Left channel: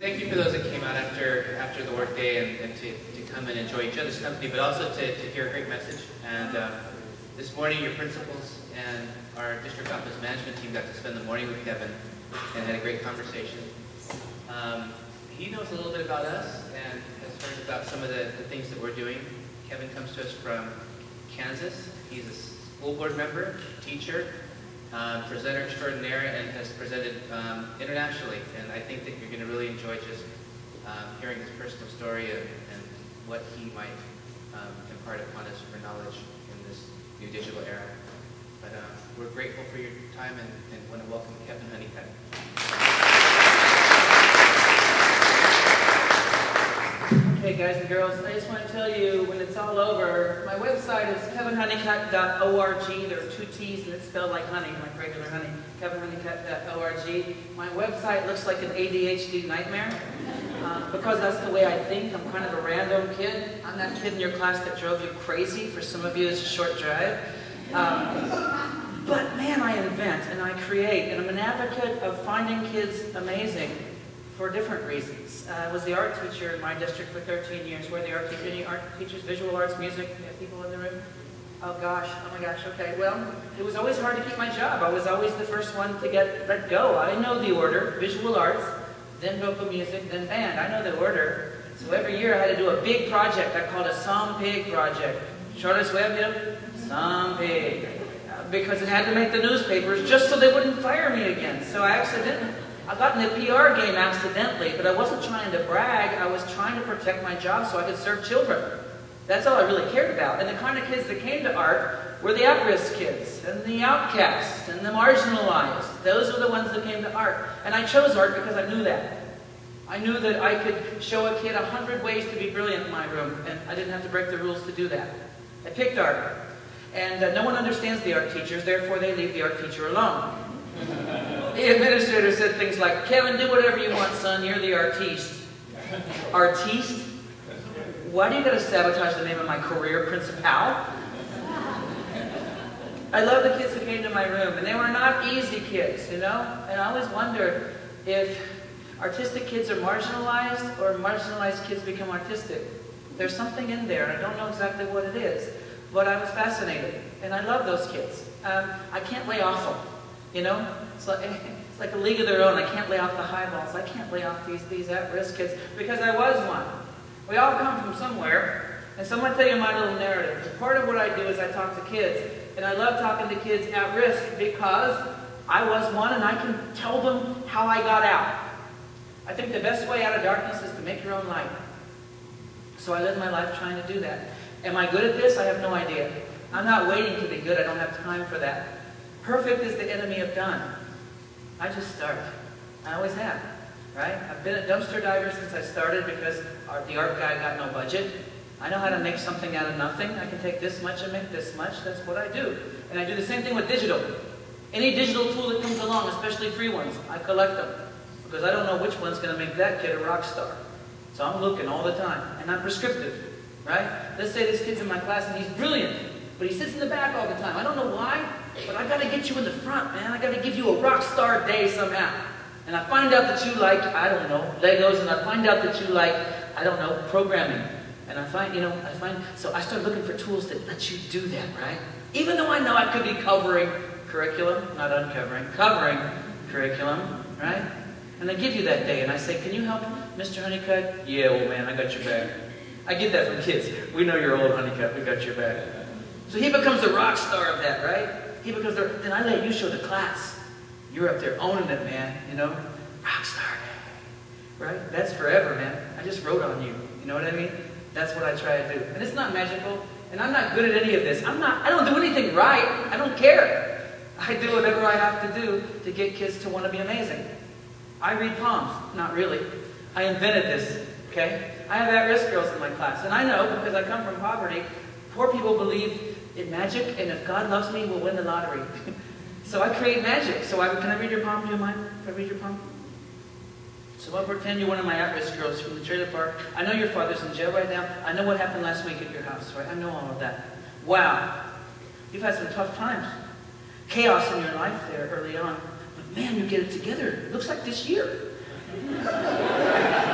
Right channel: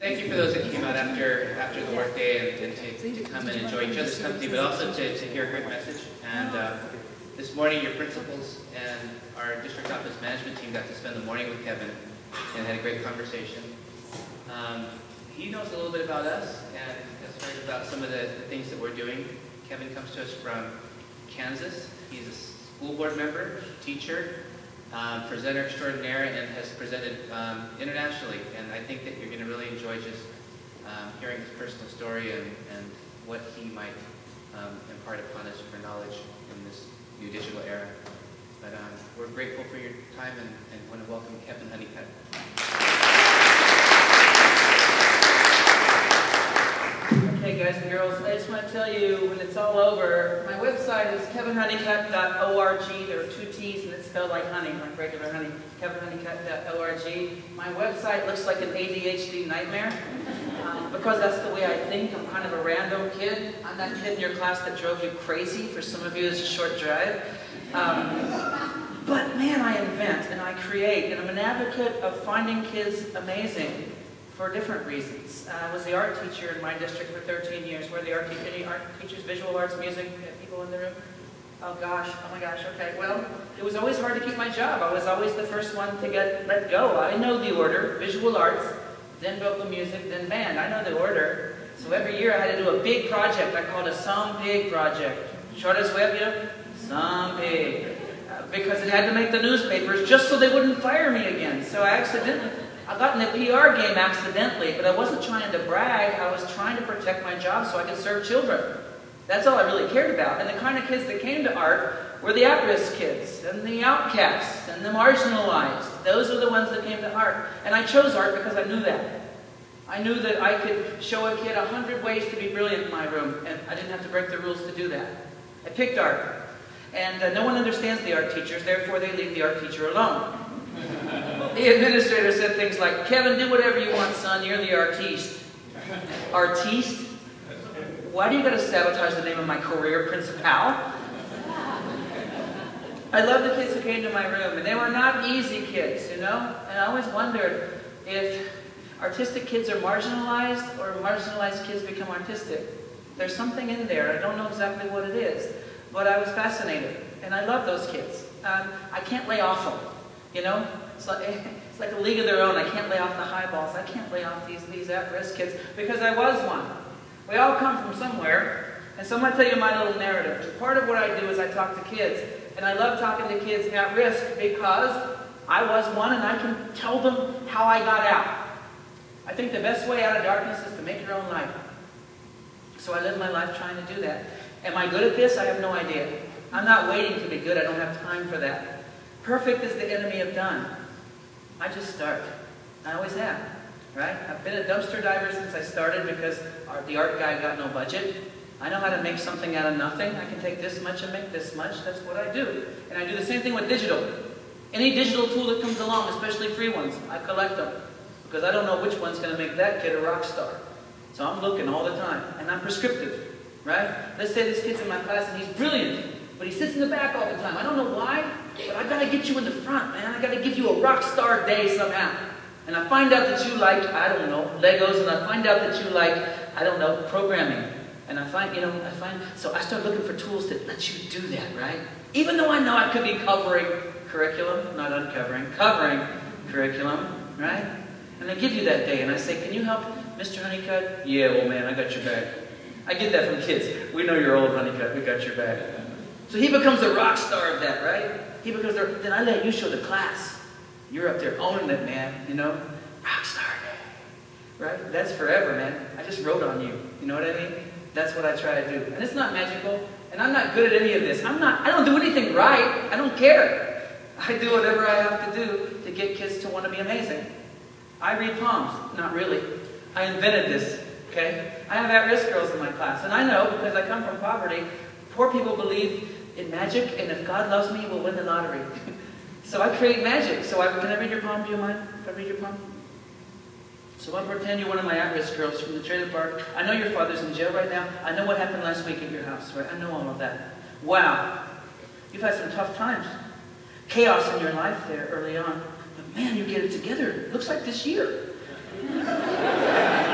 Thank you for those that came out after the workday and to come and enjoy each other's company, but also to hear a great message. And this morning, your principals and our district office management team got to spend the morning with Kevin and had a great conversation. He knows a little bit about us and has heard about some of the things that we're doing. Kevin comes to us from Kansas. He's a school board member, teacher, presenter extraordinaire, and has presented internationally. And I think that you're going to really enjoy just hearing his personal story and what he might impart upon us for knowledge in this new digital era. But we're grateful for your time and want to welcome Kevin Honeycutt. Okay, guys and girls, I just want to tell you, when it's all over, my website is kevinhoneycutt.org. There are 2 T's and it's spelled like honey, like regular honey. kevinhoneycutt.org. My website looks like an ADHD nightmare because that's the way I think. I'm kind of a random kid. I'm that kid in your class that drove you crazy. For some of you, it's a short drive. But man, I invent and I create, and I'm an advocate of finding kids amazing for different reasons. I was the art teacher in my district for 13 years. Where the any art teachers, visual arts, music, people in the room? Oh gosh, oh my gosh, okay. Well, it was always hard to keep my job. I was always the first one to get let go. I know the order: visual arts, then vocal music, then band. I know the order. So every year I had to do a big project. I called it a Some Pig project. Charles Webb, you know? Some Pig. Because it had to make the newspapers just so they wouldn't fire me again. So I got in the PR game accidentally, but I wasn't trying to brag. I was trying to protect my job so I could serve children. That's all I really cared about. And the kind of kids that came to art were the at-risk kids, and the outcasts, and the marginalized. Those were the ones that came to art. And I chose art because I knew that. I knew that I could show a kid 100 ways to be brilliant in my room, and I didn't have to break the rules to do that. I picked art. And no one understands the art teachers, therefore they leave the art teacher alone. The administrator said things like, "Kevin, do whatever you want, son. You're the artiste." Artiste? Why do you got to sabotage the name of my career, Principal? I love the kids who came to my room, and they were not easy kids, you know? And I always wondered if artistic kids are marginalized or marginalized kids become artistic. There's something in there. I don't know exactly what it is, but I was fascinated, and I love those kids. I can't lay off them, you know? It's like a league of their own. I can't lay off the highballs. I can't lay off these at-risk kids because I was one. We all come from somewhere, and so I'm going to tell you my little narrative. Part of what I do is I talk to kids, and I love talking to kids at risk because I was one, and I can tell them how I got out. I think the best way out of darkness is to make your own light. So I live my life trying to do that. Am I good at this? I have no idea. I'm not waiting to be good. I don't have time for that. Perfect is the enemy of done. I just start. I always have, right? I've been a dumpster diver since I started because the art guy got no budget. I know how to make something out of nothing. I can take this much and make this much. That's what I do. And I do the same thing with digital. Any digital tool that comes along, especially free ones, I collect them because I don't know which one's going to make that kid a rock star. So I'm looking all the time, and I'm prescriptive, right? Let's say this kid's in my class and he's brilliant, but he sits in the back all the time. I don't know why, but I've got to get you in the front, man. I've got to give you a rock star day somehow. And I find out that you like, I don't know, Legos, and I find out that you like, I don't know, programming. And I find, so I start looking for tools that let you do that, right? Even though I know I could be covering curriculum, not uncovering, covering curriculum, right? And I give you that day, and I say, "Can you help Mr. Honeycutt?" "Yeah, well, man, I got your back." I get that from kids. "We know you're old, Honeycutt. We got your back." So he becomes the rock star of that, right? He becomes the, then I let you show the class. You're up there owning it, man, you know? Rock star, right? That's forever, man. I just wrote on you. You know what I mean? That's what I try to do. And it's not magical, and I'm not good at any of this. I don't do anything right. I don't care. I do whatever I have to do to get kids to want to be amazing. I read palms. Not really. I invented this, okay? I have at-risk girls in my class, and I know, because I come from poverty, poor people believe in magic, and if God loves me, we'll win the lottery. So I create magic. So can I read your palm? Do you mind if I read your palm? So I'll pretend you're one of my at-risk girls from the trailer park. I know your father's in jail right now. I know what happened last week at your house, right? I know all of that. Wow. You've had some tough times. Chaos in your life there early on. But man, you get it together. It looks like this year.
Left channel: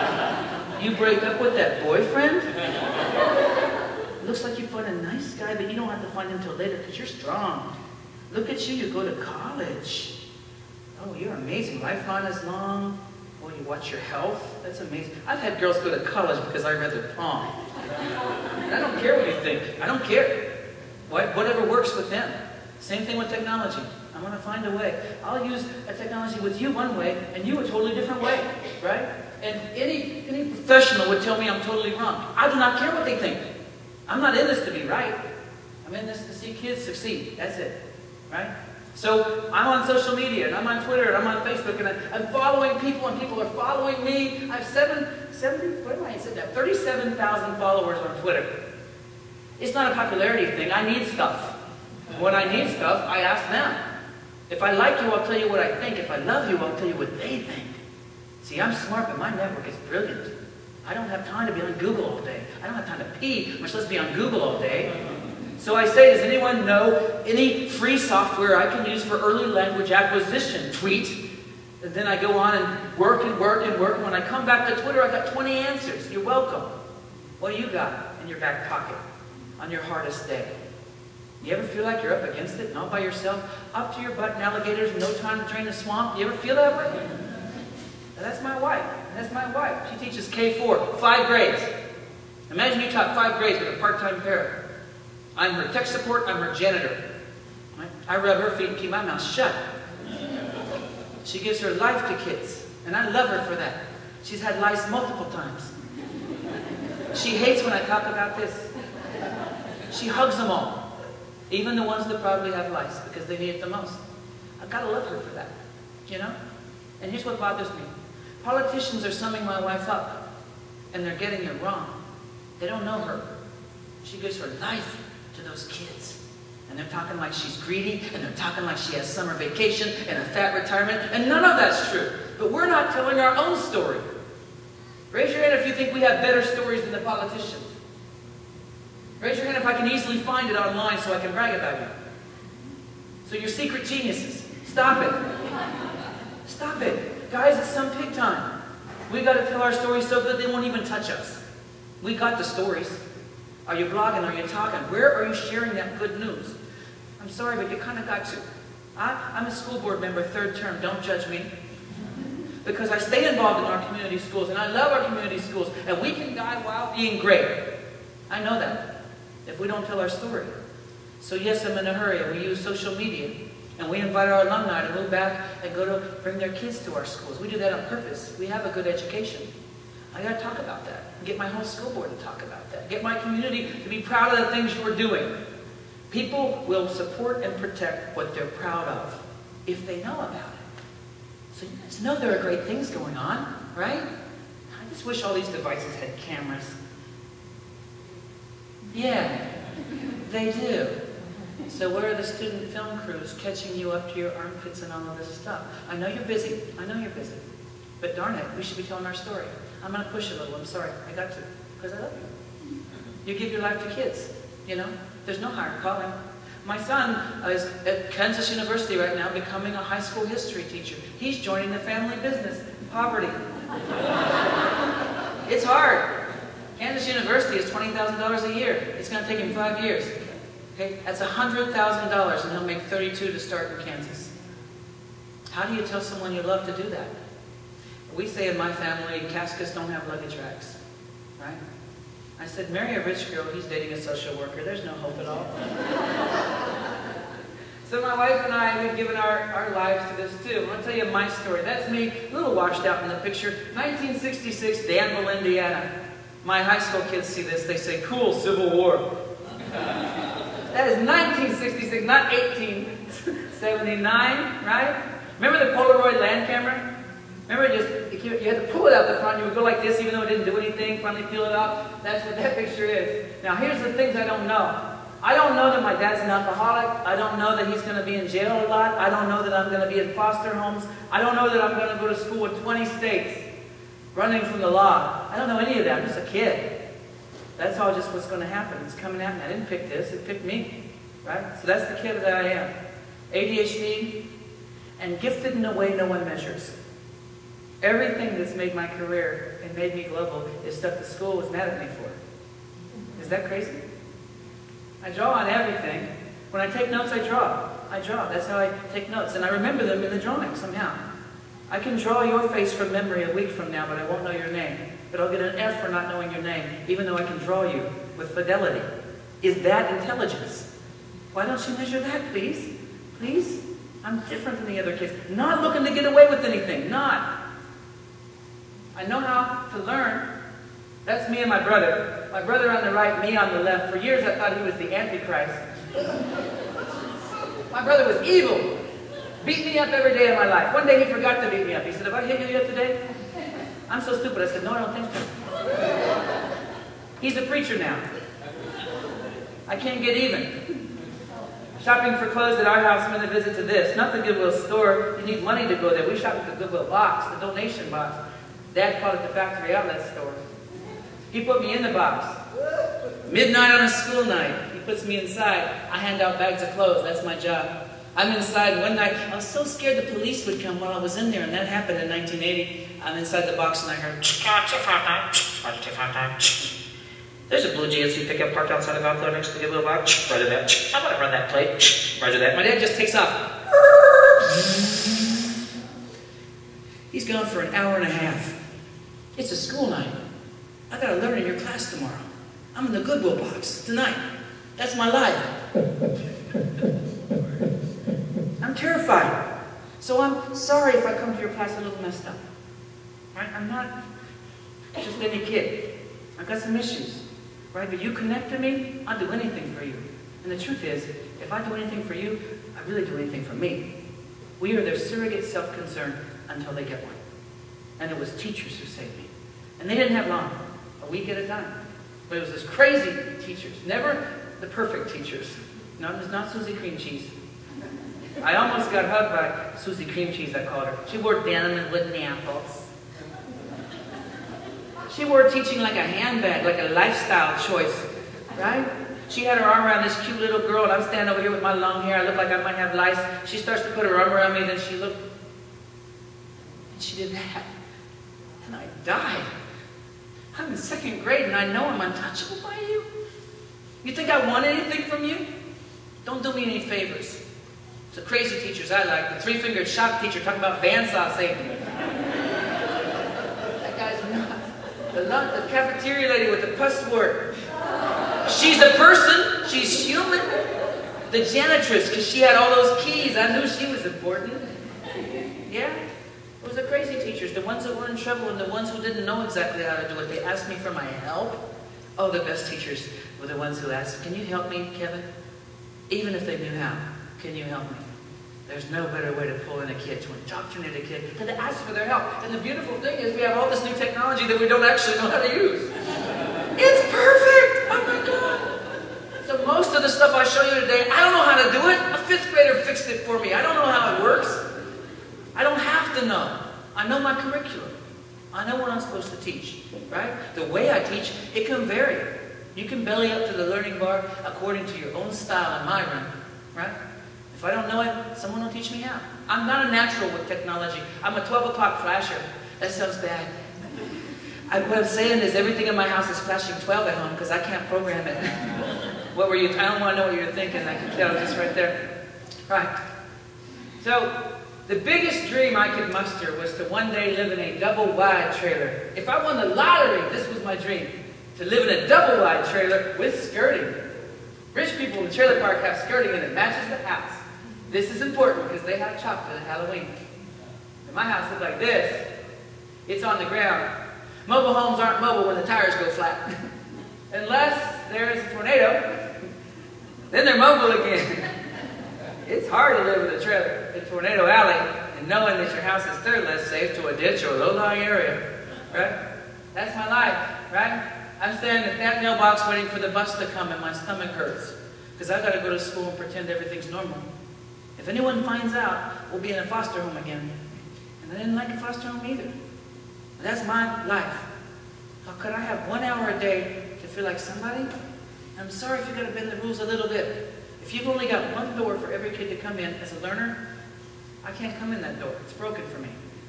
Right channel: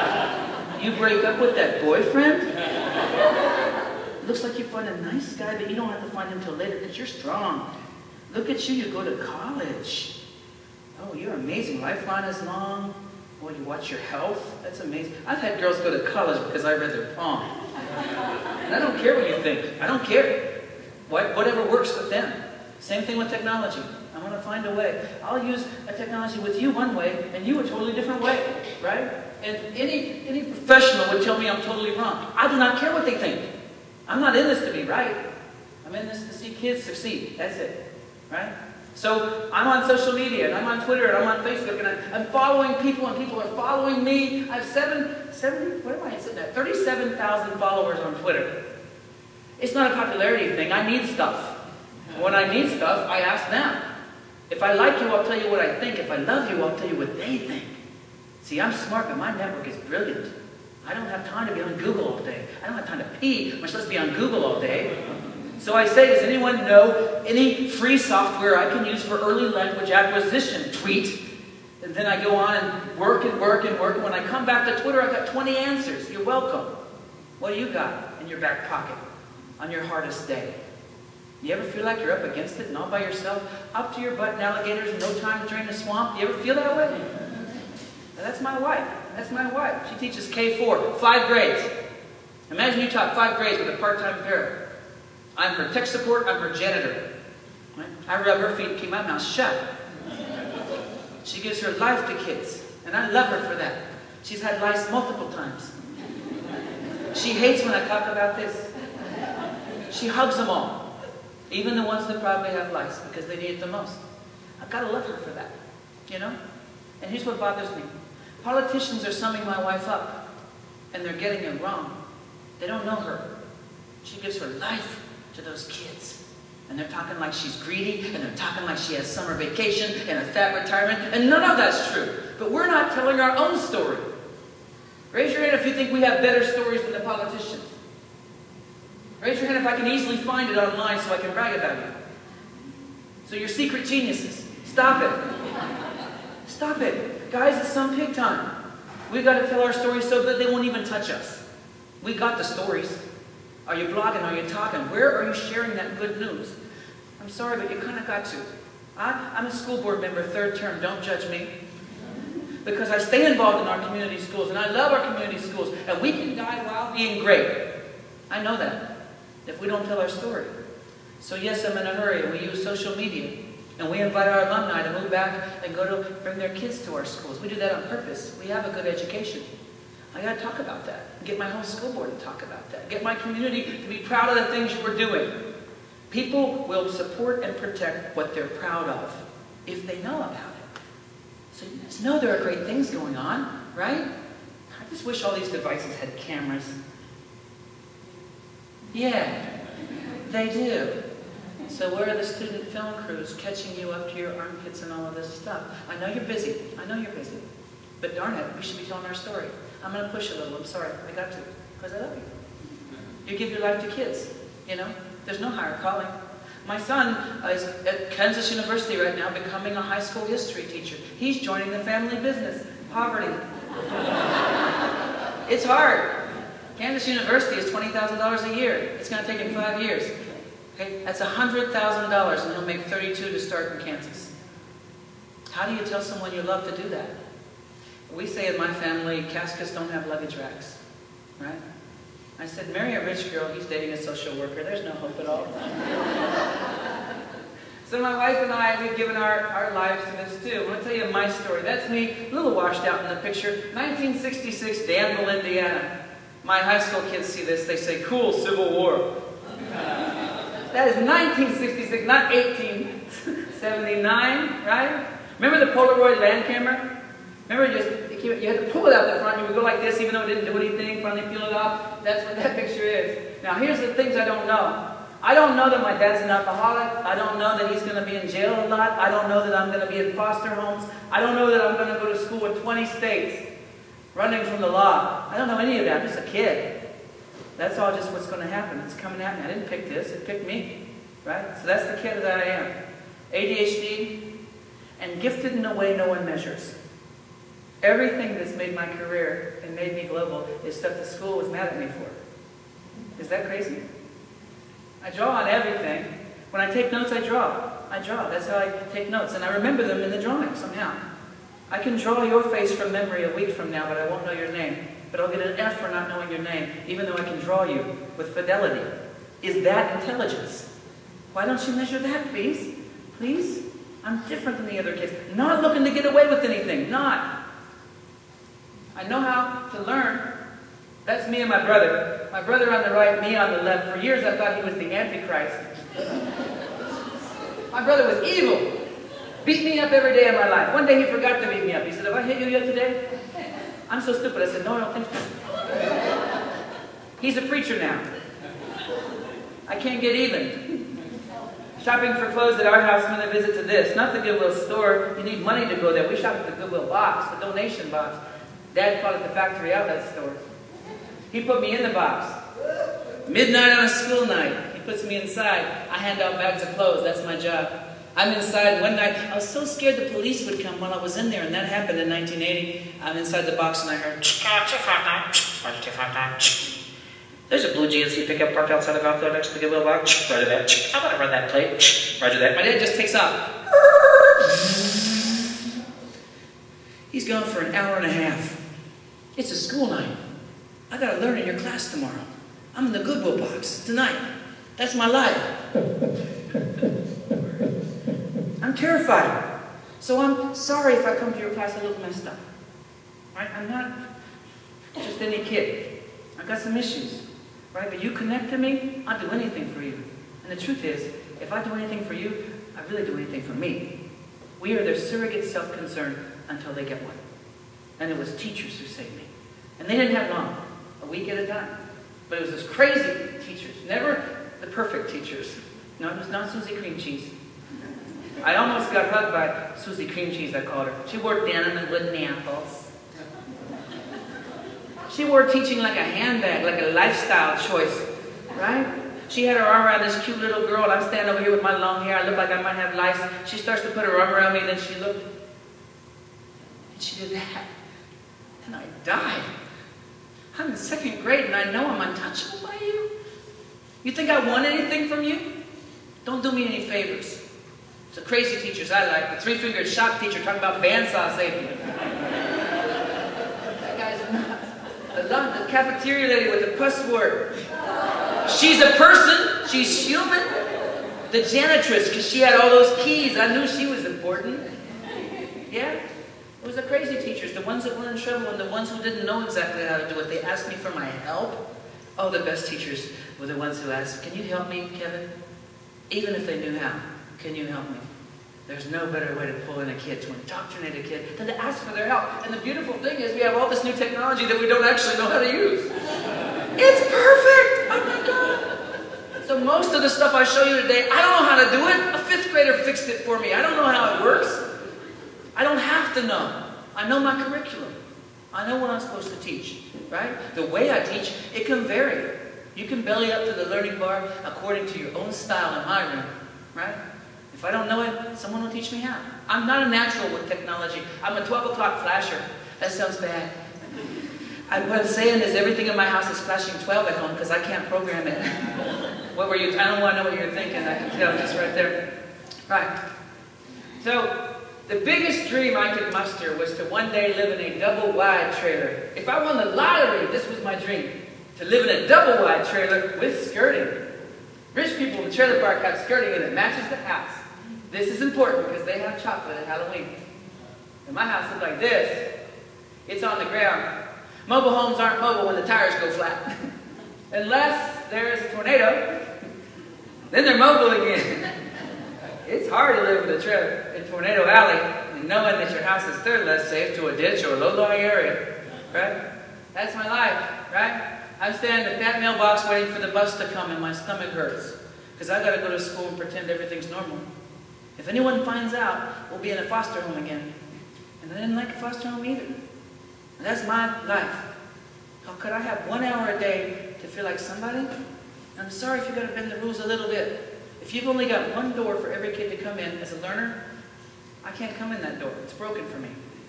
You break up with that boyfriend? It looks like you find a nice guy, but you don't have to find him till later because you're strong. Look at you, you go to college. Oh, you're amazing. Lifeline is long. Well, you watch your health. That's amazing. I've had girls go to college because I read their palm. And I don't care what you think. I don't care. Whatever works with them. Same thing with technology. I'm going to find a way. I'll use a technology with you one way and you a totally different way, right? And any professional would tell me I'm totally wrong. I do not care what they think. I'm not in this to be right. I'm in this to see kids succeed. That's it, right? So I'm on social media, and I'm on Twitter, and I'm on Facebook, and I'm following people, and people are following me. I have 37,000 followers on Twitter. It's not a popularity thing. I need stuff. When I need stuff, I ask them. If I like you, I'll tell you what I think. If I love you, I'll tell you what they think. See, I'm smart, but my network is brilliant. I don't have time to be on Google all day. I don't have time to pee. We're supposed to be on Google all day. So I say, does anyone know any free software I can use for early language acquisition? Tweet. And then I go on and work and work and work. And when I come back to Twitter, I've got 20 answers. You're welcome. What do you got in your back pocket on your hardest day? You ever feel like you're up against it and all by yourself? Up to your butt in alligators, no time to drain the swamp? You ever feel that way? Now, that's my wife. That's my wife. She teaches K4, 5 grades. Imagine you taught 5 grades with a part-time parent. I'm her tech support, I'm her janitor. Right? I rub her feet and keep my mouth shut. She gives her life to kids, and I love her for that. She's had lice multiple times. She hates when I talk about this. She hugs them all, even the ones that probably have lice, because they need it the most. I've got to love her for that, you know? And here's what bothers me. Politicians are summing my wife up, and they're getting it wrong. They don't know her. She gives her life to those kids. And they're talking like she's greedy, and they're talking like she has summer vacation and a fat retirement, and none of that's true. But we're not telling our own story. Raise your hand if you think we have better stories than the politicians. Raise your hand if I can easily find it online so I can brag about you. So you're secret geniuses. Stop it. Stop it. Guys, it's some pig time. We've got to tell our stories so good they won't even touch us. We got the stories. Are you blogging? Are you talking? Where are you sharing that good news? I'm sorry, but you kind of got to. I'm a school board member, 3rd term. Don't judge me. Because I stay involved in our community schools, and I love our community schools, and we can die while being great. I know that, if we don't tell our story. So yes, I'm in a hurry, and we use social media, and we invite our alumni to move back and go to bring their kids to our schools. We do that on purpose. We have a good education. I got to talk about that. Get my whole school board to talk about that. Get my community to be proud of the things you are doing. People will support and protect what they're proud of if they know about it. So you guys know there are great things going on, right? I just wish all these devices had cameras. Yeah, they do. So where are the student film crews catching you up to your armpits and all of this stuff? I know you're busy. I know you're busy. But darn it, we should be telling our story. I'm going to push a little. I'm sorry. I got to. Because I love you. You give your life to kids. You know? There's no higher calling. My son is at Kansas University right now becoming a high school history teacher. He's joining the family business. Poverty. It's hard. Kansas University is $20,000 a year. It's going to take him 5 years. Okay? That's $100,000 and he'll make 32 to start in Kansas. How do you tell someone you love to do that? We say in my family, caskets don't have luggage racks, right? I said, marry a rich girl, he's dating a social worker. There's no hope at all. So my wife and I, we've given our lives to this too. I'm going to tell you my story. That's me, a little washed out in the picture. 1966, Danville, Indiana. My high school kids see this, they say, cool, Civil War. That is 1966, not 1879, right? Remember the Polaroid land camera? Remember, you had to pull it out the front. You would go like this, even though it didn't do anything. Finally peel it off. That's what that picture is. Now, here's the things I don't know. I don't know that my dad's an alcoholic. I don't know that he's going to be in jail a lot. I don't know that I'm going to be in foster homes. I don't know that I'm going to go to school in 20 states, running from the law. I don't know any of that. I'm just a kid. That's all just what's going to happen. It's coming at me. I didn't pick this. It picked me. Right? So that's the kid that I am. ADHD and gifted in a way no one measures. Everything that's made my career and made me global is stuff the school was mad at me for. Is that crazy? I draw on everything. When I take notes, I draw. I draw. That's how I take notes. And I remember them in the drawing somehow. I can draw your face from memory a week from now, but I won't know your name. But I'll get an F for not knowing your name, even though I can draw you with fidelity. Is that intelligence? Why don't you measure that, please? Please? I'm different than the other kids. Not looking to get away with anything. Not. I know how to learn. That's me and my brother. My brother on the right, me on the left. For years I thought he was the Antichrist. My brother was evil. Beat me up every day of my life. One day he forgot to beat me up. He said, "Have I hit you yet today?" I'm so stupid. I said, "No, I don't think so." He's a preacher now. I can't get even. Shopping for clothes at our house meant a visit to this. Not the Goodwill store. You need money to go there. We shop at the Goodwill box, the donation box. Dad called it the factory outlet store. He put me in the box. Midnight on a school night. He puts me inside. I hand out bags of clothes. That's my job. I'm inside, and one night, I was so scared the police would come while I was in there, and that happened in 1980. I'm inside the box, and I heard, "There's a blue GMC pickup parked outside of Alco next to the Goodwill box. Roger that. How about I run that plate? Roger that." My dad just takes off. He's gone for an hour and a half. It's a school night. I gotta learn in your class tomorrow. I'm in the Goodwill box tonight. That's my life. I'm terrified. So I'm sorry if I come to your class a little messed up. Right? I'm not just any kid. I've got some issues. Right? But you connect to me, I'll do anything for you. And the truth is, if I do anything for you, I really do anything for me. We are their surrogate self-concern until they get one. And it was teachers who saved me. And they didn't have long, a week at a time. But it was those crazy teachers, never the perfect teachers. No, it was not Susie Cream Cheese. I almost got hugged by Susie Cream Cheese, I called her. She wore denim and wooden apples. She wore teaching like a handbag, like a lifestyle choice, right? She had her arm around this cute little girl, and I'm standing over here with my long hair. I look like I might have lice. She starts to put her arm around me, and then she looked. And she did that. And I died. I'm in second grade, and I know I'm untouchable by you. You think I want anything from you? Don't do me any favors. The crazy teachers I like. The three-fingered shop teacher talking about bandsaw saving me. That guy's nuts. The cafeteria lady with the password. She's a person. She's human. The janitress, because she had all those keys. I knew she was important. Yeah? It was the crazy teachers. The ones that were in trouble and the ones who didn't know exactly how to do it. They asked me for my help. Oh, the best teachers were the ones who asked, "Can you help me, Kevin?" Even if they knew how. Can you help me? There's no better way to pull in a kid, to indoctrinate a kid, than to ask for their help. And the beautiful thing is we have all this new technology that we don't actually know how to use. It's perfect! Oh my God! So most of the stuff I show you today, I don't know how to do it. A fifth grader fixed it for me. I don't know how it works. I don't have to know. I know my curriculum. I know what I'm supposed to teach, right? The way I teach, it can vary. You can belly up to the learning bar according to your own style in my room, right? If I don't know it, someone will teach me how. I'm not a natural with technology. I'm a 12 o'clock flasher. That sounds bad. What I'm saying is everything in my house is flashing 12 at home because I can't program it. What were you? I don't want to know what you're thinking. I can tell just right there. Right. So the biggest dream I could muster was to one day live in a double-wide trailer. If I won the lottery, this was my dream. To live in a double-wide trailer with skirting. Rich people in the trailer park have skirting and it matches the house. This is important because they have chocolate at Halloween. And my house looked like this. It's on the ground. Mobile homes aren't mobile when the tires go flat. Unless there's a tornado. Then they're mobile again. It's hard to live with a trailer in Tornado Alley and knowing that your house is third less safe to a ditch or a low-lying area. Right? That's my life, right? I'm standing at that mailbox waiting for the bus to come and my stomach hurts. Because I got to go to school and pretend everything's normal. If anyone finds out, we'll be in a foster home again. And I didn't like a foster home either. And that's my life. How could I have 1 hour a day to feel like somebody? I'm sorry if you've got to bend the rules a little bit. If you've only got one door for every kid to come in as a learner, I can't come in that door. It's broken for me.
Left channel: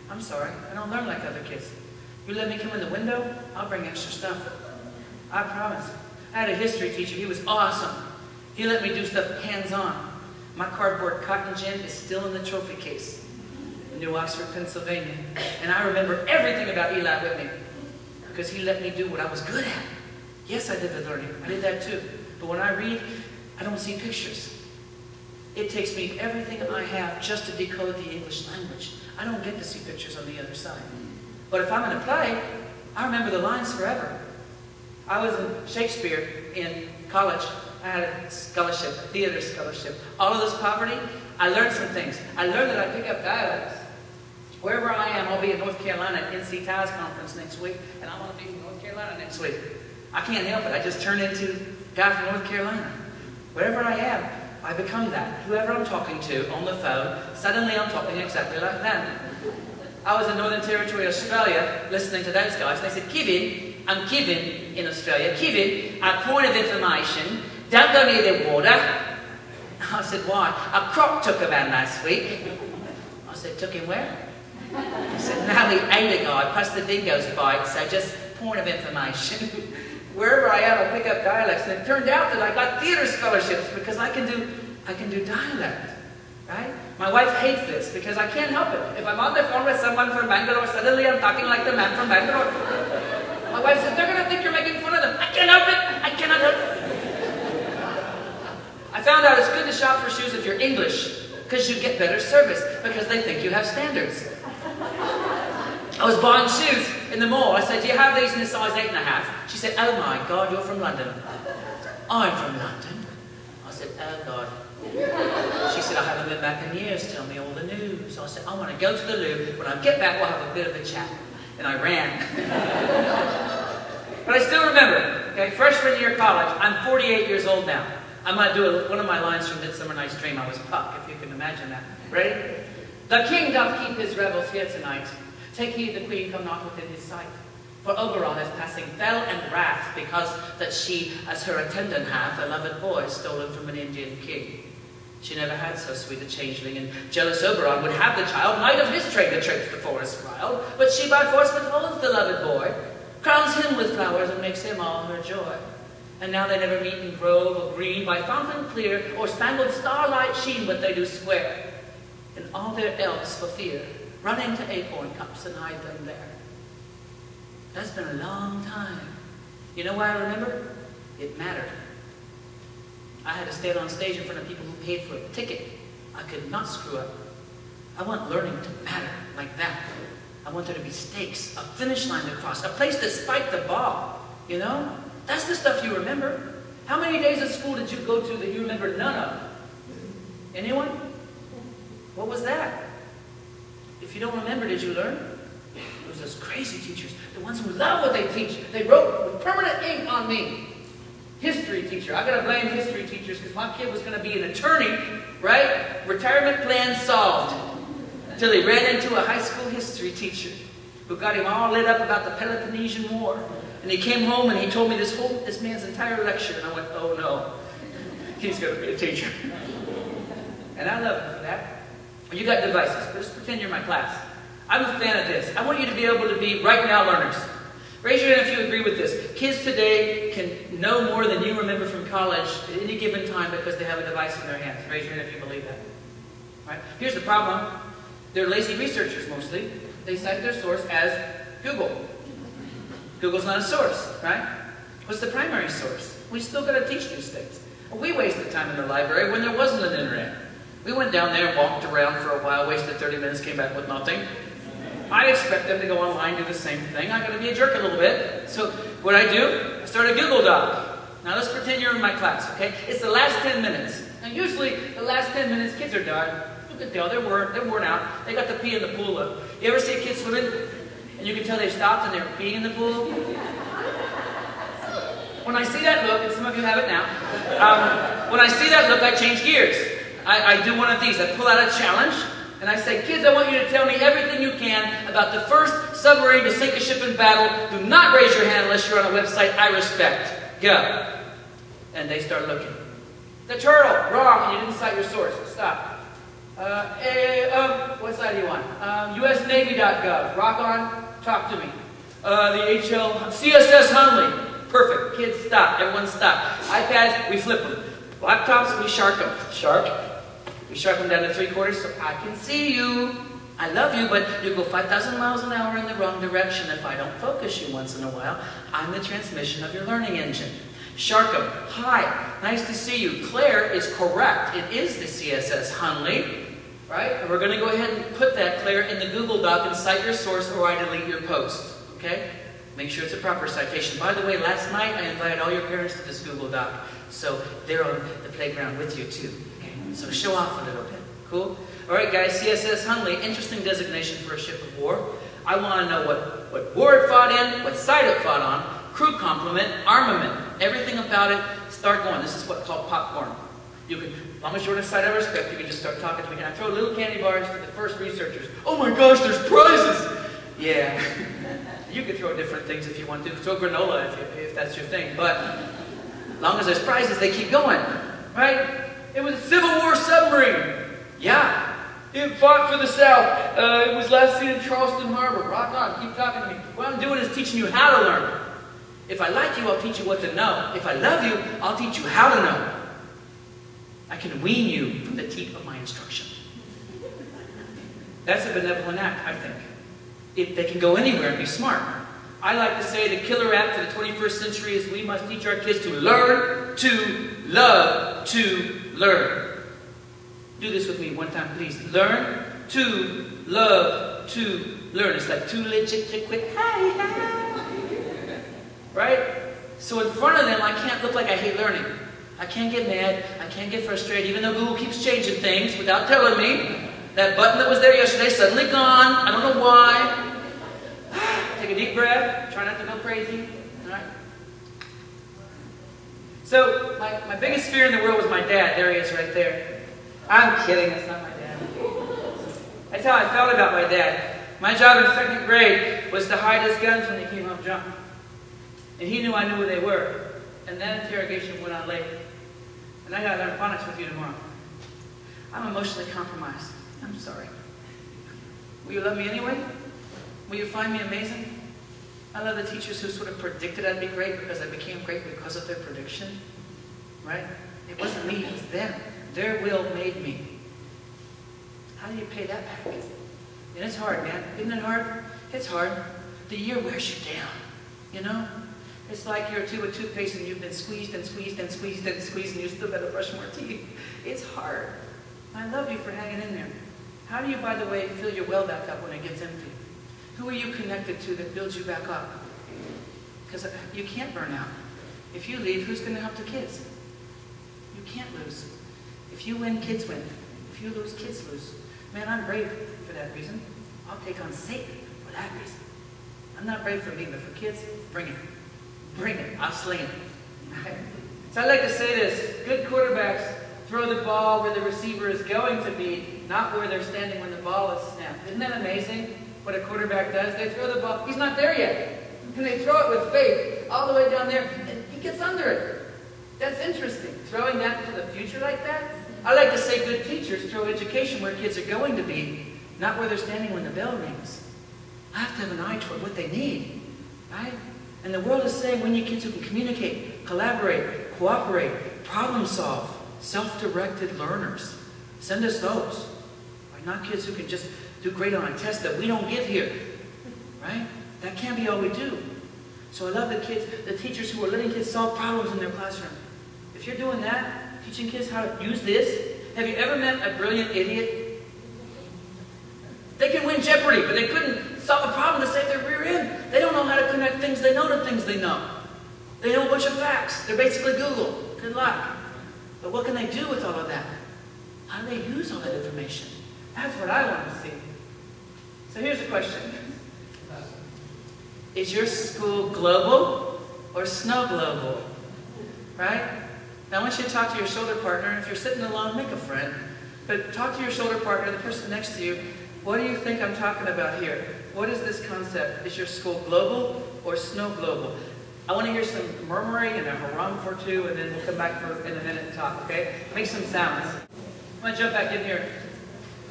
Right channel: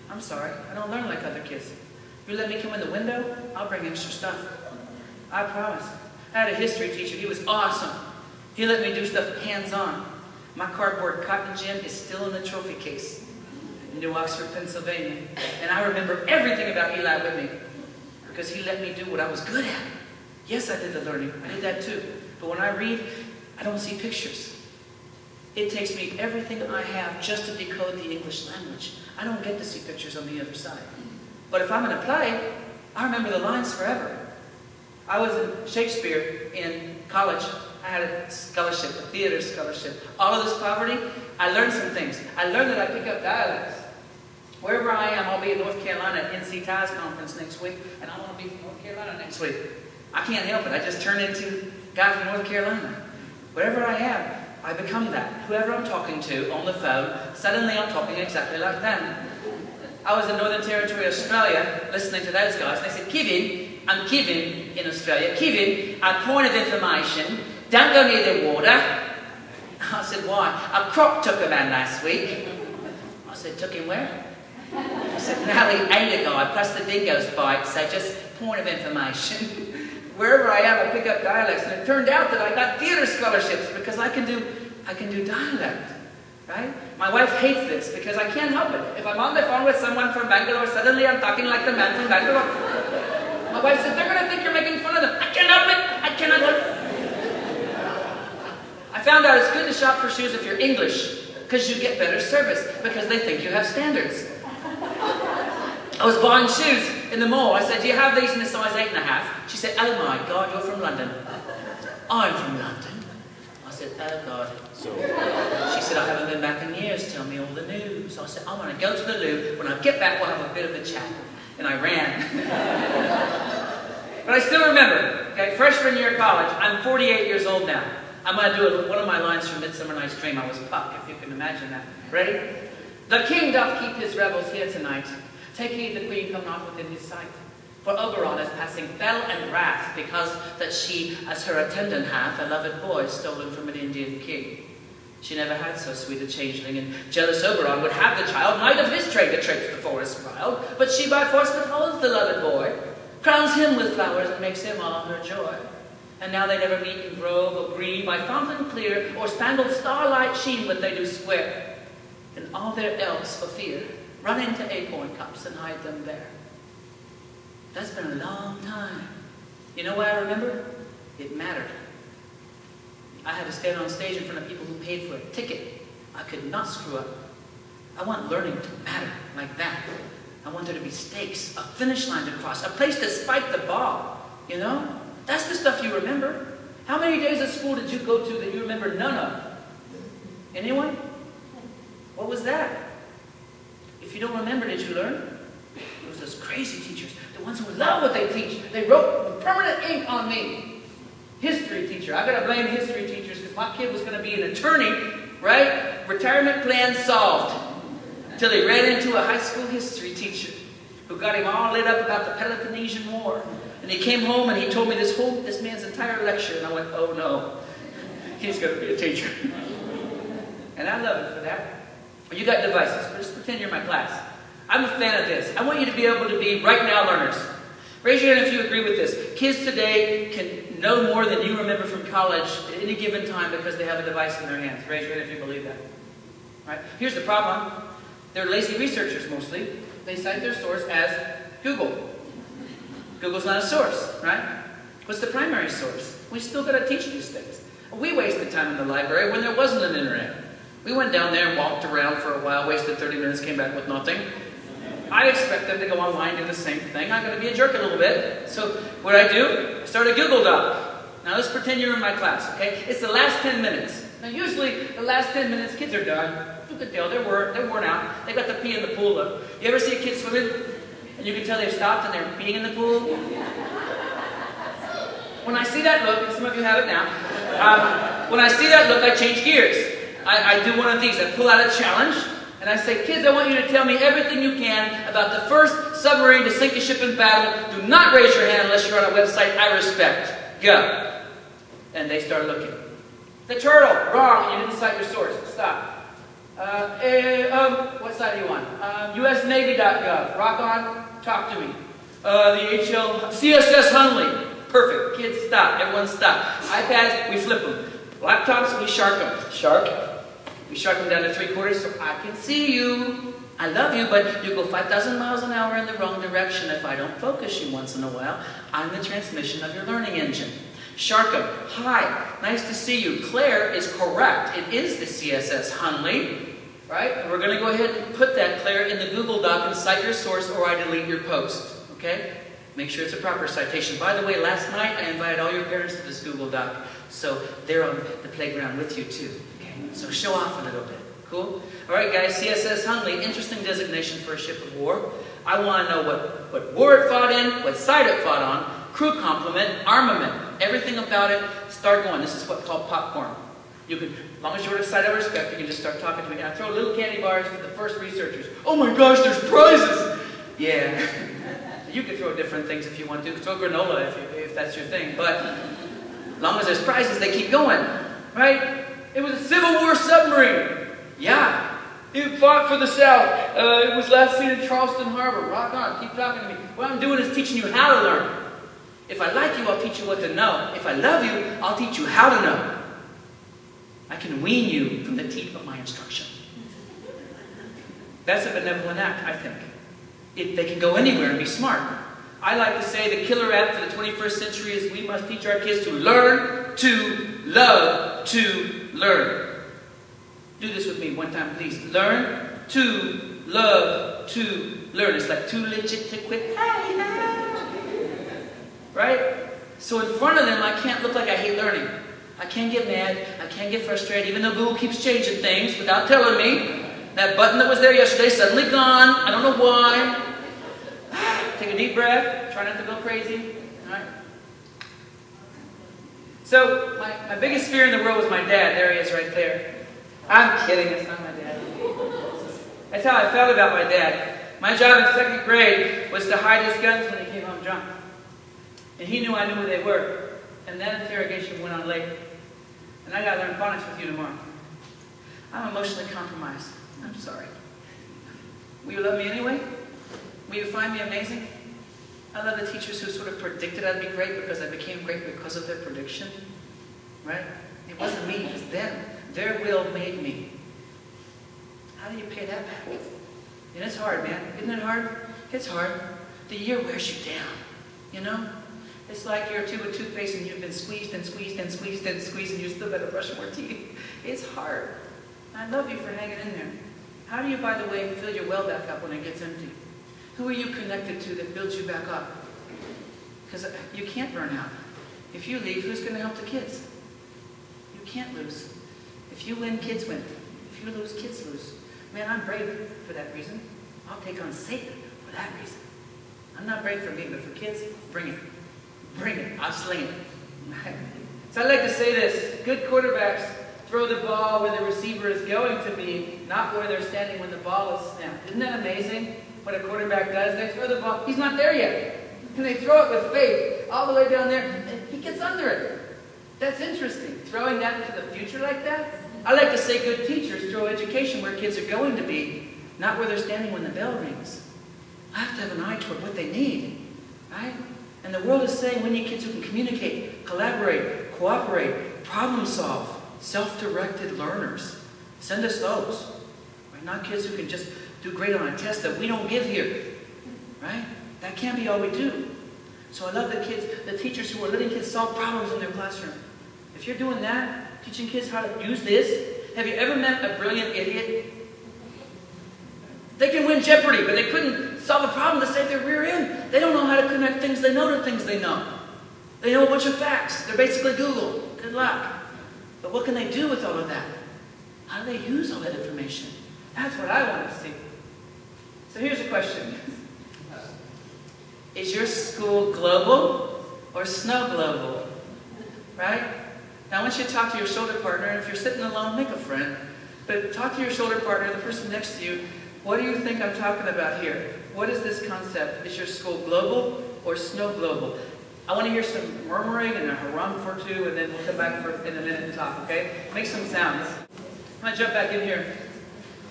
I'm sorry, I don't learn like other kids. You let me come in the window, I'll bring extra stuff. I promise. I had a history teacher, he was awesome. He let me do stuff hands-on. My cardboard cotton gin is still in the trophy case in New Oxford, Pennsylvania. And I remember everything about Eli Whitney because he let me do what I was good at. Yes, I did the learning. I did that too. But when I read, I don't see pictures. It takes me everything I have just to decode the English language. I don't get to see pictures on the other side. But if I'm in a play, I remember the lines forever. I was in Shakespeare in college. I had a scholarship, a theater scholarship. All of this poverty, I learned some things. I learned that I pick up dialects. Wherever I am, I'll be in North Carolina at NC TIE's conference next week, and I want to be from North Carolina next week. I can't help it. I just turn into a guy from North Carolina. Wherever I am, I become that. Whoever I'm talking to on the phone, suddenly I'm talking exactly like them. I was in Northern Territory, Australia, listening to those guys, and they said, Kevin, I'm Kevin in Australia. Kevin, a point of information, don't go near the water. I said, why? A croc took a man last week. I said, took him where? I said, no, he ate a guy, plus the dingoes bite, so just point of information. Wherever I am, I pick up dialects, and it turned out that I got theater scholarships because I can do dialect, right? My wife hates this because I can't help it. If I'm on the phone with someone from Bangalore, suddenly I'm talking like the man from Bangalore. My wife said, they're going to think you're making fun of them. I can't help it. I cannot help it. I found out it's good to shop for shoes if you're English because you get better service because they think you have standards. I was buying shoes in the mall. I said, do you have these in a size 8.5? She said, oh my God, you're from London. I'm from London. I said, oh God. She said, I haven't been back in years. Tell me all the news. I said, I want to go to the loo. When I get back, we'll have a bit of a chat. And I ran. But I still remember, okay, freshman year of college. I'm 48 years old now. I'm going to do one of my lines from Midsummer Night's Dream. I was Puck, if you can imagine that. Ready? The king doth keep his revels here tonight. Take heed the queen come not within his sight. For Oberon is passing fell and wrath, because that she, as her attendant hath, a loved boy stolen from an Indian king. She never had so sweet a changeling, and jealous Oberon would have the child, might of his trade to traipse the forest wild, but she by force withholds the loved boy, crowns him with flowers, and makes him all her joy. And now they never meet in grove or green, by fountain clear, or spangled starlight sheen, but they do swear. And all their elves for fear run into acorn cups and hide them there. That's been a long time. You know why I remember? It mattered. I had to stand on stage in front of people who paid for a ticket. I could not screw up. I want learning to matter like that. I want there to be stakes, a finish line to cross, a place to spike the ball. You know? That's the stuff you remember. How many days of school did you go to that you remember none of? Anyone? What was that? If you don't remember, did you learn? It was those crazy teachers, the ones who love what they teach. They wrote with permanent ink on me. History teacher. I gotta blame history teachers because my kid was gonna be an attorney, right? Retirement plan solved. Until he ran into a high school history teacher who got him all lit up about the Peloponnesian War. And he came home and he told me this man's entire lecture, and I went, oh no, he's gonna be a teacher. And I love him for that. Well, you got devices. Let's pretend you're my class. I'm a fan of this. I want you to be able to be right now learners. Raise your hand if you agree with this. Kids today can know more than you remember from college at any given time because they have a device in their hands. Raise your hand if you believe that. All right? Here's the problem. They're lazy researchers mostly. They cite their source as Google. Google's not a source, right? What's the primary source? We still got to teach these things. We wasted time in the library when there wasn't an internet. We went down there and walked around for a while, wasted 30 minutes, came back with nothing. I expect them to go online and do the same thing. I got to be a jerk a little bit. So what I do, I start a Google Doc. Now let's pretend you're in my class, okay? It's the last 10 minutes. Now usually the last 10 minutes, kids are done. You can tell they're worn out. They got to pee in the pool. You ever see kids swimming? And you can tell they've stopped and they're peeing in the pool? When I see that look, and some of you have it now, when I see that look, I change gears. I do one of these. I pull out a challenge, and I say, kids, I want you to tell me everything you can about the first submarine to sink a ship in battle. Do not raise your hand unless you're on a website I respect. Go. And they start looking. The turtle. Wrong. You didn't cite your source. Stop. What side are you on? USNavy.gov. Rock on. Talk to me. The CSS Hunley. Perfect. Kids, stop. Everyone stop. iPads, we flip them. Laptops, we shark them. Shark. We shark them down to 3/4 so I can see you. I love you, but you go 5,000 miles an hour in the wrong direction if I don't focus you once in a while. I'm the transmission of your learning engine. Shark them. Hi. Nice to see you. Claire is correct. It is the CSS Hunley. Right? And we're going to go ahead and put that, Claire, in the Google Doc and cite your source or I delete your post. Okay? Make sure it's a proper citation. By the way, last night I invited all your parents to this Google Doc. So they're on the playground with you too. Okay? So show off a little bit. Cool? Alright guys, CSS Hunley, interesting designation for a ship of war. I want to know what war it fought in, what side it fought on, crew complement, armament, everything about it. Start going. This is what's called popcorn. You can, as long as you're on a side I respect, you can just start talking to me. And I throw little candy bars to the first researchers. Oh my gosh, there's prizes! Yeah. You can throw different things if you want to. Throw granola if that's your thing. But as long as there's prizes, they keep going. Right? It was a Civil War submarine. Yeah. It fought for the South. It was last seen in Charleston Harbor. Rock on. Keep talking to me. What I'm doing is teaching you how to learn. If I like you, I'll teach you what to know. If I love you, I'll teach you how to know. I can wean you from the teeth of my instruction. That's a benevolent act, I think. They can go anywhere and be smart. I like to say the killer app for the 21st century is we must teach our kids to learn, to love, to learn. Do this with me one time, please. Learn, to love, to learn. It's like too legit to quit. Right? So in front of them, I can't look like I hate learning. I can't get mad. I can't get frustrated, even though Google keeps changing things without telling me. That button that was there yesterday suddenly gone. I don't know why. Take a deep breath. Try not to go crazy. All right? So, my biggest fear in the world was my dad. There he is right there. I'm kidding. It's not my dad. That's how I felt about my dad. My job in 2nd grade was to hide his guns when he came home drunk. And he knew I knew where they were. And that interrogation went on late. And I got to learn phonics with you tomorrow. I'm emotionally compromised. I'm sorry. Will you love me anyway? Will you find me amazing? I love the teachers who sort of predicted I'd be great because I became great because of their prediction. Right? It wasn't me, it was them. Their will made me. How do you pay that back? And it's hard, man. Isn't it hard? It's hard. The year wears you down. You know? It's like you're a tube of toothpaste and you've been squeezed and squeezed and squeezed and squeezed and you still got to brush more teeth. It's hard. I love you for hanging in there. How do you, by the way, fill your well back up when it gets empty? Who are you connected to that builds you back up? Because you can't burn out. If you leave, who's going to help the kids? You can't lose. If you win, kids win. If you lose, kids lose. Man, I'm brave for that reason. I'll take on Satan for that reason. I'm not brave for me, but for kids, bring it. Bring it. I'll sling it. Right? So I like to say this. Good quarterbacks throw the ball where the receiver is going to be, not where they're standing when the ball is snapped. Isn't that amazing what a quarterback does? They throw the ball. He's not there yet. And they throw it with faith all the way down there, and he gets under it. That's interesting. Throwing that into the future like that. I like to say good teachers throw education where kids are going to be, not where they're standing when the bell rings. I have to have an eye toward what they need. Right? And the world is saying we need kids who can communicate, collaborate, cooperate, problem solve, self-directed learners. Send us those. Right? Not kids who can just do great on a test that we don't give here. Right? That can't be all we do. So I love the teachers who are letting kids solve problems in their classroom. If you're doing that, teaching kids how to use this, have you ever met a brilliant idiot? They can win Jeopardy, but they couldn't solve a problem to save their rear end. They don't know how to connect things they know to things they know. They know a bunch of facts. They're basically Google. Good luck. But what can they do with all of that? How do they use all that information? That's what I want to see. So here's a question. Is your school global or snow global? Right? Now I want you to talk to your shoulder partner. If you're sitting alone, make a friend. But talk to your shoulder partner, the person next to you. What do you think I'm talking about here? What is this concept? Is your school global or snow global? I want to hear some murmuring and a haram for two, and then we'll come back in a minute and talk, okay? Make some sounds. I'm going to jump back in here.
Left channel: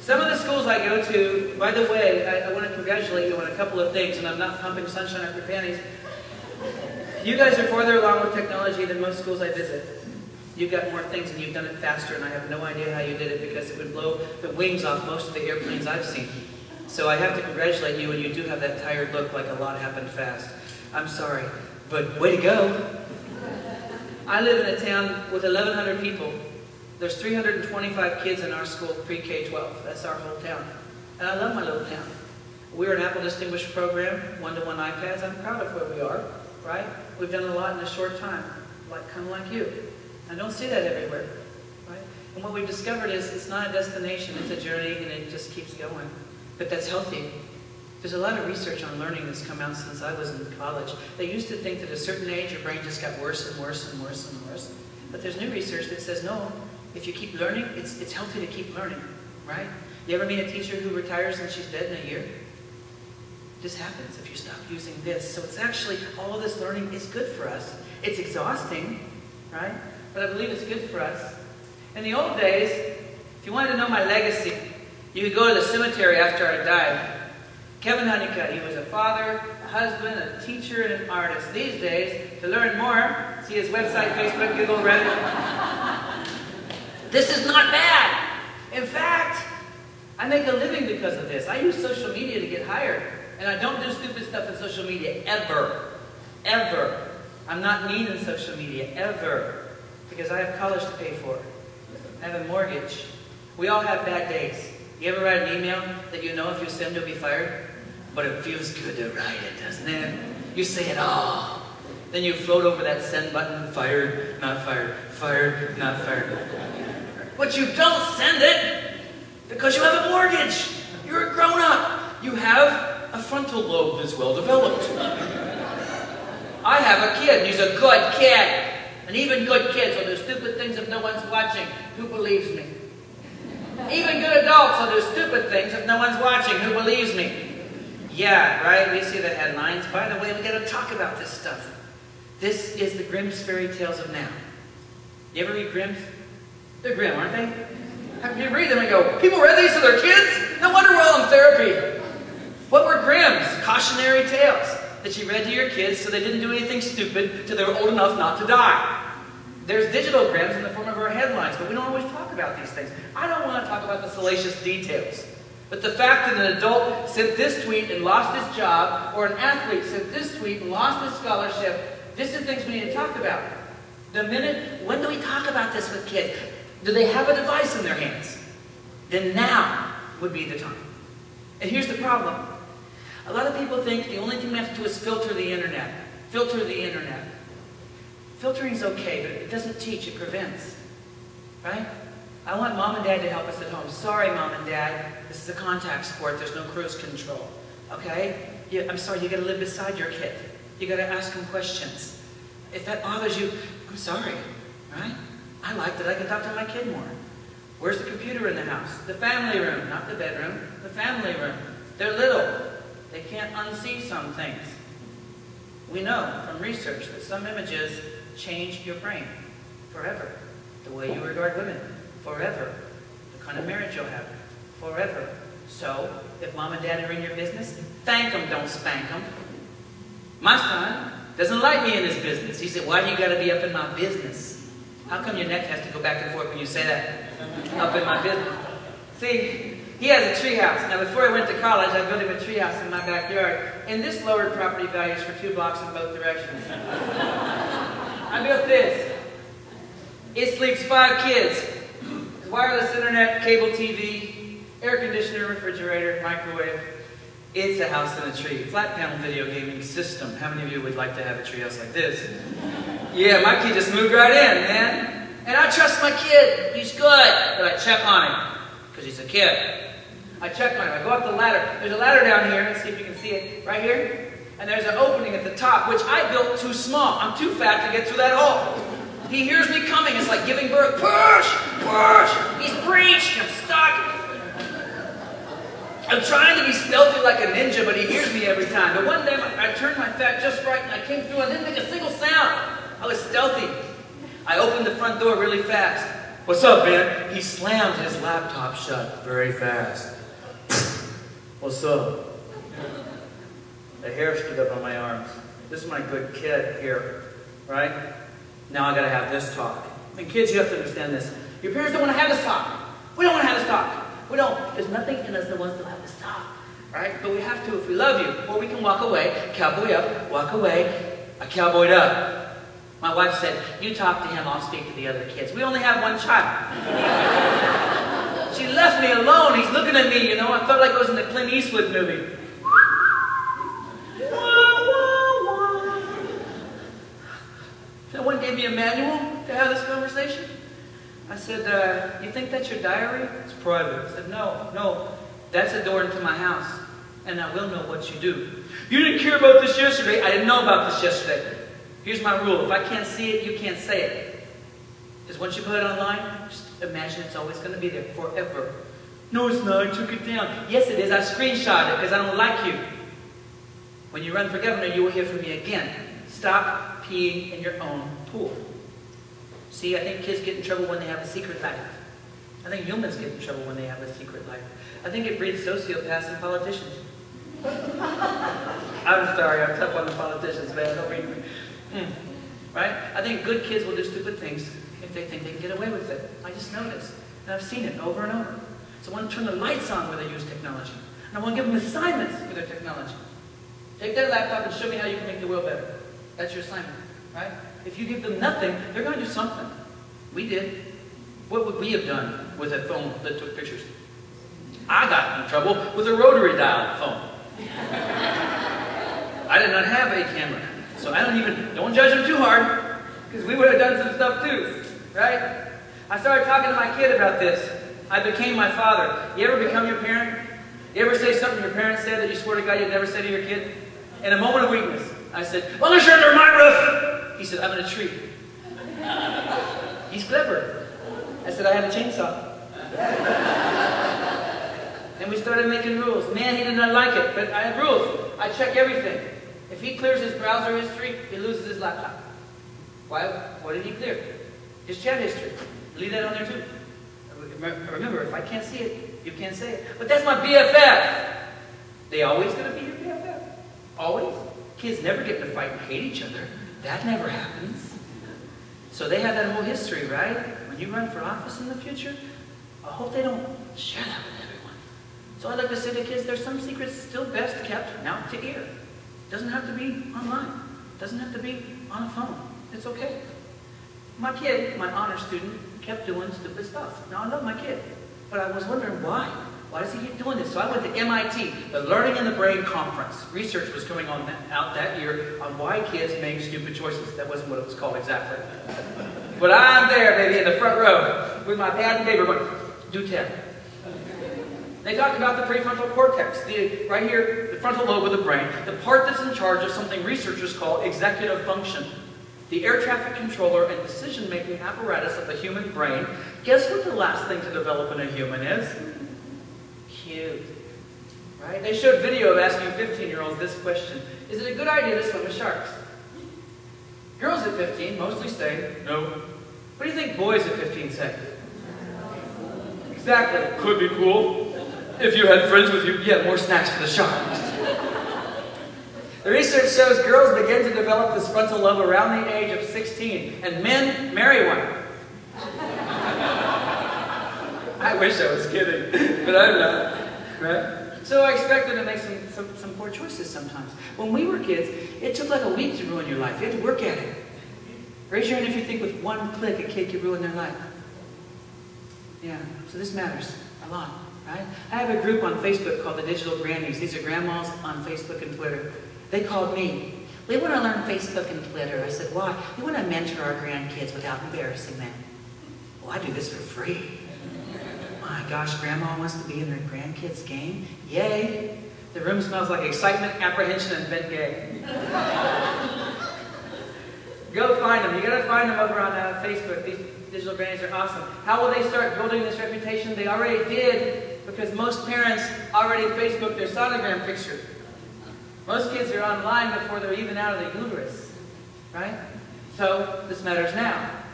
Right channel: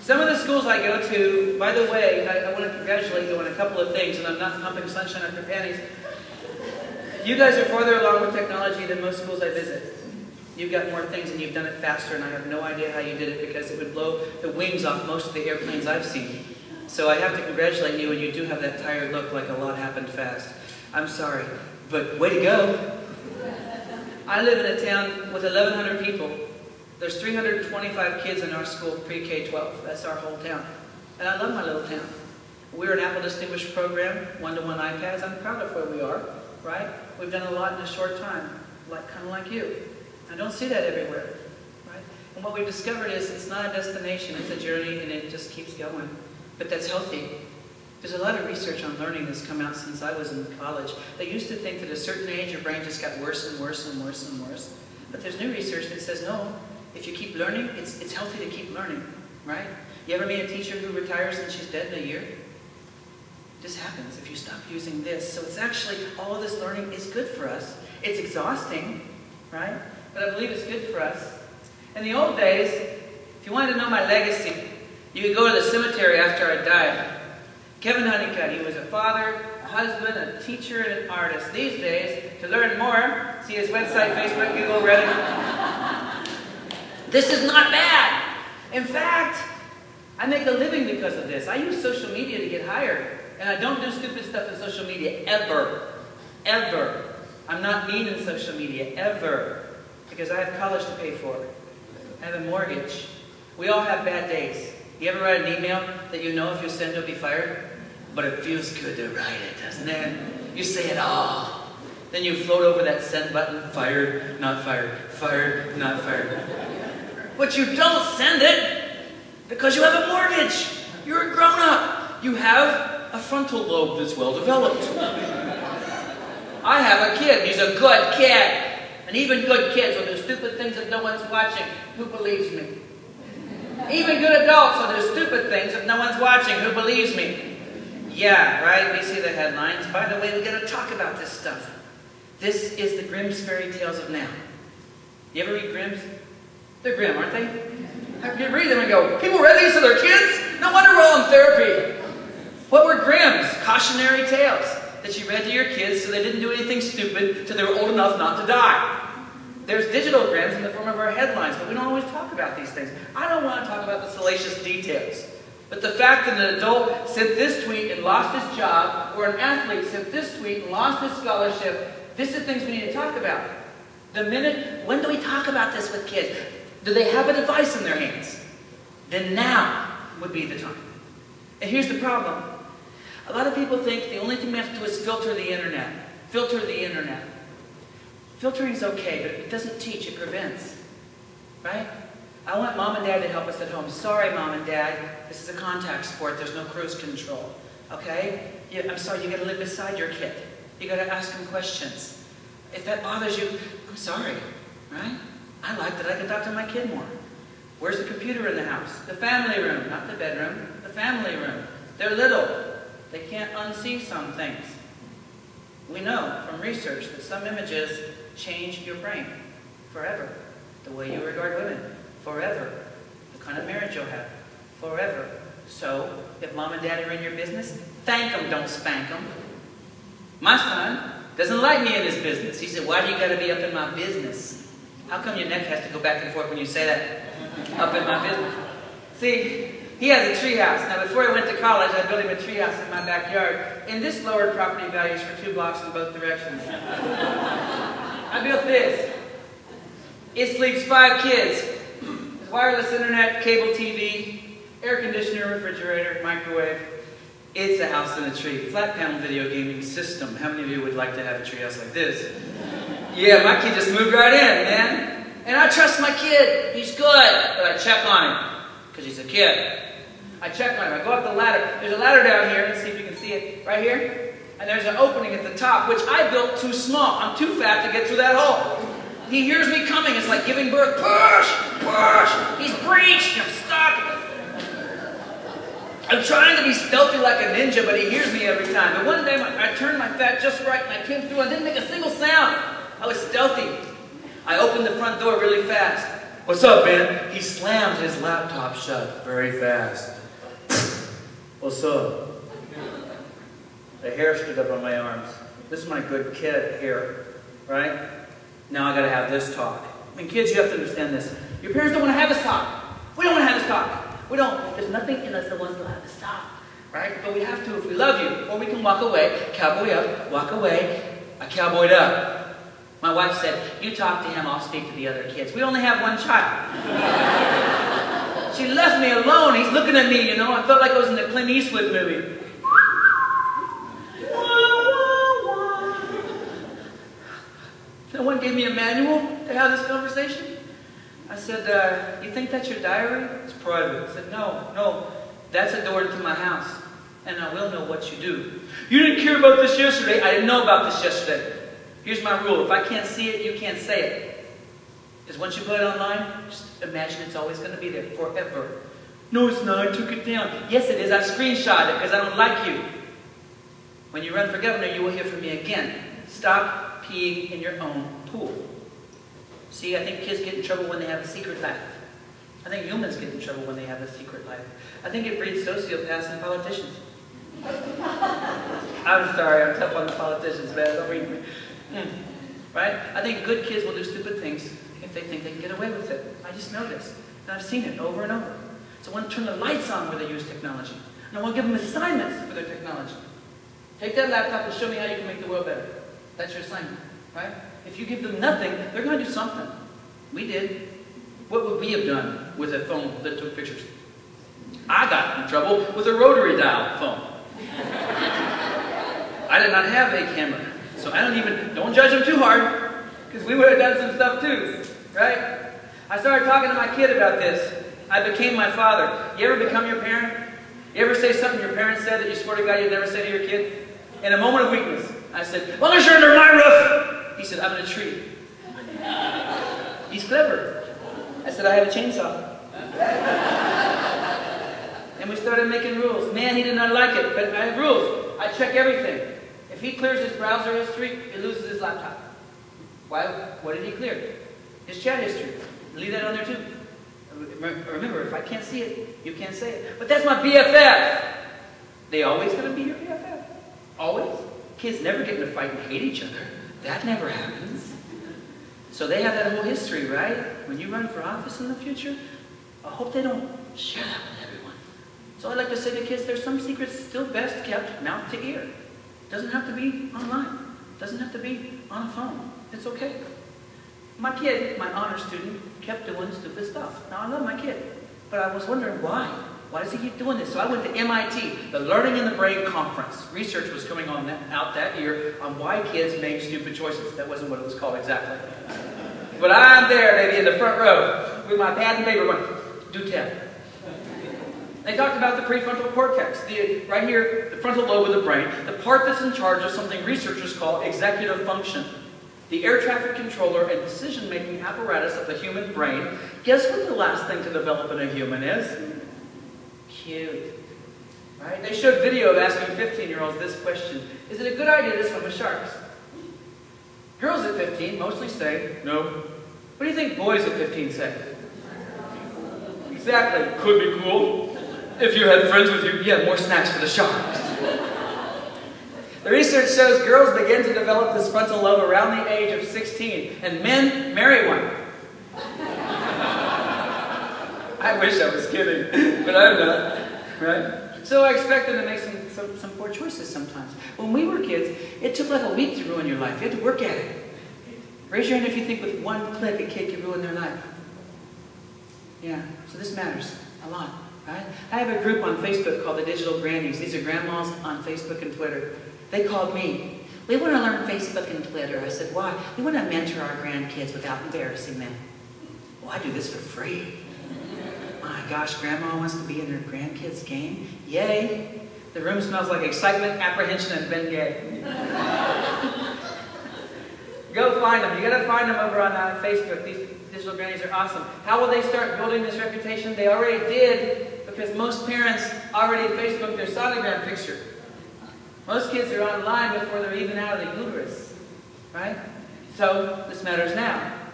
Some of the schools I go to, by the way, I want to congratulate you on a couple of things, and I'm not pumping sunshine up your panties. You guys are farther along with technology than most schools I visit. You've got more things and you've done it faster, and I have no idea how you did it because it would blow the wings off most of the airplanes I've seen. So I have to congratulate you, and you do have that tired look like a lot happened fast. I'm sorry, but way to go. I live in a town with 1,100 people. There's 325 kids in our school, pre-K-12. That's our whole town. And I love my little town. We're an Apple Distinguished program, one-to-one iPads. I'm proud of where we are, right? We've done a lot in a short time, kind of like you. I don't see that everywhere, right? And what we've discovered is it's not a destination, it's a journey, and it just keeps going. But that's healthy. There's a lot of research on learning that's come out since I was in college. They used to think that at a certain age your brain just got worse and worse and worse and worse. But there's new research that says no. If you keep learning, it's healthy to keep learning, right? You ever meet a teacher who retires and she's dead in a year? This happens if you stop using this. So it's actually, all of this learning is good for us. It's exhausting, right? But I believe it's good for us. In the old days, if you wanted to know my legacy, you could go to the cemetery after I died. Kevin Honeycutt, he was a father, a husband, a teacher, and an artist. These days, to learn more, see his website, Facebook, Google, Reddit. This is not bad. In fact, I make a living because of this. I use social media to get hired. And I don't do stupid stuff in social media, ever. Ever. I'm not mean in social media, ever. Because I have college to pay for. I have a mortgage. We all have bad days. You ever write an email that you know if you send you'll be fired? But it feels good to write it, doesn't it? You say it all. Then you float over that send button, fired, not fired, fired, not fired. But you don't send it because you have a mortgage. You're a grown-up. You have a frontal lobe that's well developed. I have a kid. He's a good kid. And even good kids will do stupid things if no one's watching. Who believes me? Even good adults will do stupid things if no one's watching. Who believes me? Yeah, right? We see the headlines. By the way, we got to talk about this stuff. This is the Grimm's fairy tales of now. You ever read Grimm's? They're grim, aren't they? You read them and go, people read these to their kids? No wonder we're all in therapy. What were Grimm's? Cautionary tales that you read to your kids so they didn't do anything stupid till they were old enough not to die. There's digital Grimm's in the form of our headlines, but we don't always talk about these things. I don't want to talk about the salacious details. But the fact that an adult sent this tweet and lost his job, or an athlete sent this tweet and lost his scholarship, these are things we need to talk about. When do we talk about this with kids? Do they have a device in their hands? Then now would be the time. And here's the problem. A lot of people think the only thing we have to do is filter the internet. Filter the internet. Filtering is okay, but it doesn't teach, it prevents. Right? I want mom and dad to help us at home. Sorry, mom and dad, this is a contact sport, there's no cruise control. Okay? I'm sorry, you gotta live beside your kid. You gotta ask them questions. If that bothers you, I'm sorry. Right? I like that I can talk to my kid more. Where's the computer in the house? The family room, not the bedroom. The family room. They're little. They can't unsee some things. We know from research that some images change your brain forever. The way you regard women, forever. The kind of marriage you'll have, forever. So, if mom and dad are in your business, thank them, don't spank them. My son doesn't like me in his business. He said, why do you got to be up in my business? How come your neck has to go back and forth when you say that? Up in my business. See, he has a treehouse. Now, before he went to college, I built him a treehouse in my backyard. And this lowered property values for 2 blocks in both directions. I built this. It sleeps 5 kids. There's wireless internet, cable TV, air conditioner, refrigerator, microwave. It's a house in a tree. Flat panel video gaming system. How many of you would like to have a treehouse like this? Yeah, my kid just moved right in, man. And I trust my kid. He's good. But I check on him. Because he's a kid. I check on him. I go up the ladder. There's a ladder down here. Let's see if you can see it. Right here. And there's an opening at the top, which I built too small. I'm too fat to get through that hole. He hears me coming. It's like giving birth. Push! Push! He's breached. I'm stuck. I'm trying to be stealthy like a ninja, but he hears me every time. But one day, I turned my fat just right, and I came through. I didn't make a single sound. I was stealthy. I opened the front door really fast, What's up, man? He slammed his laptop shut very fast. What's up? The hair stood up on my arms. This is my good kid here, right? Now I gotta have this talk. And kids, you have to understand this. Your parents don't want to have this talk. We don't want to have this talk. We don't. There's nothing in us that wants to have this talk, right? But we have to if we love you. Or we can walk away, cowboy up, walk away, I cowboyed up. My wife said, you talk to him, I'll speak to the other kids. We only have one child. She left me alone. He's looking at me, you know. I felt like I was in the Clint Eastwood movie. No one gave me a manual to have this conversation. I said, you think that's your diary? It's private. I said, no, that's a door into my house, and I will know what you do. You didn't care about this yesterday. I didn't know about this yesterday. Here's my rule. If I can't see it, you can't say it. Because once you put it online, just imagine it's always going to be there forever. No, it's not. I took it down. Yes, it is. I screenshot it because I don't like you. When you run for governor, you will hear from me again. Stop peeing in your own pool. See, I think kids get in trouble when they have a secret life. I think humans get in trouble when they have a secret life. I think it breeds sociopaths and politicians. I'm sorry, I'm tough on the politicians, man. Don't mean right? I think good kids will do stupid things if they think they can get away with it. I just know this. And I've seen it over and over. So I want to turn the lights on where they use technology. And I want to give them assignments with their technology. Take that laptop and show me how you can make the world better. That's your assignment, right? If you give them nothing, they're going to do something. We did. What would we have done with a phone that took pictures? I got in trouble with a rotary dial phone. I did not have a camera. So I don't judge them too hard, because we would have done some stuff too, right? I started talking to my kid about this. I became my father. You ever become your parent? You ever say something your parents said that you swear to God you'd never say to your kid? In a moment of weakness, I said, "Well, you're under my roof." He said, "I'm in a tree." He's clever. I said, "I have a chainsaw." And we started making rules. Man, he did not like it, but I have rules. I check everything. If he clears his browser history, he loses his laptop. Why? What did he clear? His chat history. Leave that on there too. Remember, if I can't see it, you can't say it. But that's my BFF. They always going to be your BFF. Always. Kids never get in a fight and hate each other. That never happens. So they have that whole history, right? When you run for office in the future, I hope they don't share that with everyone. So I'd like to say to kids, there's some secrets still best kept mouth to ear. Doesn't have to be online. Doesn't have to be on a phone. It's okay. My kid, my honor student, kept doing stupid stuff. Now, I love my kid, but I was wondering why. Why does he keep doing this? So I went to MIT, the Learning in the Brain Conference. Research was coming out that year on why kids make stupid choices. That wasn't what it was called exactly. But I'm there, baby, in the front row with my pad and paper going, do 10. They talked about the prefrontal cortex, right here, the frontal lobe of the brain, the part that's in charge of something researchers call executive function. The air traffic controller and decision-making apparatus of the human brain. Guess what the last thing to develop in a human is? Cute. Right? They showed video of asking 15-year-olds this question. Is it a good idea to swim with sharks? Girls at 15 mostly say, no. What do you think boys at 15 say? Exactly. Could be cool. If you had friends with you, yeah, more snacks for the sharks. The research shows girls begin to develop this frontal lobe around the age of 16, and men marry one. I wish I was kidding, but I'm not, right? So I expect them to make some poor choices sometimes. When we were kids, it took like a week to ruin your life. You had to work at it. Raise your hand if you think with one click a kid could ruin their life. Yeah, so this matters a lot, right? I have a group on Facebook called the Digital Grannies. These are grandmas on Facebook and Twitter. They called me. We want to learn Facebook and Twitter. I said, why? We want to mentor our grandkids without embarrassing them. Well, I do this for free. My gosh, Grandma wants to be in her grandkids' game? Yay! The room smells like excitement, apprehension, and Ben Gay. Go find them. You got to find them over on Facebook. These digital grannies are awesome. How will they start building this reputation? They already did, because most parents already Facebook their sonogram picture. Most kids are online before they're even out of the uterus, right? So this matters now.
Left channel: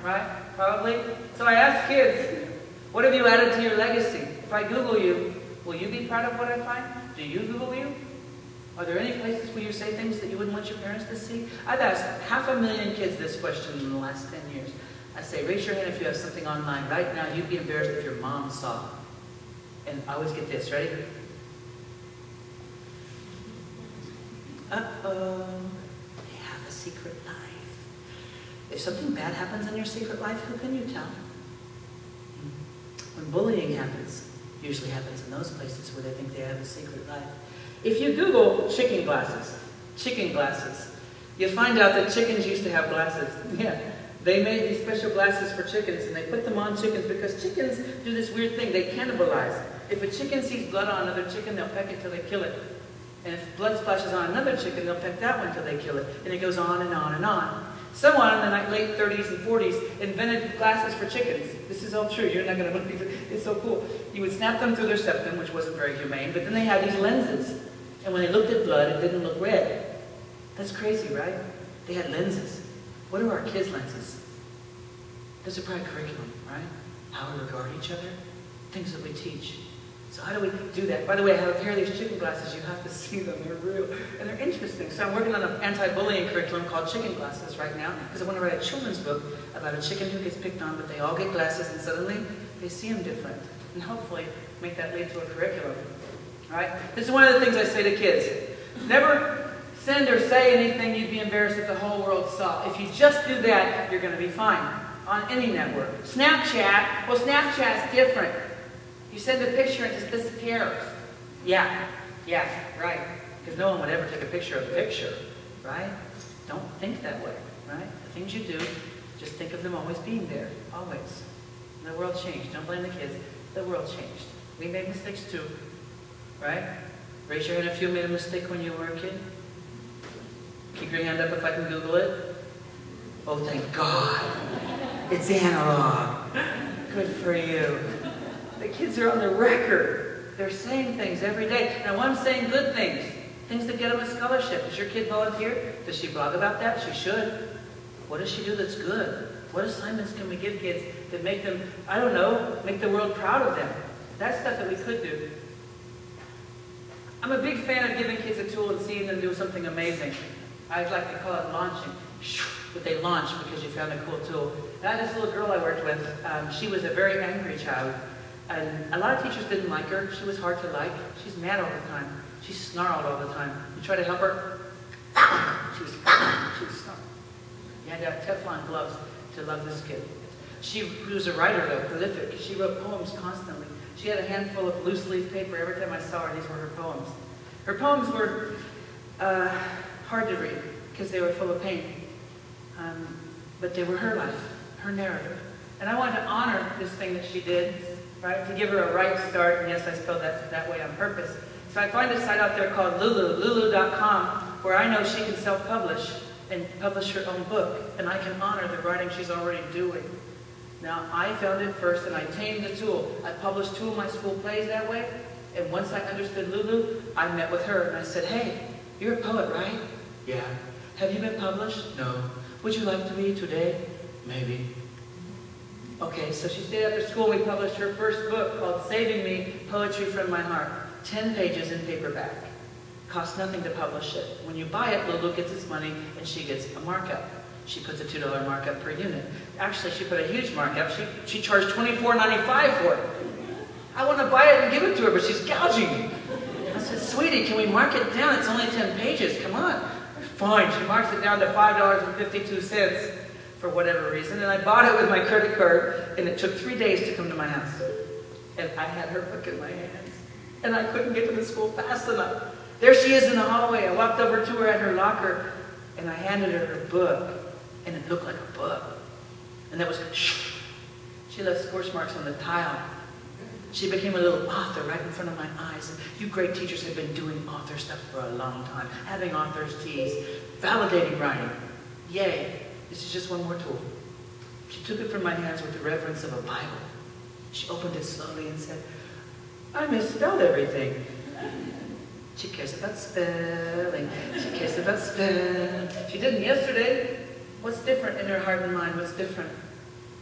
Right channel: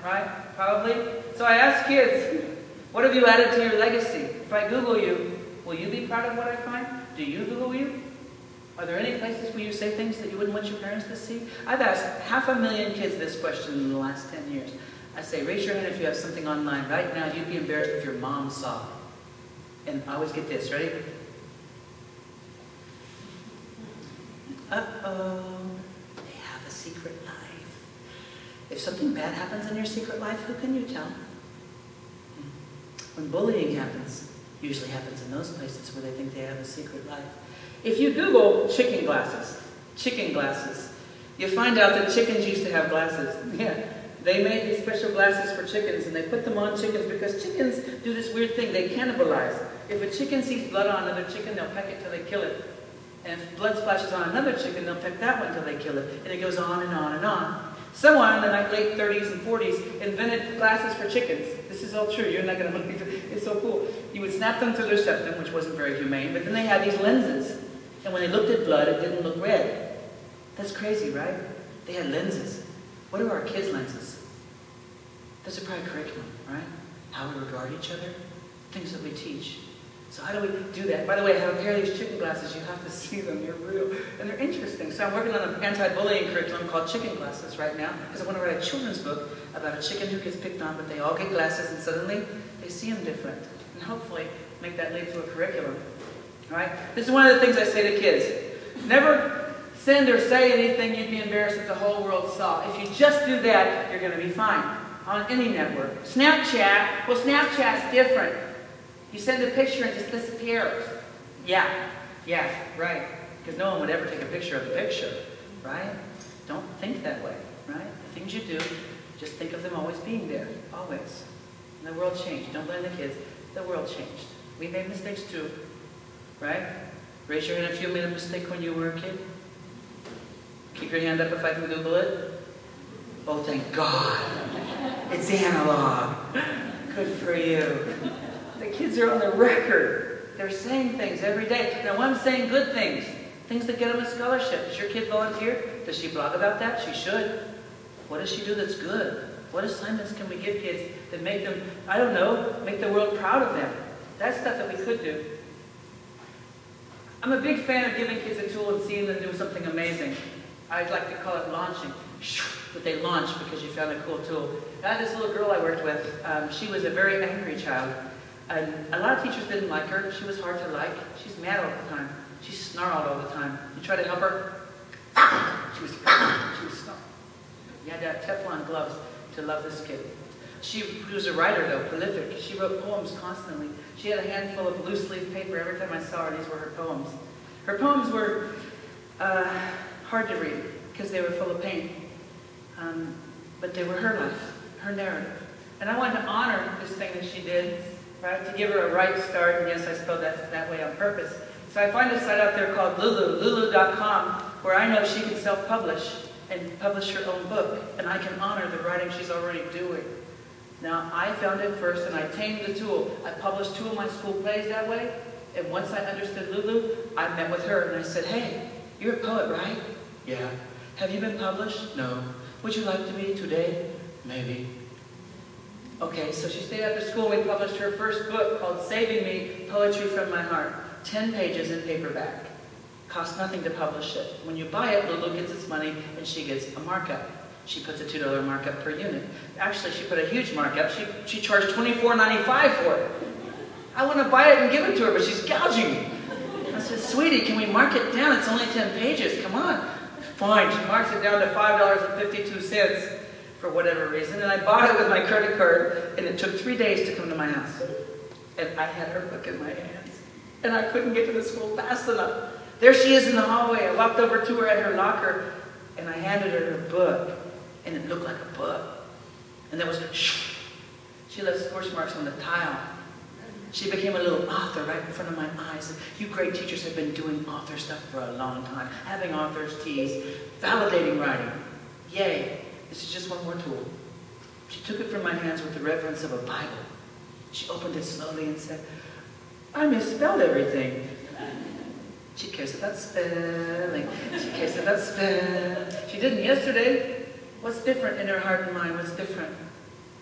right? Probably. So I ask kids, what have you added to your legacy? If I Google you, will you be proud of what I find? Do you Google you? Are there any places where you say things that you wouldn't want your parents to see? I've asked 500,000 kids this question in the last 10 years. I say, raise your hand if you have something online right now you'd be embarrassed if your mom saw. And I always get this, ready? Uh-oh, they have a secret life. If something bad happens in your secret life, who can you tell? When bullying happens, usually happens in those places where they think they have a secret life. If you Google chicken glasses, you find out that chickens used to have glasses. Yeah, they made these special glasses for chickens, and they put them on chickens because chickens do this weird thing. They cannibalize. If a chicken sees blood on another chicken, they'll peck it till they kill it. And if blood splashes on another chicken, they'll peck that one till they kill it. And it goes on and on and on. Someone in the late 30s and 40s invented glasses for chickens. This is all true. You're not going to believe it. It's so cool. You would snap them through their septum, which wasn't very humane, but then they had these lenses. And when they looked at blood, it didn't look red. That's crazy, right? They had lenses. What are our kids' lenses? Those are probably curriculum, right? How we regard each other, things that we teach. So how do we do that? By the way, I have a pair of these chicken glasses. You have to see them. They're real. And they're interesting. So I'm working on an anti-bullying curriculum called Chicken Glasses right now because I want to write a children's book about a chicken who gets picked on, but they all get glasses and suddenly they see them different. And hopefully make that lead to a curriculum. All right? This is one of the things I say to kids. Never send or say anything you'd be embarrassed if the whole world saw. If you just do that, you're going to be fine on any network. Snapchat, well, Snapchat's different. You send a picture and it just disappears. Yeah, right. Because no one would ever take a picture of the picture, right? Don't think that way, right? The things you do, just think of them always being there, always. And the world changed. Don't blame the kids. The world changed. We made mistakes too, right? Raise your hand if you made a mistake when you were a kid. Keep your hand up if I can Google it. Oh, thank God. It's analog. Good for you. The kids are on the record. They're saying things every day. Now, I'm saying good things. Things that get them a scholarship. Does your kid volunteer? Does she blog about that? She should. What does she do that's good? What assignments can we give kids that make them, I don't know, make the world proud of them? That's stuff that we could do. I'm a big fan of giving kids a tool and seeing them do something amazing. I like to call it launching. But they launch because you found a cool tool. I had this little girl I worked with. She was a very angry child. And a lot of teachers didn't like her. She was hard to like. She's mad all the time. She snarled all the time. You try to help her, she was snarling. You had to have Teflon gloves to love this kid. She was a writer, though, prolific. She wrote poems constantly. She had a handful of loose leaf paper every time I saw her. These were her poems. Her poems were hard to read because they were full of pain. But they were her life, her narrative. And I wanted to honor this thing that she did, right? To give her a right start. And yes, I spelled that way on purpose. So I find a site out there called lulu.com, where I know she can self-publish and publish her own book. And I can honor the writing she's already doing. Now, I found it first, and I tamed the tool. I published 2 of my school plays that way. And once I understood Lulu, I met with her, and I said, hey, you're a poet, right? Yeah. Have you been published? No. Would you like to be today? Maybe. Okay, so she stayed after school. We published her first book called Saving Me, Poetry from My Heart. 10 pages in paperback. Costs nothing to publish it. When you buy it, Lulu gets its money, and she gets a markup. She puts a $2 markup per unit. Actually, she put a huge markup. She charged $24.95 for it. I want to buy it and give it to her, but she's gouging me. I said, sweetie, can we mark it down? It's only 10 pages. Come on. Fine. She marks it down to $5.52 for whatever reason. And I bought it with my credit card, and it took 3 days to come to my house. And I had her book in my hands. And I couldn't get to the school fast enough. There she is in the hallway. I walked over to her at her locker, and I handed her her book. And it looked like a book. And there was shh. She left scorch marks on the tile. She became a little author right in front of my eyes. And you great teachers have been doing author stuff for a long time. Having author's teas, validating writing. Yay. This is just one more tool. She took it from my hands with the reverence of a Bible. She opened it slowly and said, I misspelled everything. She cares about spelling. She cares about spelling. She didn't yesterday. What's different in her heart and mind? What's different?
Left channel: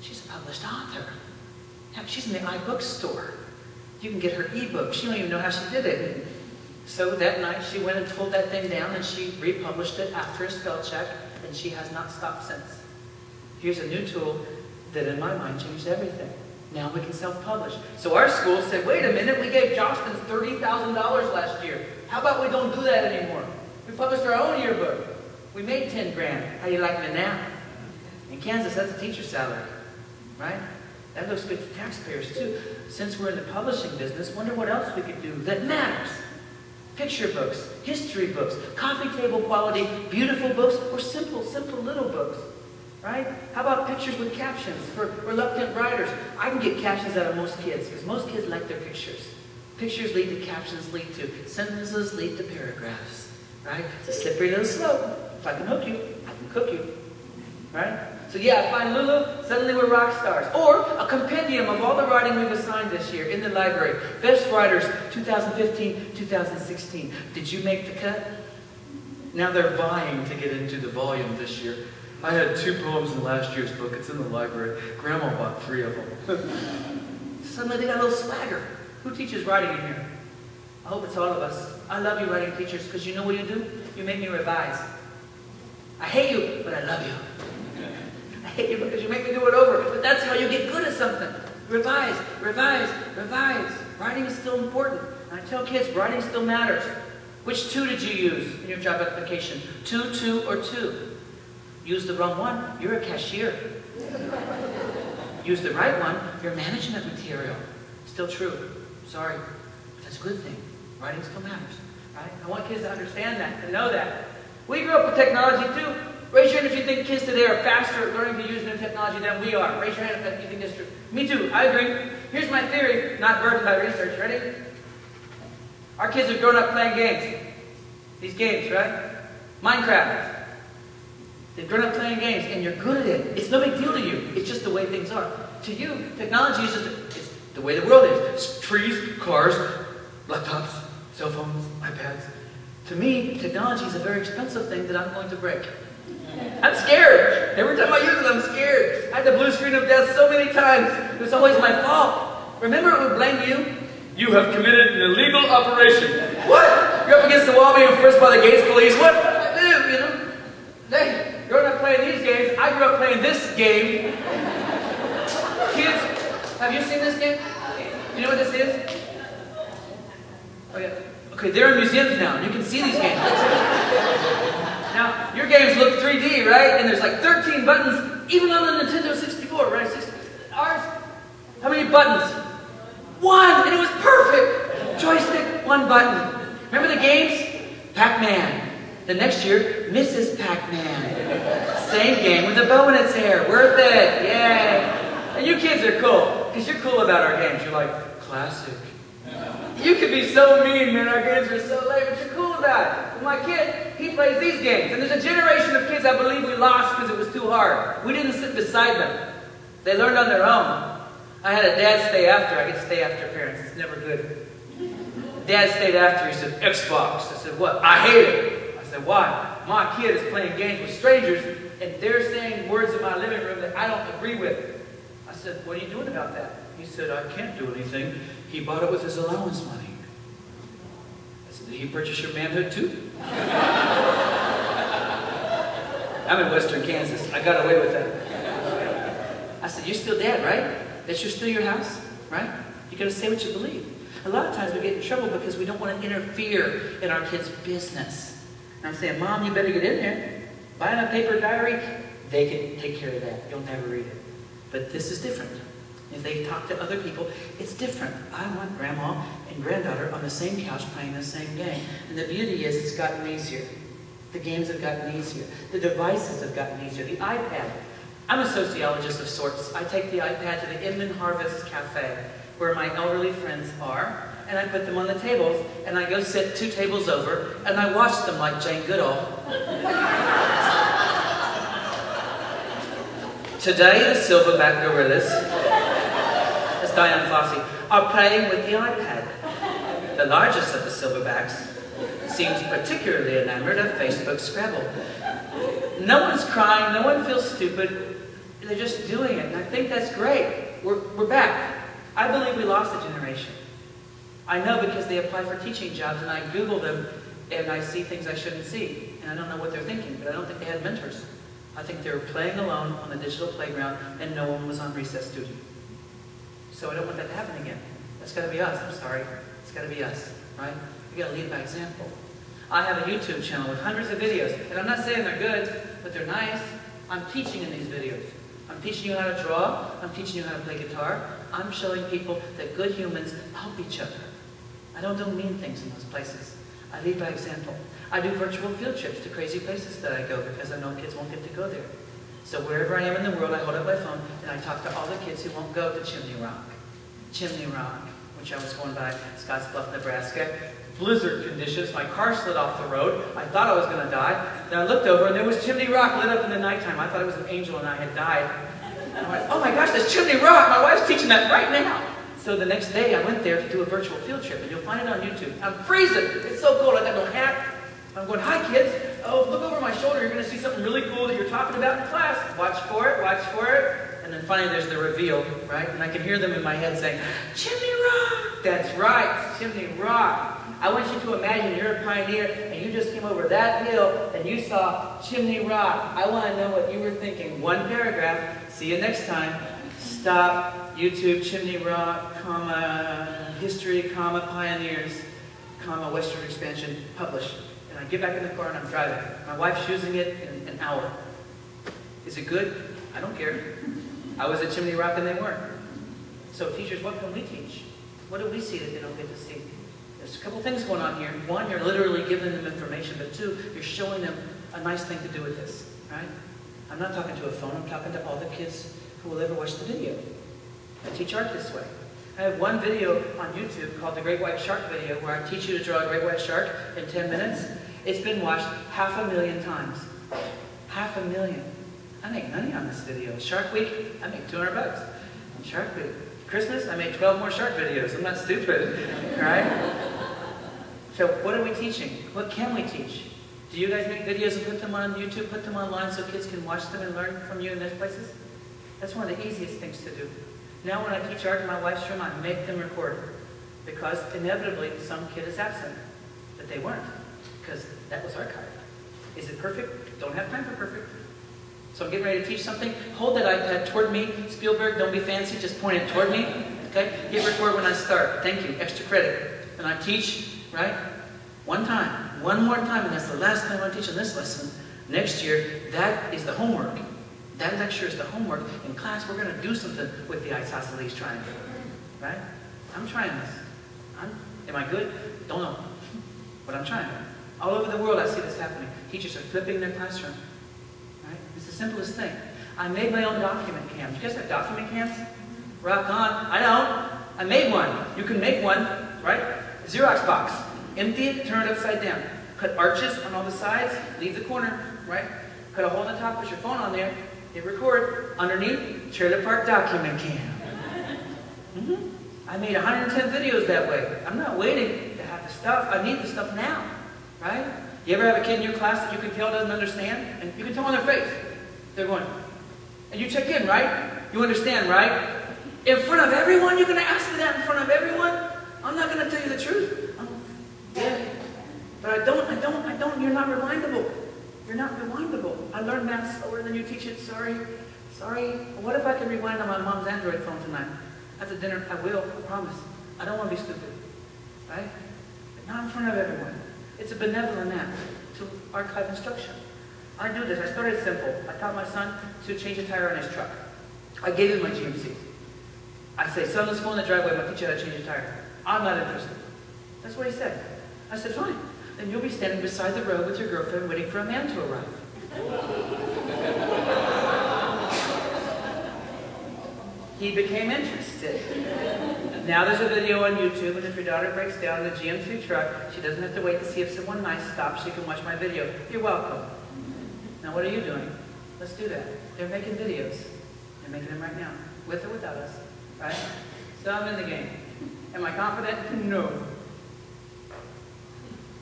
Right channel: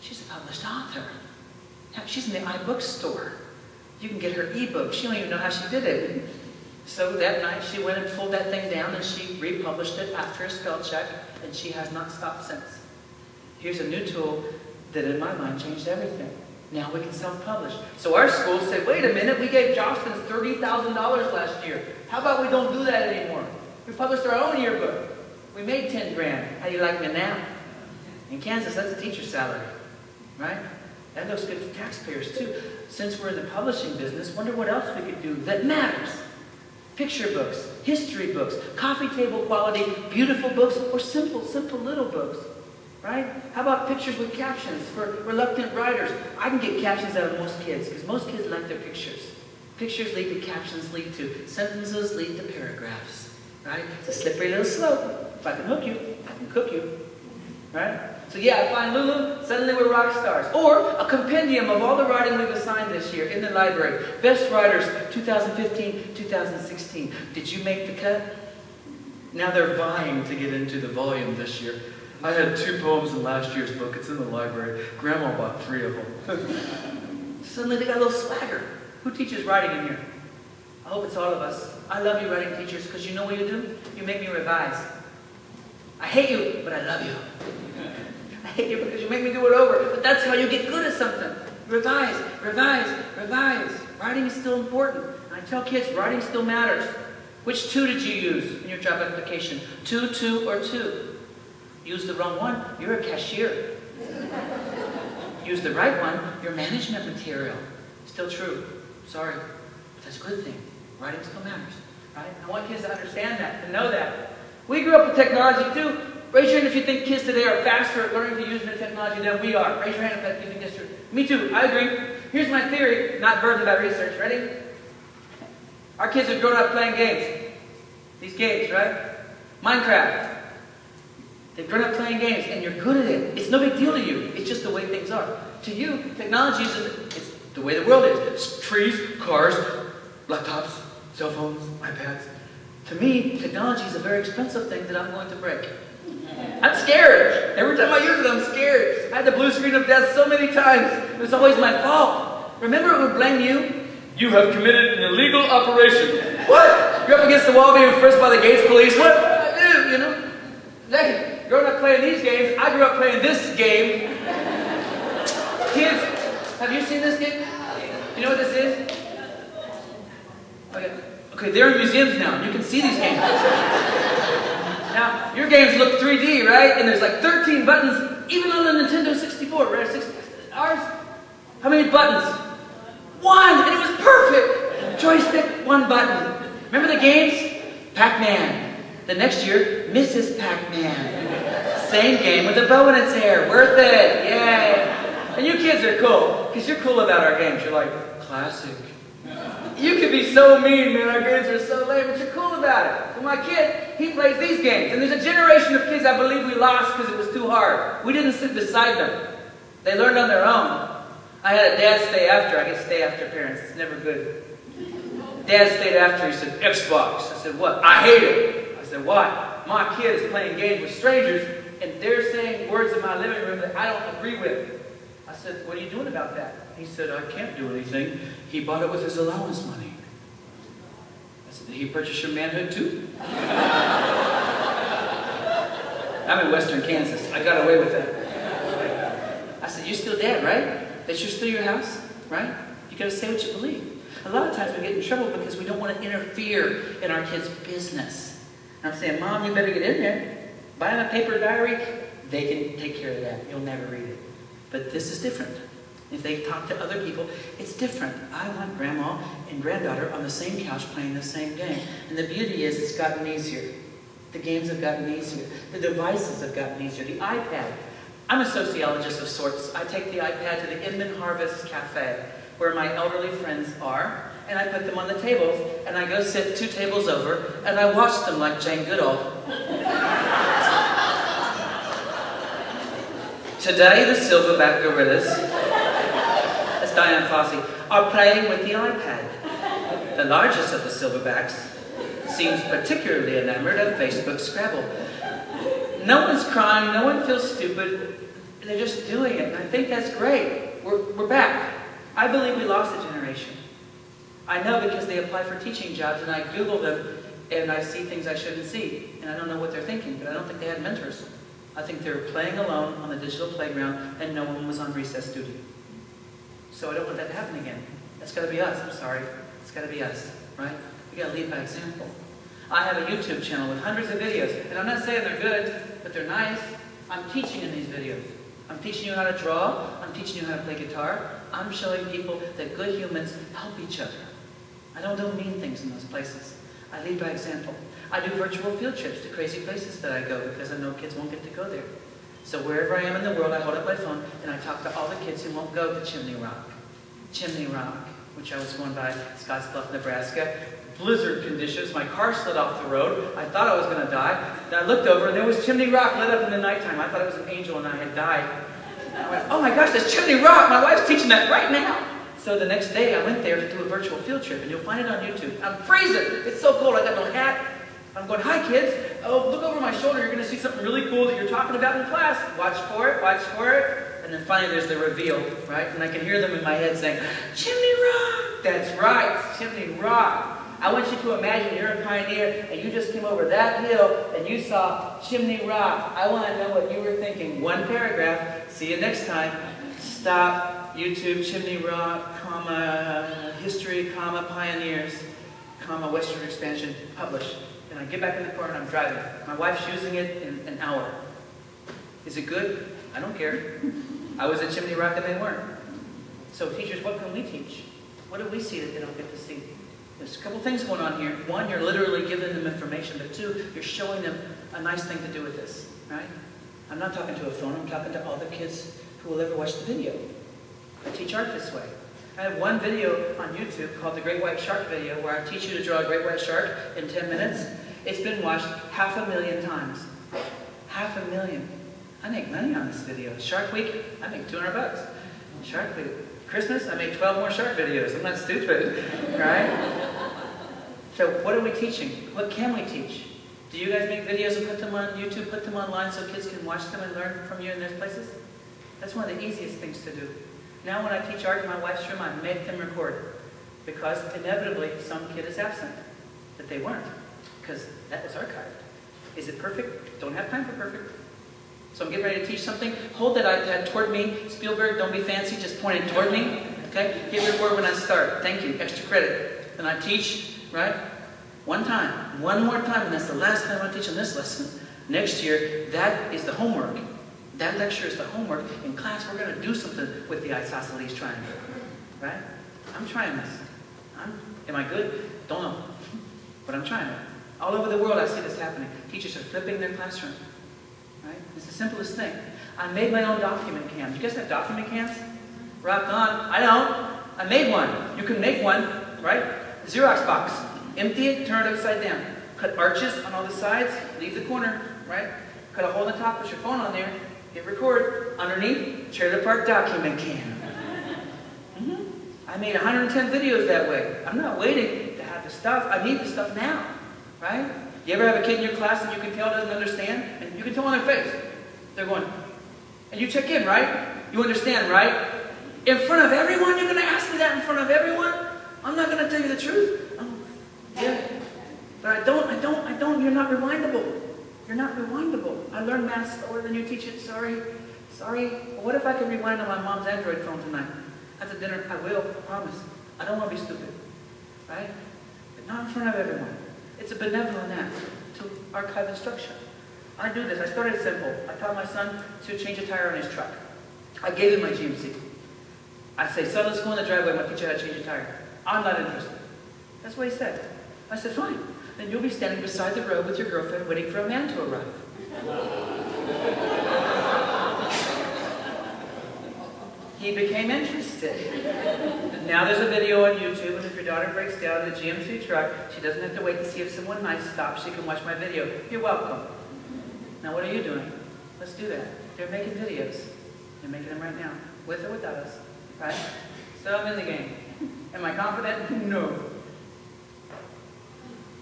She's a published author. Heck, she's in the iBook store. You can get her ebook. She don't even know how she did it. So that night, she went and pulled that thing down, and she republished it after a spell check, and she has not stopped since. Here's a new tool that, in my mind, changed everything. Now we can self-publish. So our school said, wait a minute, we gave Jostens $30,000 last year. How about we don't do that anymore? We published our own yearbook. We made 10 grand. How do you like me now? In Kansas, that's a teacher's salary, right? That looks good for taxpayers, too. Since we're in the publishing business, wonder what else we could do that matters. Picture books, history books, coffee table quality, beautiful books, or simple little books, right? How about pictures with captions for reluctant writers? I can get captions out of most kids, because most kids like their pictures. Pictures lead to captions, lead to sentences, lead to paragraphs, right? It's a slippery little slope. If I can hook you, I can cook you, right? So yeah, I find Lulu, suddenly we're rock stars. Or a compendium of all the writing we've assigned this year in the library. Best writers, 2015, 2016. Did you make the cut? Now they're vying to get into the volume this year. I had 2 poems in last year's book. It's in the library. Grandma bought 3 of them. Suddenly they got a little swagger. Who teaches writing in here? I hope it's all of us. I love you, writing teachers, because you know what you do? You make me revise. I hate you, but I love you. I hate you because you make me do it over. But that's how you get good at something. Revise, revise, revise. Writing is still important. And I tell kids, writing still matters. Which 2 did you use in your job application? 2, 2, or 2? Use the wrong one, you're a cashier. Use the right one, you're management material. Still true. Sorry. But that's a good thing. Writing still matters. Right? I want kids to understand that, to know that. We grew up with technology too. Raise your hand if you think kids today are faster at learning to use new technology than we are. Raise your hand if you think that's true. Me too. I agree. Here's my theory, not burdened by research. Ready? Our kids have grown up playing games. These games, right? Minecraft. They've grown up playing games, and you're good at it. It's no big deal to you. It's just the way things are. To you, technology is just it's the way the world is. It's trees, cars, laptops, cell phones, iPads. To me, technology is a very expensive thing that I'm going to break. I'm scared. Every time I use it, I'm scared. I had the blue screen of death so many times. It was always my fault. Remember, it would blame you. You have committed an illegal operation. What? You're up against the wall being frisked by the Gates police. What did I do, you know? Hey, growing up playing these games, I grew up playing this game. Kids, have you seen this game? You know what this is? Okay, they're in museums now, and you can see these games. Now, your games look 3D, right? And there's like 13 buttons, even on the Nintendo 64, right? Ours, how many buttons? 1, and it was perfect. Joystick, 1 button. Remember the games? Pac-Man. The next year, Mrs. Pac-Man. Same game with a bow in its hair. Worth it. Yay. And you kids are cool, because you're cool about our games. You're like, classic. You can be so mean, man. Our games are so lame, but you're cool about it. And my kid, he plays these games. And there's a generation of kids I believe we lost because it was too hard. We didn't sit beside them. They learned on their own. I had a dad stay after. I get stay after parents. It's never good. Dad stayed after. He said, Xbox. I said, what? I hate it. I said, why? My kid is playing games with strangers, and they're saying words in my living room that I don't agree with. I said, what are you doing about that? He said, I can't do anything. He bought it with his allowance money. I said, did he purchase your manhood too? I'm in western Kansas. I got away with that. I said, you're still dad, right? That's still your house, right? You got to say what you believe. A lot of times we get in trouble because we don't want to interfere in our kids' business. And I'm saying, Mom, you better get in there. Buy them a paper diary. They can take care of that. You'll never read it. But this is different. If they talk to other people, it's different. I want grandma and granddaughter on the same couch playing the same game. And the beauty is it's gotten easier. The games have gotten easier. The devices have gotten easier. The iPad. I'm a sociologist of sorts. I take the iPad to the Inman Harvest Cafe, where my elderly friends are, and I put them on the tables, and I go sit 2 tables over, and I watch them like Jane Goodall. Today, the silverback gorillas, that's Diane Fossey, are playing with the iPad. The largest of the silverbacks seems particularly enamored of Facebook Scrabble. No one's crying, no one feels stupid. They're just doing it. And I think that's great. We're back. I believe we lost a generation. I know because they apply for teaching jobs, and I Google them, and I see things I shouldn't see. And I don't know what they're thinking, but I don't think they had mentors. I think they were playing alone on the digital playground, and no one was on recess duty. So I don't want that to happen again. That's got to be us. I'm sorry. It's got to be us, right? We got to lead by example. I have a YouTube channel with hundreds of videos, and I'm not saying they're good, but they're nice. I'm teaching in these videos. I'm teaching you how to draw. I'm teaching you how to play guitar. I'm showing people that good humans help each other. I don't do mean things in those places. I lead by example. I do virtual field trips to crazy places that I go because I know kids won't get to go there. So wherever I am in the world, I hold up my phone and I talk to all the kids who won't go to Chimney Rock. Chimney Rock, which I was going by Scottsbluff, Nebraska. Blizzard conditions. My car slid off the road. I thought I was going to die. Then I looked over and there was Chimney Rock lit up in the nighttime. I thought it was an angel and I had died. I went, oh my gosh, there's Chimney Rock. My wife's teaching that right now. So the next day I went there to do a virtual field trip, and you'll find it on YouTube. I'm freezing. It's so cold. I got no hat. I'm going, hi kids. Oh, look over my shoulder. You're going to see something really cool that you're talking about in class. Watch for it. Watch for it. And then finally there's the reveal, right? And I can hear them in my head saying, Chimney Rock. That's right, Chimney Rock. I want you to imagine you're a pioneer and you just came over that hill and you saw Chimney Rock. I want to know what you were thinking. One paragraph. See you next time. Stop. YouTube, Chimney Rock, comma, history, comma, pioneers, comma, westward expansion, publish. And I get back in the car and I'm driving. My wife's using it in an hour. Is it good? I don't care. I was at Chimney Rock and they weren't. So teachers, what can we teach? What do we see that they don't get to see? There's a couple things going on here. One, you're literally giving them information, but two, you're showing them a nice thing to do with this, right? I'm not talking to a phone, I'm talking to all the kids who will ever watch the video. I teach art this way. I have one video on YouTube called the Great White Shark video where I teach you to draw a great white shark in 10 minutes. It's been watched 500,000 times. 500,000. I make money on this video. Shark Week, I make $200. Shark Week. Christmas, I made 12 more shark videos. I'm not stupid, right? So what are we teaching? What can we teach? Do you guys make videos and put them on YouTube, put them online so kids can watch them and learn from you in those places? That's one of the easiest things to do. Now when I teach art in my wife's room, I make them record. Because inevitably, some kid is absent. But they weren't. Because that was archived. Is it perfect? Don't have time for perfect. So I'm getting ready to teach something. Hold that iPad toward me. Spielberg, don't be fancy. Just point it toward me. Okay? Hit record when I start. Thank you. Extra credit. Then I teach, right? One time. One more time. And that's the last time I teach on this lesson. Next year, that is the homework. That lecture is the homework. In class, we're going to do something with the isosceles triangle. Right? I'm trying this. Am I good? Don't know. But I'm trying it. All over the world, I see this happening. Teachers are flipping their classroom. Right? It's the simplest thing. I made my own document cams. You guys have document cams? Rock on. I don't. I made one. You can make one, right? A Xerox box. Empty it, turn it upside down. Cut arches on all the sides, leave the corner, right? Cut a hole in the top, put your phone on there, hit record. Underneath, trailer park document cam. I made 110 videos that way. I'm not waiting to have the stuff. I need the stuff now, right? You ever have a kid in your class that you can tell doesn't understand? And you can tell on their face. They're going, and you check in, right? You understand, right? In front of everyone? You're going to ask me that in front of everyone? I'm not going to tell you the truth. Yeah. But I don't. You're not rewindable. You're not rewindable. I learned math slower than you teach it. Sorry. Well, what if I could rewind on my mom's Android phone tonight? After dinner, I will. I promise. I don't want to be stupid. Right? But not in front of everyone. It's a benevolent act to archive instruction. I do this. I started simple. I taught my son to change a tire on his truck. I gave him my GMC. I say, son, let's go in the driveway. I'm going to teach you how to change a tire. I'm not interested. That's what he said. I said, fine. Then you'll be standing beside the road with your girlfriend waiting for a man to arrive. He became interested. Now there's a video on YouTube, and if your daughter breaks down in a GM2 truck, she doesn't have to wait to see if someone nice stops. She can watch my video. You're welcome. Now what are you doing? Let's do that. They're making videos. They're making them right now, with or without us. Right? So I'm in the game. Am I confident? No.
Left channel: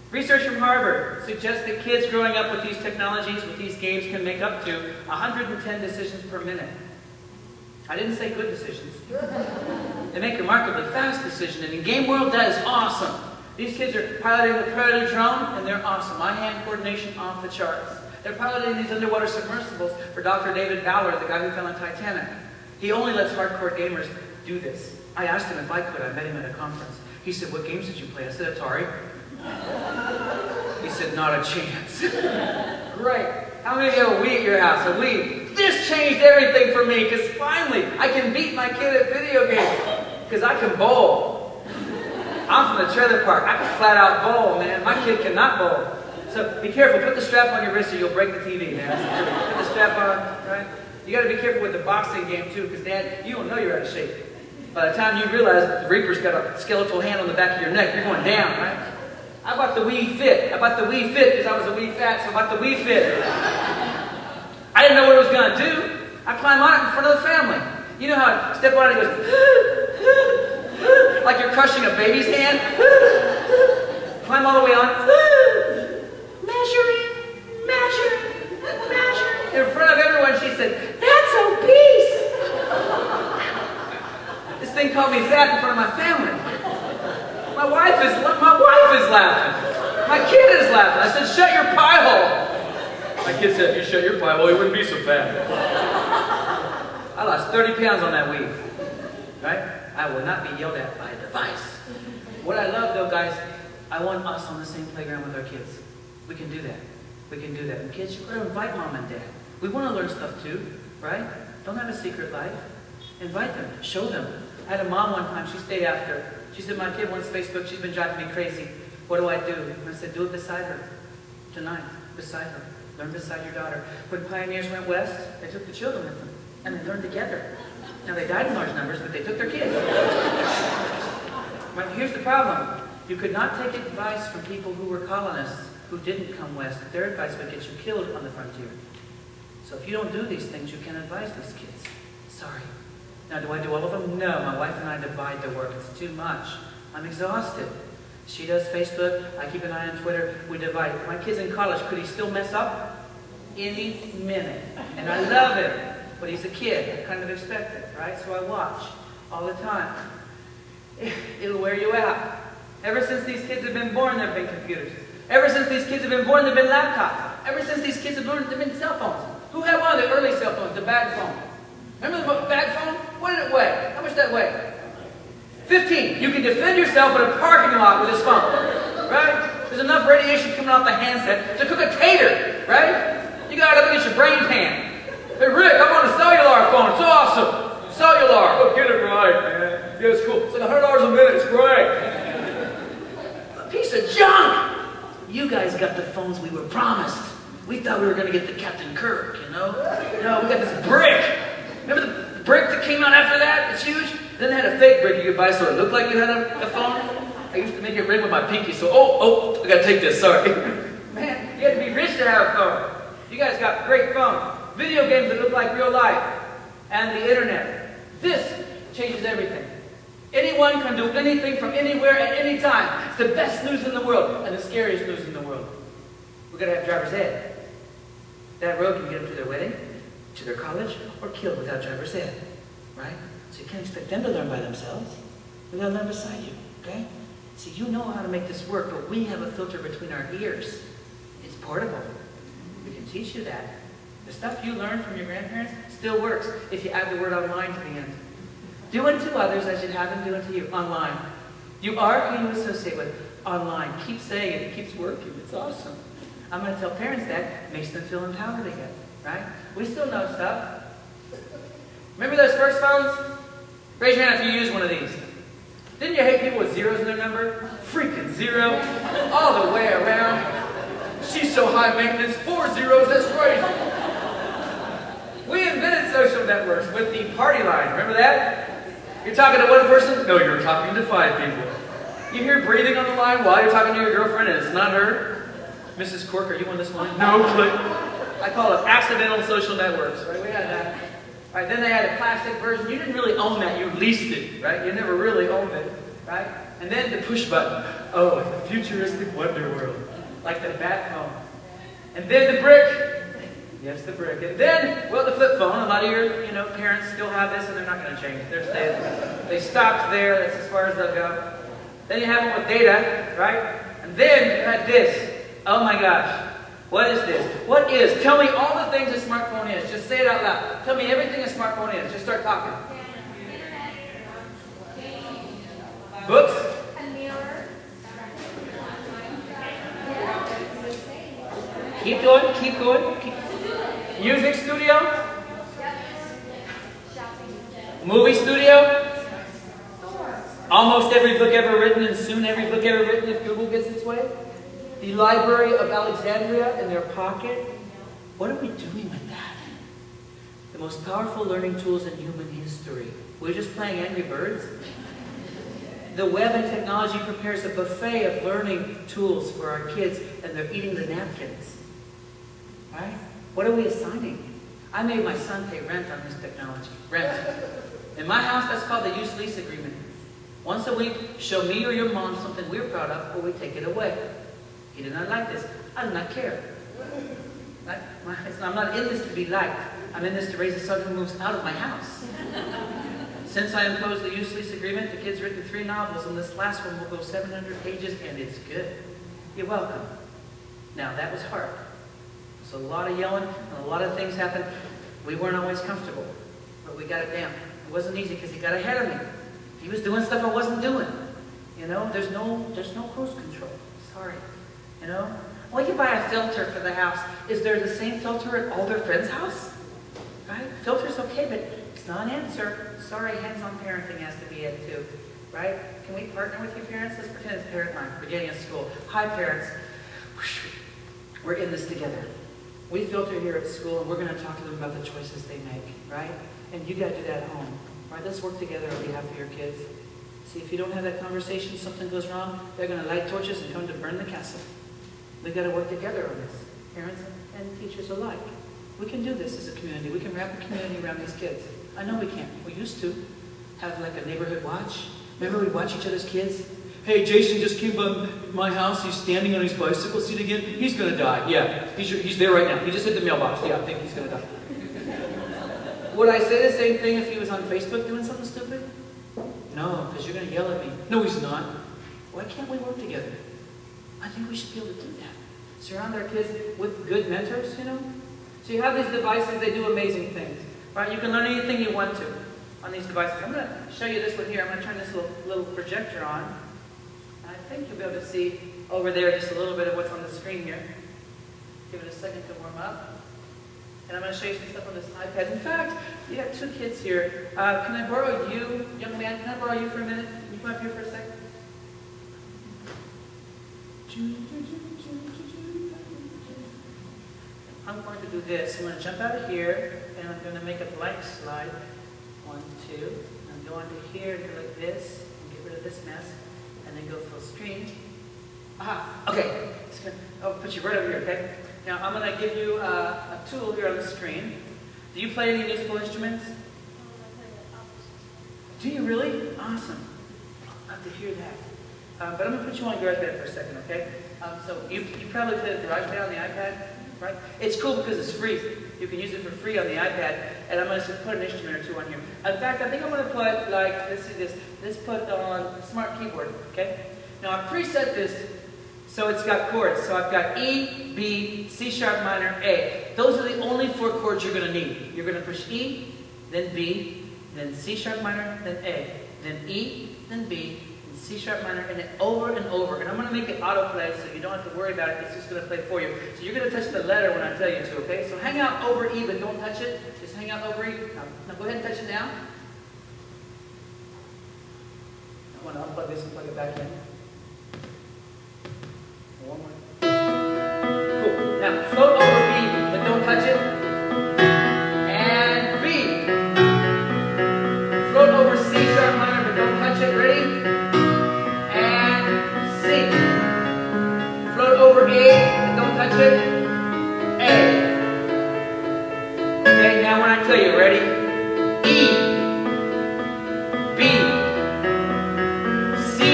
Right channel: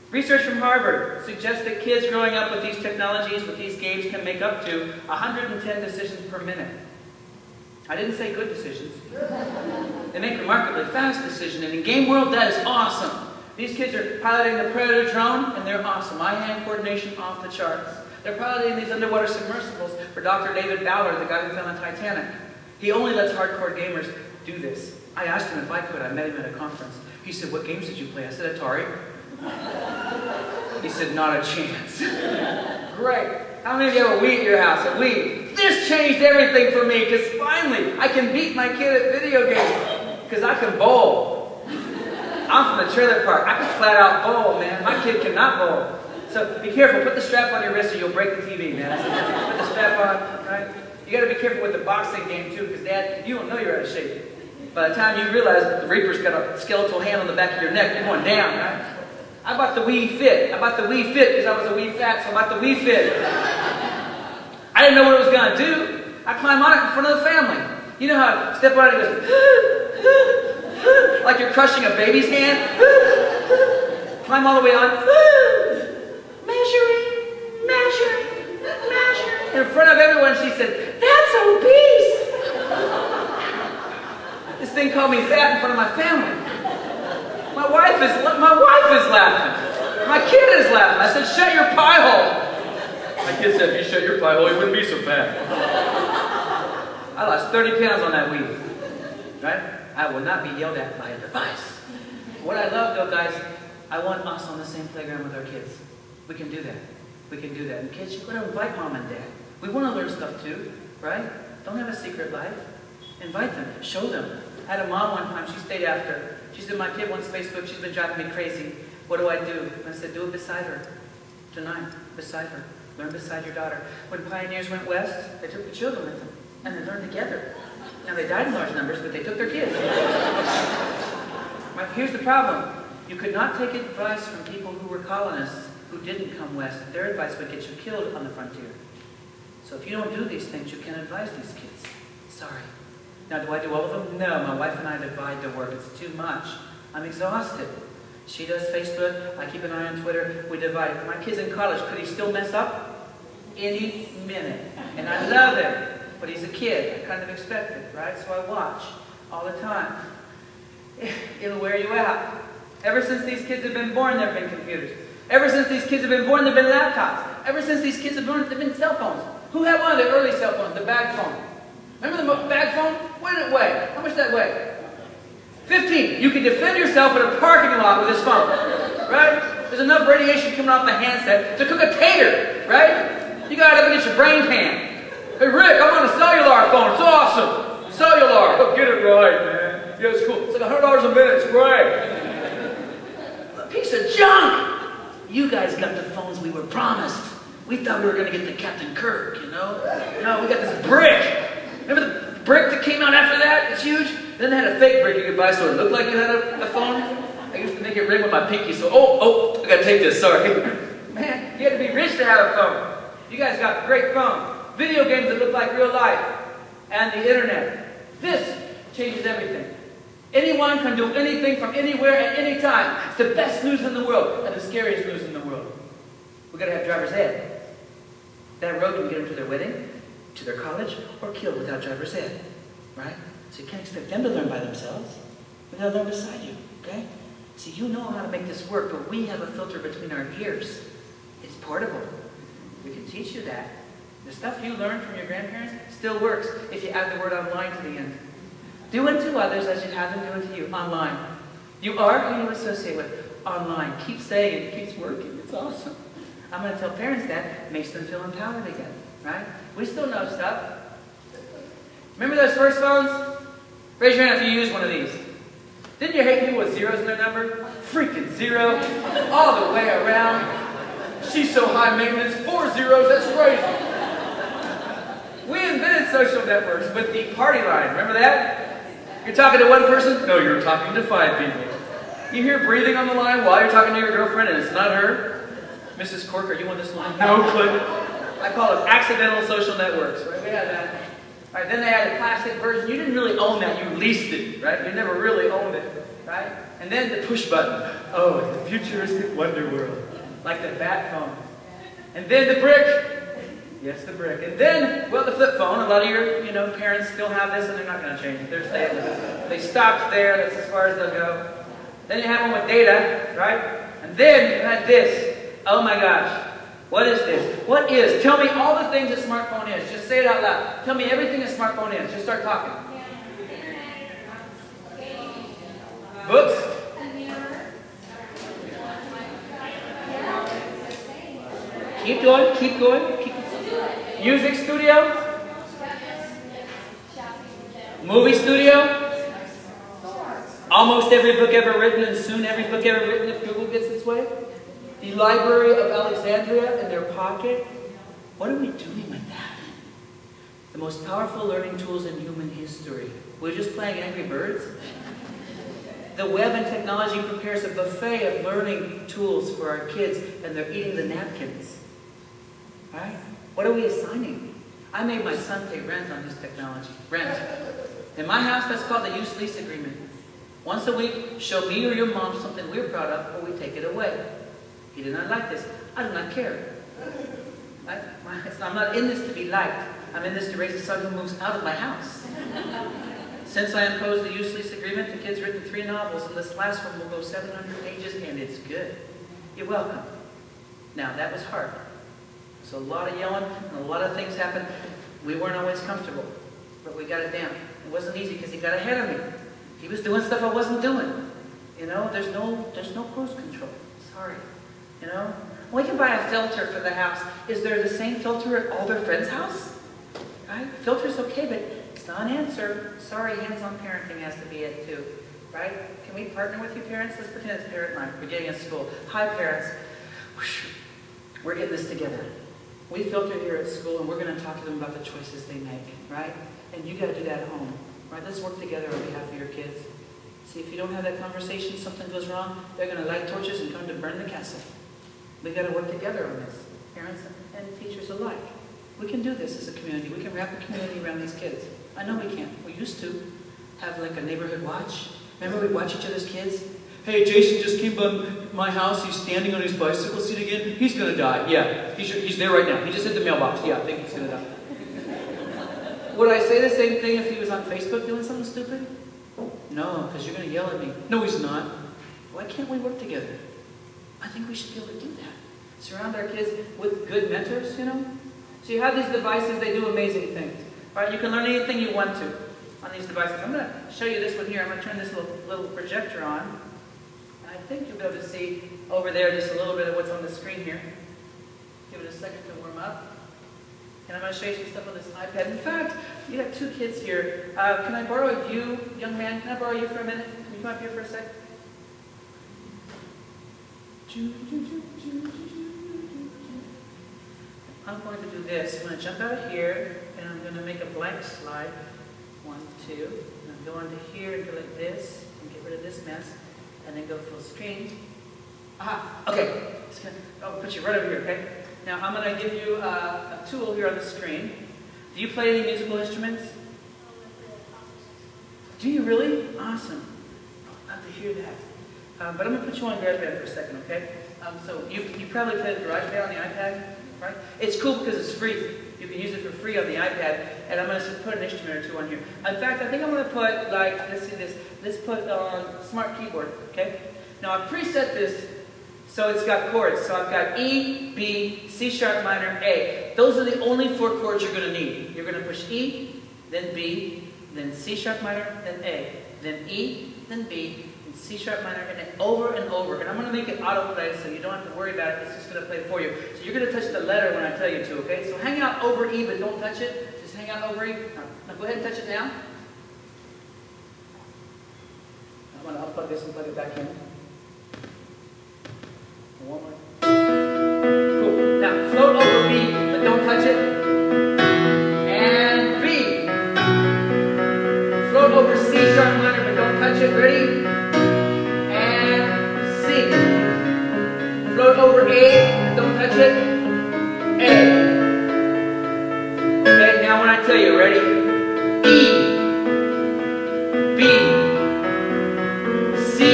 Research from Harvard suggests that kids growing up with these technologies, with these games, can make up to 110 decisions per minute. I didn't say good decisions. They make remarkably fast decisions, and in game world, that is awesome. These kids are piloting the Predator drone, and they're awesome. Eye-hand coordination off the charts. They're piloting these underwater submersibles for Dr. David Ballard, the guy who fell on Titanic. He only lets hardcore gamers do this. I asked him if I could. I met him at a conference. He said, "What games did you play?" I said, "Atari." He said, "Not a chance." Great. How many of you have a Wii at your house? A Wii. This changed everything for me, because finally I can beat my kid at video games. Because I can bowl. I'm from the trailer park. I can flat out bowl, man. My kid cannot bowl. So be careful. Put the strap on your wrist or you'll break the TV, man. Put the strap on, right? You got to be careful with the boxing game too, because Dad, you don't know you're out of shape. By the time you realize that the Reaper's got a skeletal hand on the back of your neck, you're going down, right? I bought the Wii Fit. I bought the Wii Fit because I was a Wii Fat, so I bought the Wii Fit. I didn't know what it was going to do. I climbed on it in front of the family. You know how I step on it and it goes, like you're crushing a baby's hand. Climb all the way on. Measuring, measure, measure. In front of everyone, she said, "That's obese." This thing called me fat in front of my family. My wife is laughing. My kid is laughing. I said, "Shut your pie hole." My kid said, "If you shut your pie hole, he wouldn't be so fat." I lost 30 pounds on that Wii. Right? I will not be yelled at by a device. What I love, though, guys, I want us on the same playground with our kids. We can do that. We can do that. And kids, you've got to invite Mom and Dad. We want to learn stuff too, right? Don't have a secret life. Invite them. Show them. I had a mom one time. She stayed after. She said, "My kid wants Facebook. She's been driving me crazy. What do I do?" And I said, "Do it beside her. Tonight. Beside her. Learn beside your daughter." When pioneers went west, they took the children with them. And they learned together. Now, they died in large numbers, but they took their kids. Right, here's the problem. You could not take advice from people who were colonists who didn't come west. Their advice would get you killed on the frontier. So if you don't do these things, you can't advise these kids. Sorry. Now, do I do all of them? No. My wife and I divide the work. It's too much. I'm exhausted. She does Facebook. I keep an eye on Twitter. We divide it. My kid's in college. Could he still mess up? Any minute. And I love him. But he's a kid. I kind of expect it, right? So I watch all the time. It'll wear you out. Ever since these kids have been born, there have been computers. Ever since these kids have been born, there have been laptops. Ever since these kids have been born, there have been cell phones. Who had one of the early cell phones, the bag phone? Remember the bag phone? What did it weigh? How much did that weigh? 15. You can defend yourself in a parking lot with this phone, right? There's enough radiation coming off the handset to cook a tater, right? You got it up against your brain pan. "Hey, Rick, I'm on a cellular phone. It's awesome. Cellular. Oh, get it right, man. Yeah, it's cool. It's like $100 a minute. It's great." A piece of junk. You guys got the phones we were promised. We thought we were going to get the Captain Kirk, you know? No, we got this brick. Remember the brick that came out after that? It's huge. Then they had a fake brick you could buy so it looked like it had a phone. I used to make it ring with my pinky, so, I got to take this, sorry. Man, you had to be rich to have a phone. You guys got great phones. Video games that look like real life. And the internet. This changes everything. Anyone can do anything from anywhere at any time. It's the best news in the world and the scariest news in the world. We've got to have driver's ed. That road can get them to their wedding, to their college, or killed without driver's ed. Right? So you can't expect them to learn by themselves. We've got to learn beside you. Okay? See, you know how to make this work, but we have a filter between our ears. It's portable. We can teach you that. The stuff you learned from your grandparents still works if you add the word online to the end. Do unto others as you'd have them do unto you. Online. You are who you associate with. Online. Keep saying it. It keeps working. It's awesome. I'm going to tell parents that. It makes them feel empowered again. Right? We still know stuff. Remember those first phones? Raise your hand if you use one of these. Didn't you hate people with zeros in their number? Freaking zero. All the way around. She's so high maintenance. 4 zeros. That's crazy. We invented social networks with the party line. Remember that? You're talking to one person? No, you're talking to 5 people. You hear breathing on the line while you're talking to your girlfriend and it's not her? Mrs. Cork, are you on this line? No, click. I call it accidental social networks. Right? We had that. Right, then they had a plastic version. You didn't really own that. You leased it. Right? You never really owned it. right? And then the push button. Oh, the futuristic wonder world. Like the bat phone. And then the brick. Yes, the brick. And then, well, the flip phone. A lot of your, parents still have this, and they're not going to change. They're staying. They stopped there. That's as far as they'll go. Then you have one with data, right? And then you had this. Oh my gosh. What is this? What is? Tell me all the things a smartphone is. Just say it out loud. Tell me everything a smartphone is. Just start talking. Books? Keep going, keep going. Music studio? Movie studio? Almost every book ever written, and soon every book ever written if Google gets its way? The Library of Alexandria in their pocket? What are we doing with that? The most powerful learning tools in human history. We're just playing Angry Birds? The web and technology prepares a buffet of learning tools for our kids, and they're eating the napkins. Right? What are we assigning? I made my son pay rent on his technology. Rent. In my house, that's called the use-lease agreement. Once a week, show me or your mom something we're proud of, or we take it away. He did not like this. I do not care. I'm not in this to be liked. I'm in this to raise a son who moves out of my house. Since I imposed the use-lease agreement, the kid's written 3 novels, and this last one will go 700 pages, and it's good. You're welcome. Now, that was hard. There's a lot of yelling, and a lot of things happened. We weren't always comfortable, but we got it down. It wasn't easy because he got ahead of me. He was doing stuff I wasn't doing. There's no cruise control. Sorry. Well, you can buy a filter for the house. Is there the same filter at all their friends' house? Right? Filter's okay, but it's not an answer. Sorry, hands-on parenting has to be it too. Right? Can we partner with you parents? Let's pretend it's parent night. We're getting at school. Hi, parents. We're in this together. We filter here at school, and we're going to talk to them about the choices they make. Right? And you got to do that at home. Right? Let's work together on behalf of your kids. See, if you don't have that conversation, something goes wrong, they're going to light torches and come to burn the castle. We've got to work together on this, parents and teachers alike. We can do this as a community. We can wrap a community around these kids. I know we can't. We used to have like a neighborhood watch. Remember we'd watch each other's kids? Hey, Jason just came by my house. He's standing on his bicycle seat again. He's going to die. Yeah, he's there right now. He just hit the mailbox. Yeah, I think he's going to die. Would I say the same thing if he was on Facebook doing something stupid? No, because you're going to yell at me. No, he's not. Why can't we work together? I think we should be able to do that. Surround our kids with good mentors, So you have these devices, they do amazing things. Right? You can learn anything you want to on these devices. I'm going to show you this one here. I'm going to turn this little projector on. And I think you'll be able to see over there just a little bit of what's on the screen here. Give it a second to warm up. And I'm going to show you some stuff on this iPad. In fact, you got 2 kids here. Can I borrow you, young man? Can I borrow you for a minute? Can you come up here for a sec? I'm going to do this. I'm going to jump out of here, and I'm going to make a blank slide. 1, 2. And I'm going to here and go like this, and get rid of this mess, and then go full screen. Aha! Okay. I'll put you right over here, okay? Now, I'm going to give you a tool here on the screen. Do you play any musical instruments? Do you really? Awesome. I'd love to hear that. But I'm going to put you on GarageBand for a second, okay? So you probably play the GarageBand on the iPad, right? It's cool because it's free. You can use it for free on the iPad, and I'm going to put an instrument or 2 on here. In fact, I think I'm going to put, let's see this. Let's put on Smart Keyboard, okay? Now, I've preset this so it's got chords. So I've got E, B, C sharp minor, A. Those are the only 4 chords you're going to need. You're going to push E, then B, then C sharp minor, then A, then E, then B, and C sharp minor, and then over and over. And I'm going to make it autoplay so you don't have to worry about it. It's just going to play for you. So you're going to touch the letter when I tell you to, okay? So hang out over E, but don't touch it. Just hang out over E. Now go ahead and touch it now. I'm going to unplug this and plug it back in. One more. Cool. Now float over B, but don't touch it. And B. Float over C sharp minor, but don't touch it. Ready? And C. Float over A, but don't touch it. A. Okay, now when I tell you, ready? E. B. C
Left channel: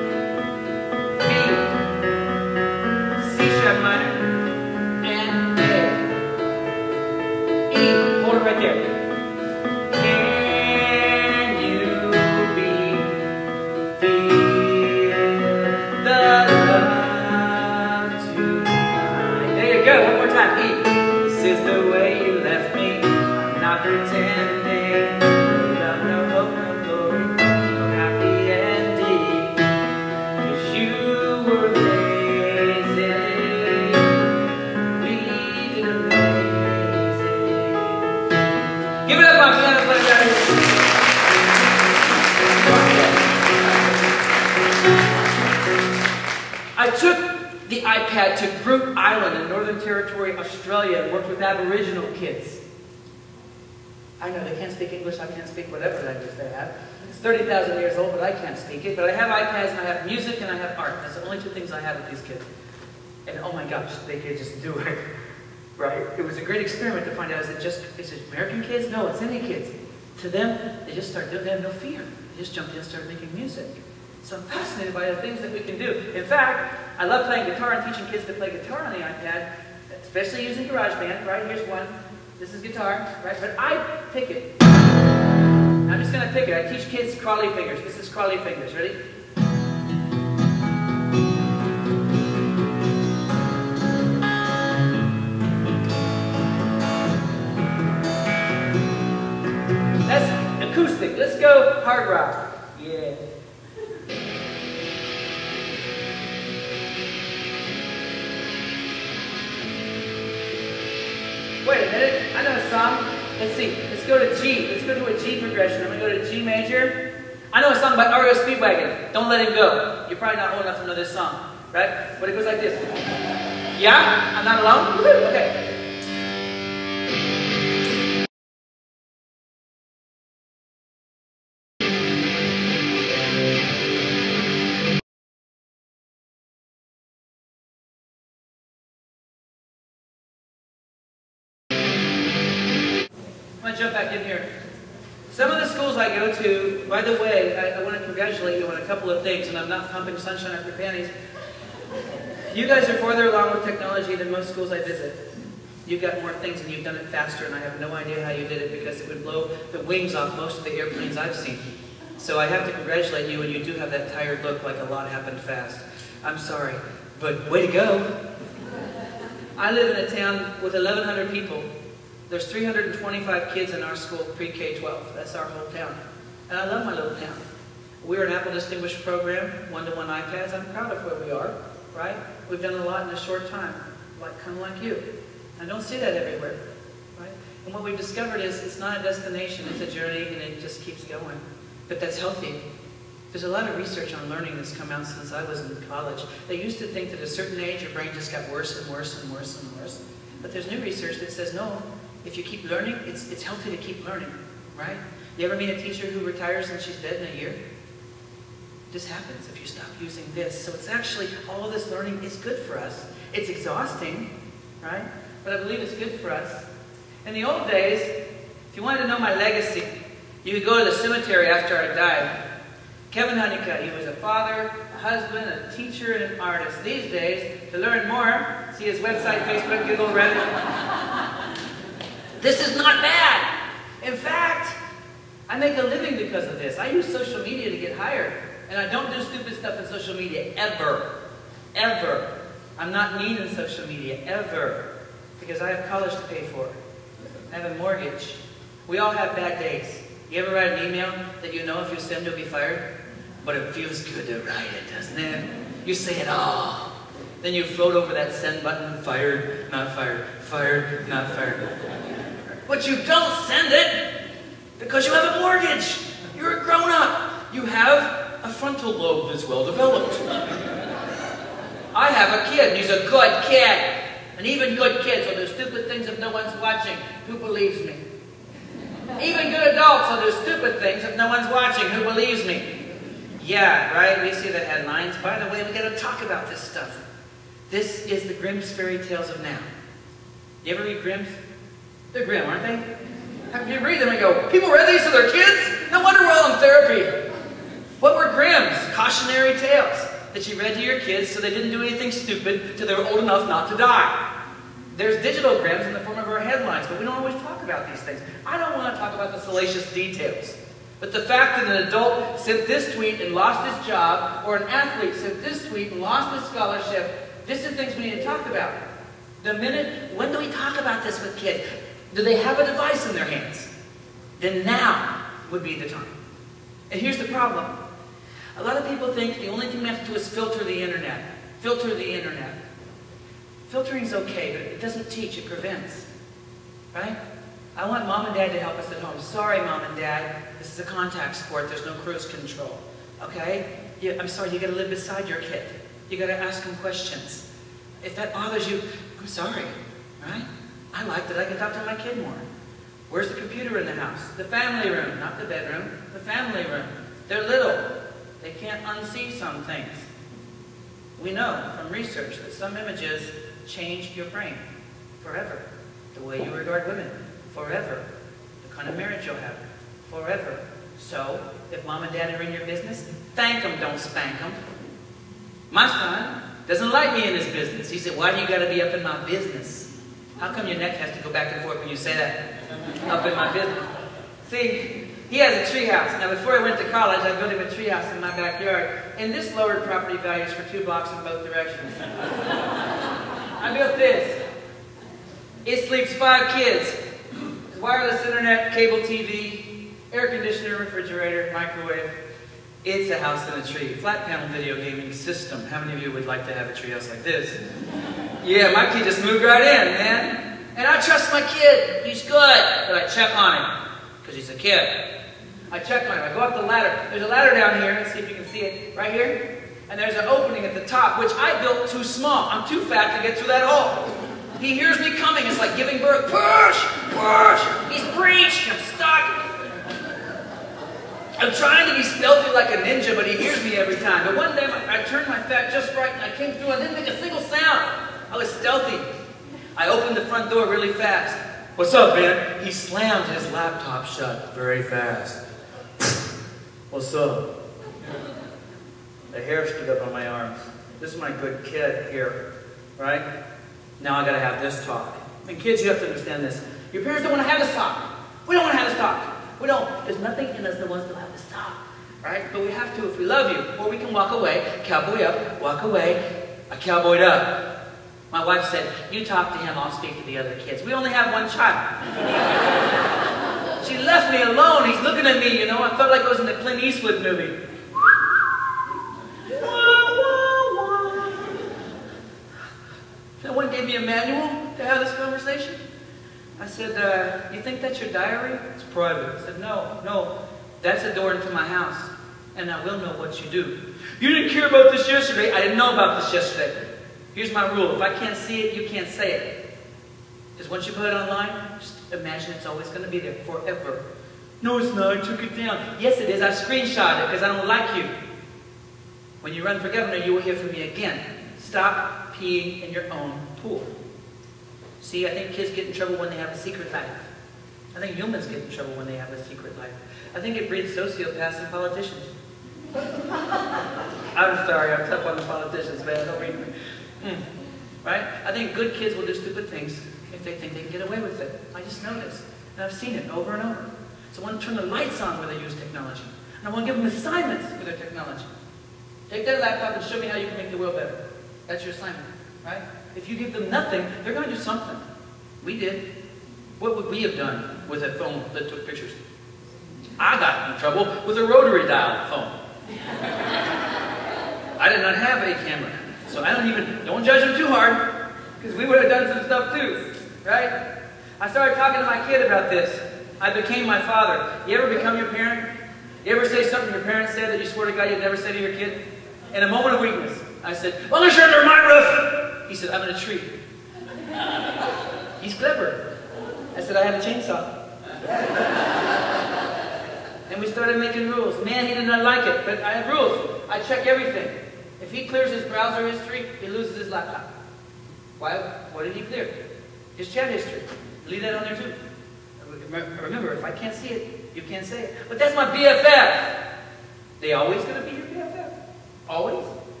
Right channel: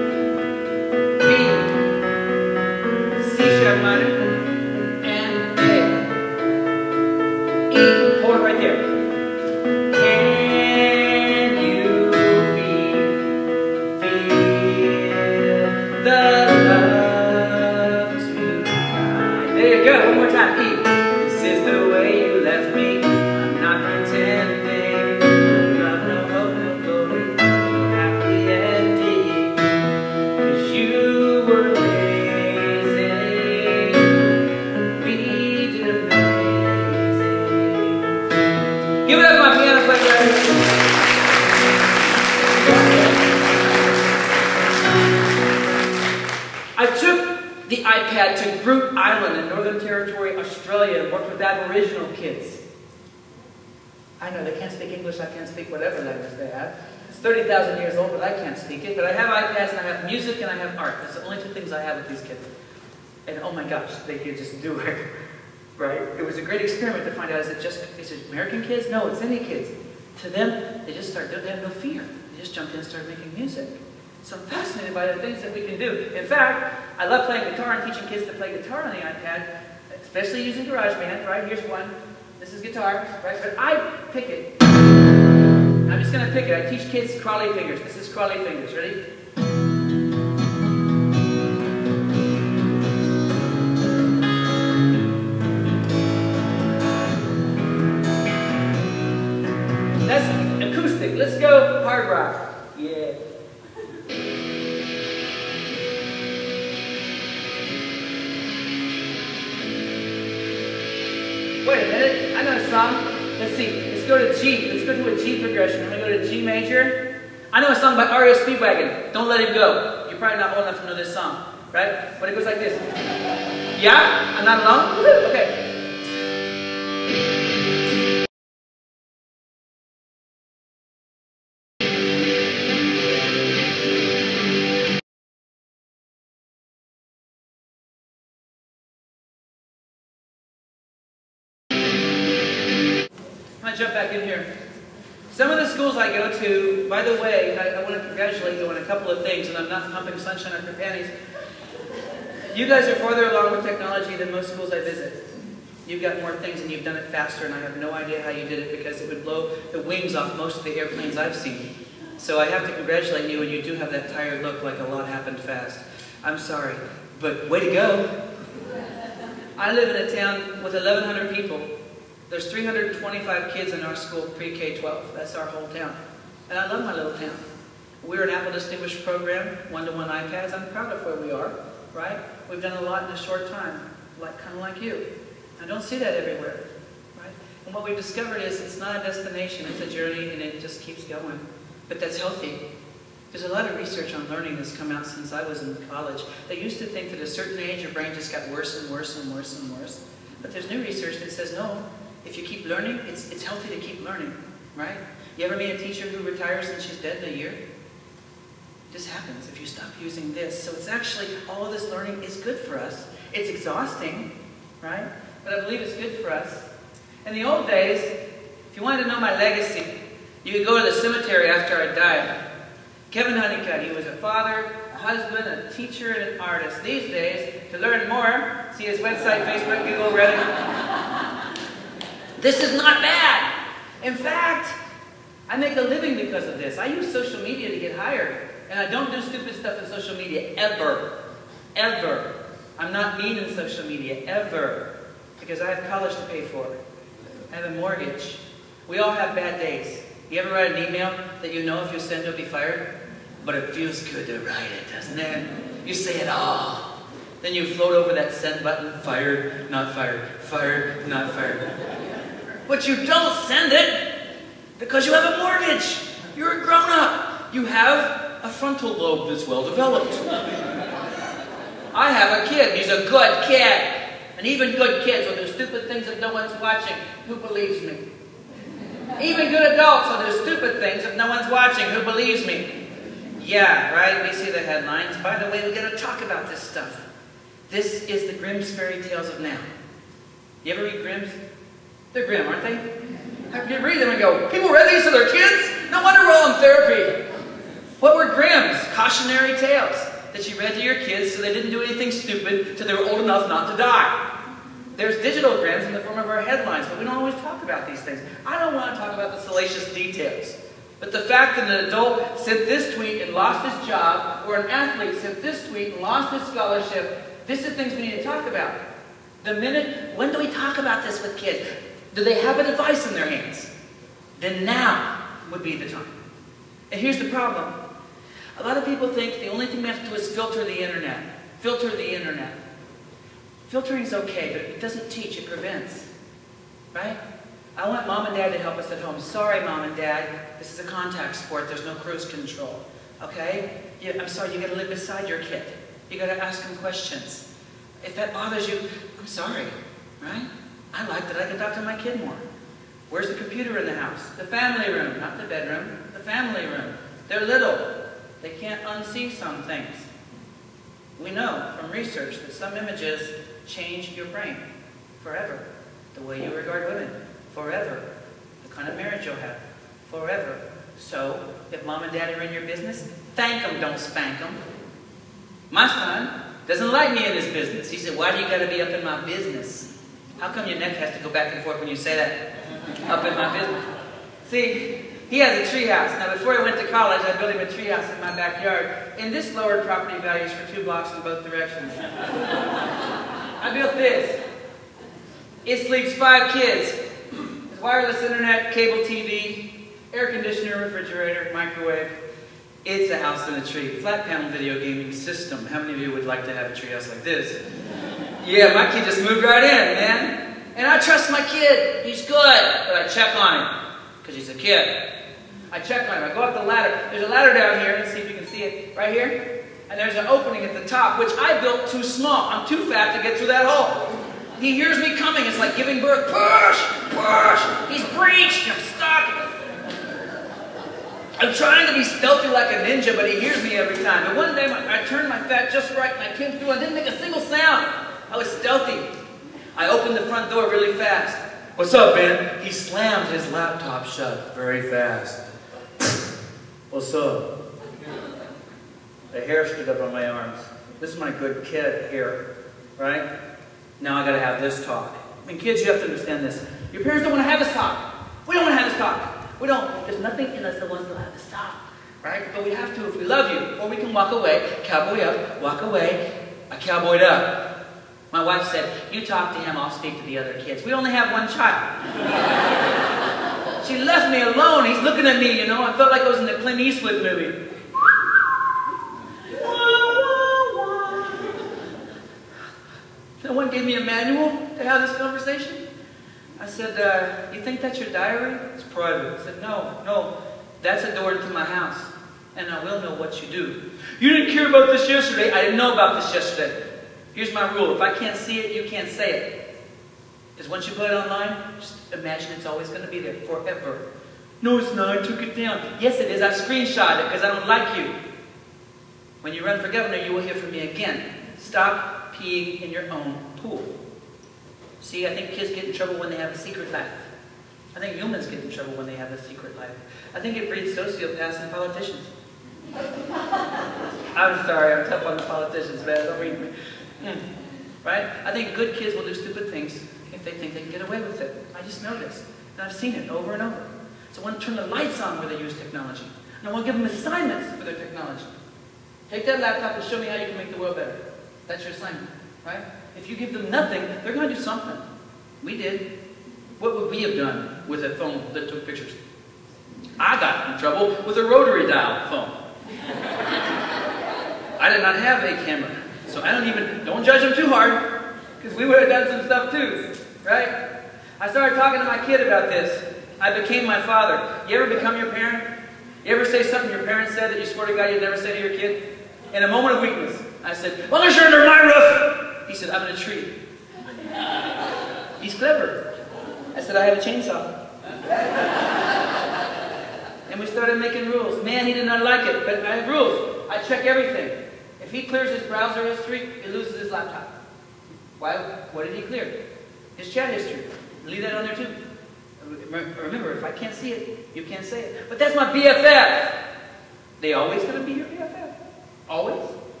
sharp minor, and A. E, hold it right there. Can you feel the love tonight? There you go, one more time. E. This is the way you left me. I'm not pretending. No love, no hope, no glory, no happy ending. 'Cause you were amazing. We did amazing. Give it up, my piano player. I took the iPad to Brute Island in Northern Territory, Australia, and worked with Aboriginal kids. I know, they can't speak English, I can't speak whatever language they have. It's 30,000 years old, but I can't speak it. But I have iPads, and I have music, and I have art. That's the only two things I have with these kids. And oh my gosh, they could just do it, right? It was a great experiment to find out, is it American kids? No, it's any kids. To them, they just start doing it, they have no fear. They just jumped in and started making music. So I'm fascinated by the things that we can do. In fact, I love playing guitar and teaching kids to play guitar on the iPad, especially using GarageBand, right? Here's one. This is guitar, right? But I pick it. I'm just going to pick it. I teach kids crawly fingers. This is crawly fingers. Ready? That's acoustic. Let's go hard rock. Yeah. Wait a minute, I know a song. Let's see, let's go to G. Let's go to a G progression. I'm going to go to G major. I know a song by REO Speedwagon, Don't Let Him Go. You're probably not old enough to know this song, right? But it goes like this. Yeah? I'm not alone? Okay. I'm going to jump back in here. Some of the schools I go to, by the way, I want to congratulate you on a couple of things, and I'm not pumping sunshine up your panties. You guys are farther along with technology than most schools I visit. You've got more things and you've done it faster, and I have no idea how you did it because it would blow the wings off most of the airplanes I've seen. So I have to congratulate you, and you do have that tired look like a lot happened fast. I'm sorry, but way to go. I live in a town with 1,100 people. There's 325 kids in our school, pre-K-12. That's our whole town. And I love my little town. We're an Apple Distinguished program, one-to-one iPads. I'm proud of where we are, right? We've done a lot in a short time, kind of like you. I don't see that everywhere, right? And what we've discovered is it's not a destination, it's a journey, and it just keeps going. But that's healthy. There's a lot of research on learning that's come out since I was in college. They used to think that at a certain age, your brain just got worse and worse and worse and worse. But there's new research that says, no, if you keep learning, it's healthy to keep learning, right? You ever meet a teacher who retires and she's dead in a year? This happens if you stop using this. So it's actually, all of this learning is good for us. It's exhausting, right? But I believe it's good for us. In the old days, if you wanted to know my legacy, you could go to the cemetery after I died. Kevin Honeycutt, he was a father, a husband, a teacher, and an artist. These days, to learn more, see his website, Facebook, Google, Reddit. This is not bad. In fact, I make a living because of this. I use social media to get hired. And I don't do stupid stuff in social media, ever. Ever. I'm not mean in social media, ever. Because I have college to pay for. I have a mortgage. We all have bad days. You ever write an email that you know if you send you'll be fired? But it feels good to write it, doesn't it? You say it all. Then you float over that send button, fired, not fired, fired, not fired. But you don't send it because you have a mortgage. You're a grown-up. You have a frontal lobe that's well developed. I have a kid. He's a good kid. And even good kids will do stupid things if no one's watching. Who believes me? Even good adults will do stupid things if no one's watching. Who believes me? Yeah, right? We see the headlines. By the way, we got to talk about this stuff. This is the Grimm's fairy tales of now. You ever read Grimm's? They're grim, aren't they? You read them and go, people read these to their kids? No wonder we're all in therapy. What were Grimm's? Cautionary tales. that you read to your kids so they didn't do anything stupid till they were old enough not to die. There's digitalograms in the form of our headlines, but we don't always talk about these things. I don't want to talk about the salacious details. But the fact that an adult sent this tweet and lost his job, or an athlete sent this tweet and lost his scholarship, these are things we need to talk about. When do we talk about this with kids? Do they have a device in their hands? Then now would be the time. And here's the problem. A lot of people think the only thing we have to do is filter the internet. Filter the internet. Filtering is okay, but it doesn't teach, it prevents. Right? I want mom and dad to help us at home. Sorry, mom and dad, this is a contact sport. There's no cruise control. Okay? I'm sorry, you got to live beside your kid. You got to ask them questions. If that bothers you, I'm sorry. Right? I like that I can talk to my kid more. Where's the computer in the house? The family room, not the bedroom. The family room. They're little. They can't unsee some things. We know from research that some images change your brain forever. The way you regard women, forever. The kind of marriage you'll have, forever. So, if mom and dad are in your business, thank them, don't spank them. My son doesn't like me in his business. He said, why do you got to be up in my business? How come your neck has to go back and forth when you say that? Up in my business. See, he has a treehouse. Now, before I went to college, I built him a treehouse in my backyard, and this lowered property values for 2 blocks in both directions. I built this. It sleeps 5 kids. Wireless internet, cable TV, air conditioner, refrigerator, microwave. It's a house in a tree. Flat panel video gaming system. How many of you would like to have a treehouse like this? Yeah, my kid just moved right in, man. And I trust my kid. He's good. But I check on him. Because he's a kid. I check on him. I go up the ladder. There's a ladder down here. Let's see if you can see it. Right here. And there's an opening at the top, which I built too small. I'm too fat to get through that hole. He hears me coming. It's like giving birth. Push! Push! He's breached. I'm stuck. I'm trying to be stealthy like a ninja, but he hears me every time. But one day, I turned my fat just right, and I came through. I didn't make a single sound. I was stealthy. I opened the front door really fast. What's up, Ben? He slammed his laptop shut very fast. What's up? The hair stood up on my arms. This is my good kid here, right? Now I gotta have this talk. I mean, kids, you have to understand this. Your parents don't want to have this talk. We don't want to have this talk. We don't. There's nothing in us that wants to have this talk, right? But we have to if we love you. Or we can walk away, cowboy up, walk away, a cowboyed up. My wife said, you talk to him, I'll speak to the other kids. We only have one child. She left me alone. He's looking at me, you know. I felt like I was in the Clint Eastwood movie. No one gave me a manual to have this conversation. I said, you think that's your diary? It's private. I said, no, that's a door into my house. And I will know what you do. You didn't care about this yesterday. I didn't know about this yesterday. Here's my rule. If I can't see it, you can't say it. Because once you put it online, just imagine it's always going to be there forever. No, it's not. I took it down. Yes, it is. I screenshot it because I don't like you. When you run for governor, you will hear from me again. Stop peeing in your own pool. See, I think kids get in trouble when they have a secret life. I think humans get in trouble when they have a secret life. I think it breeds sociopaths and politicians. I'm sorry, I'm tough on the politicians, man. I don't mean... Right? I think good kids will do stupid things if they think they can get away with it. I just know this. And I've seen it over and over. So I want to turn the lights on where they use technology. And I want to give them assignments for their technology. Take that laptop and show me how you can make the world better. That's your assignment, right? If you give them nothing, they're going to do something. We did. What would we have done with a phone that took pictures? I got in trouble with a rotary dial phone. I did not have a camera. So I don't judge them too hard, because we would have done some stuff too, right? I started talking to my kid about this. I became my father. You ever become your parent? You ever say something your parents said that you swear to God you'd never say to your kid? In a moment of weakness, I said, as long as you're under my roof. He said, I'm in a tree. He's clever. I said, I have a chainsaw. And we started making rules. Man, he did not like it, but I have rules. I check everything. If he clears his browser history, he loses his laptop. Why? What did he clear? His chat history. Leave that on there too. Remember, if I can't see it, you can't say it. But that's my BFF. They always going to be your BFF? Always?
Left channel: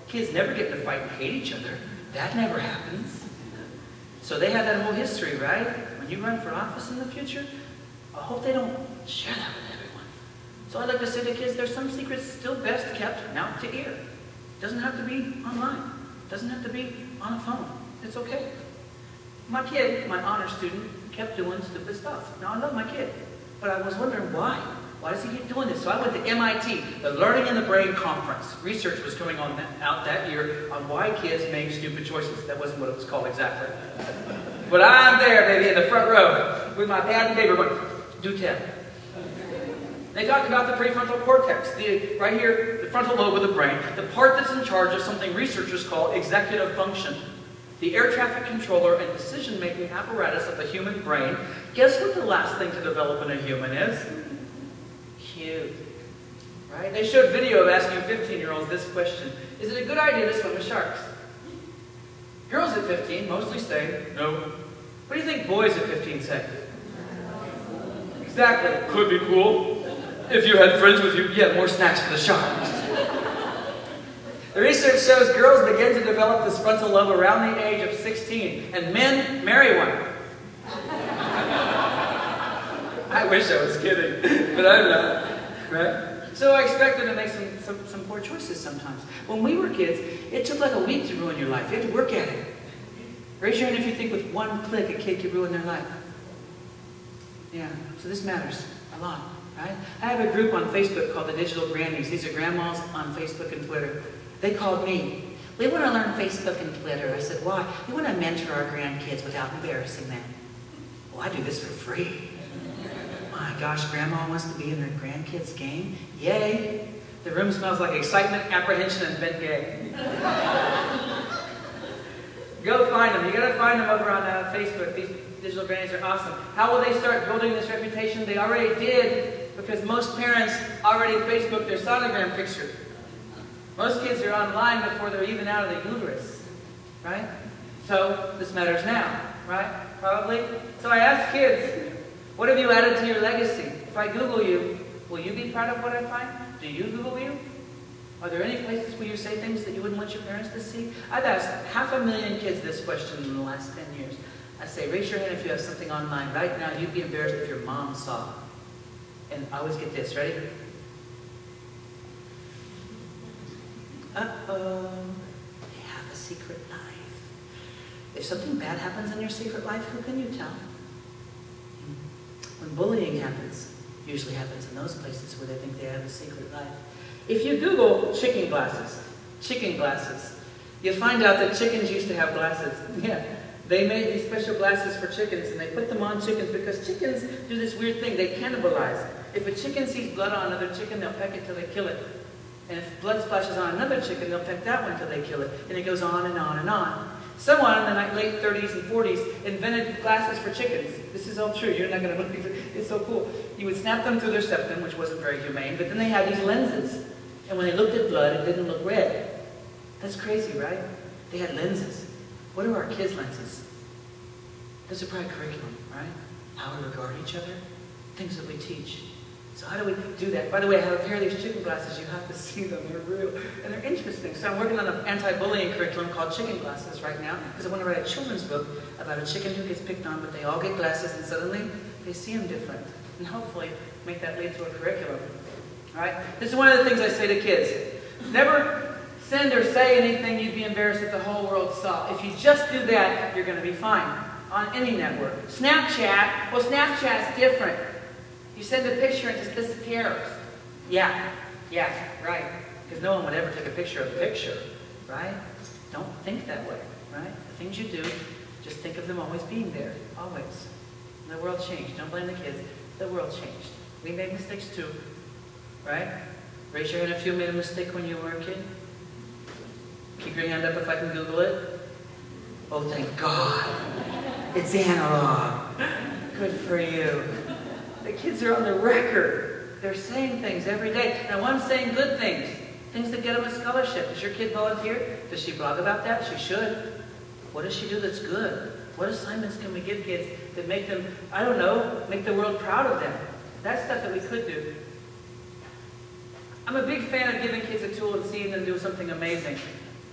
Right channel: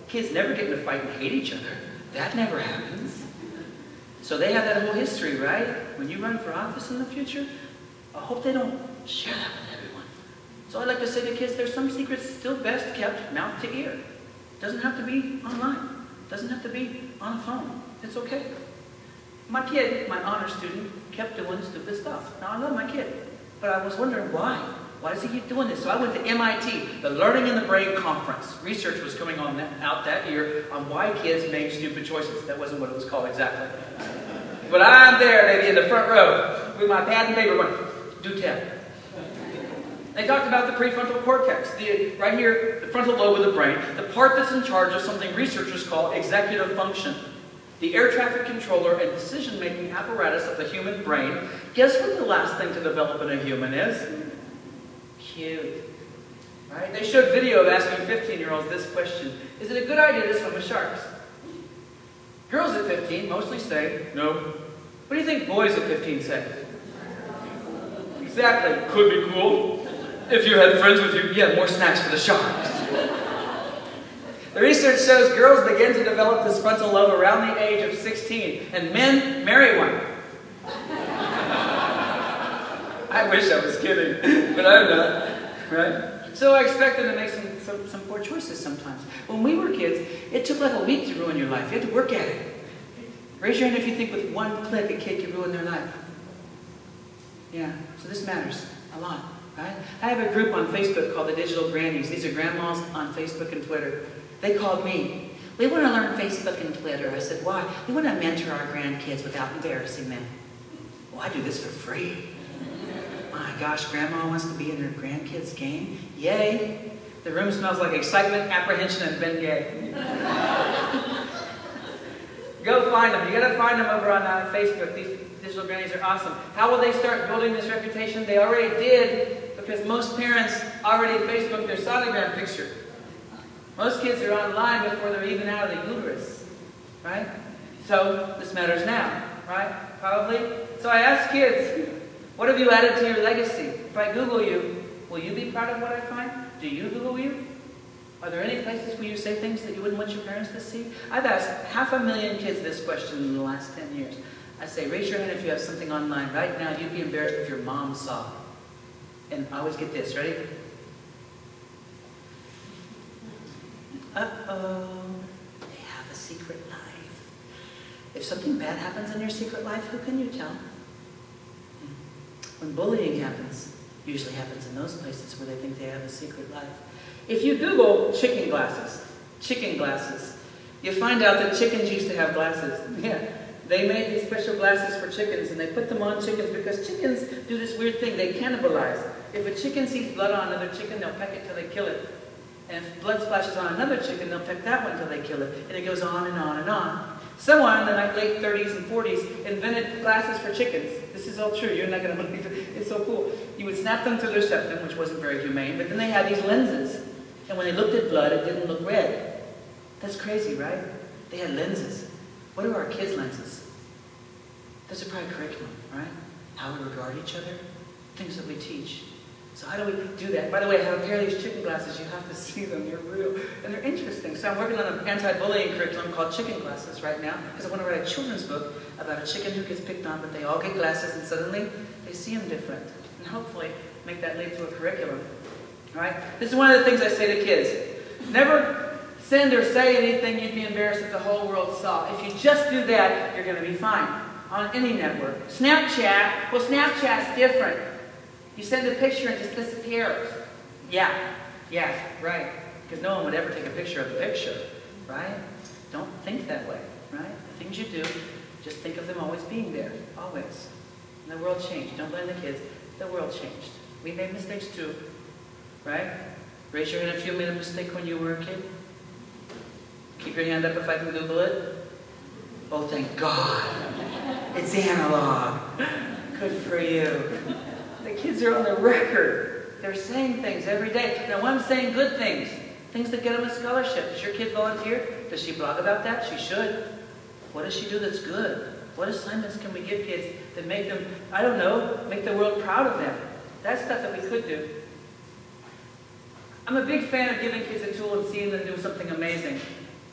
Kids never get in a fight and hate each other. That never happens. So they have that whole history, right? When you run for office in the future, I hope they don't share that with everyone. So I'd like to say to kids, there's some secrets still best kept mouth to ear. It doesn't have to be online. It doesn't have to be on a phone. It's okay. My kid, my honor student, kept doing stupid stuff. Now, I love my kid, but I was wondering why. Why does he keep doing this? So I went to MIT, the Learning in the Brain Conference. Research was coming out that year on why kids make stupid choices. That wasn't what it was called exactly. But I'm there, baby, in the front row, with my pad and paper going, do 10. They talked about the prefrontal cortex, right here, the frontal lobe of the brain, the part that's in charge of something researchers call executive function. The air traffic controller and decision-making apparatus of the human brain. Guess what the last thing to develop in a human is? Cute. Right? They showed video of asking 15-year-olds this question. Is it a good idea to swim with sharks? Girls at 15 mostly say, no. What do you think boys at 15 say? Exactly. Could be cool. If you had friends with you, you had more snacks for the sharks. The research shows girls begin to develop this frontal lobe around the age of 16, and men marry one. I wish I was kidding, but I'm not, right? So I expect them to make some poor choices sometimes. When we were kids, it took like a week to ruin your life. You had to work at it. Raise your hand if you think with one click a kid could ruin their life. Yeah, so this matters a lot, right? I have a group on Facebook called the Digital Grannies. These are grandmas on Facebook and Twitter. They called me. We want to learn Facebook and Twitter. I said, why? We want to mentor our grandkids without embarrassing them. Well, I do this for free. My gosh, Grandma wants to be in her grandkids' game? Yay! The room smells like excitement, apprehension, and Ben Gay. Go find them. You got to find them over on Facebook. These digital grannies are awesome. How will they start building this reputation? They already did, because most parents already Facebooked their sonogram picture. Most kids are online before they're even out of the uterus, right? So this matters now, right? Probably. So I asked kids, what have you added to your legacy? If I Google you, will you be proud of what I find? Do you Google you? Are there any places where you say things that you wouldn't want your parents to see? I've asked 500,000 kids this question in the last 10 years. I say, raise your hand if you have something online right now you'd be embarrassed if your mom saw it. And I always get this, ready? Uh-oh, they have a secret life. If something bad happens in your secret life, who can you tell? When bullying happens, usually happens in those places where they think they have a secret life. If you Google chicken glasses, you find out that chickens used to have glasses. Yeah, they made these special glasses for chickens, and they put them on chickens because chickens do this weird thing. They cannibalize. If a chicken sees blood on another chicken, they'll peck it till they kill it. And if blood splashes on another chicken, they'll peck that one till they kill it. And it goes on and on and on. Someone in the late 30s and 40s invented glasses for chickens. This is all true. You're not going to believe it. It's so cool. You would snap them through their septum, which wasn't very humane, but then they had these lenses. And when they looked at blood, it didn't look red. That's crazy, right? They had lenses. What are our kids' lenses? Those are probably curriculum, right? How we regard each other, things that we teach. So how do we do that? By the way, I have a pair of these chicken glasses. You have to see them. They're real. And they're interesting. So I'm working on an anti-bullying curriculum called Chicken Glasses right now because I want to write a children's book about a chicken who gets picked on, but they all get glasses and suddenly they see him different. And hopefully make that lead to a curriculum. All right? This is one of the things I say to kids. Never send or say anything you'd be embarrassed if the whole world saw. If you just do that, you're going to be fine on any network. Snapchat, well, Snapchat's different. You send a picture and it just disappears. Yeah, right. Because no one would ever take a picture of the picture, right? Don't think that way, right? The things you do, just think of them always being there, always. And the world changed. Don't blame the kids. The world changed. We made mistakes too, right? Raise your hand if you made a mistake when you were a kid. Keep your hand up if I can Google it. Oh, thank God. It's analog. Good for you. The kids are on the record. They're saying things every day. Now, I'm saying good things. Things that get them a scholarship. Does your kid volunteer? Does she blog about that? She should. What does she do that's good? What assignments can we give kids that make them, I don't know, make the world proud of them? That's stuff that we could do. I'm a big fan of giving kids a tool and seeing them do something amazing.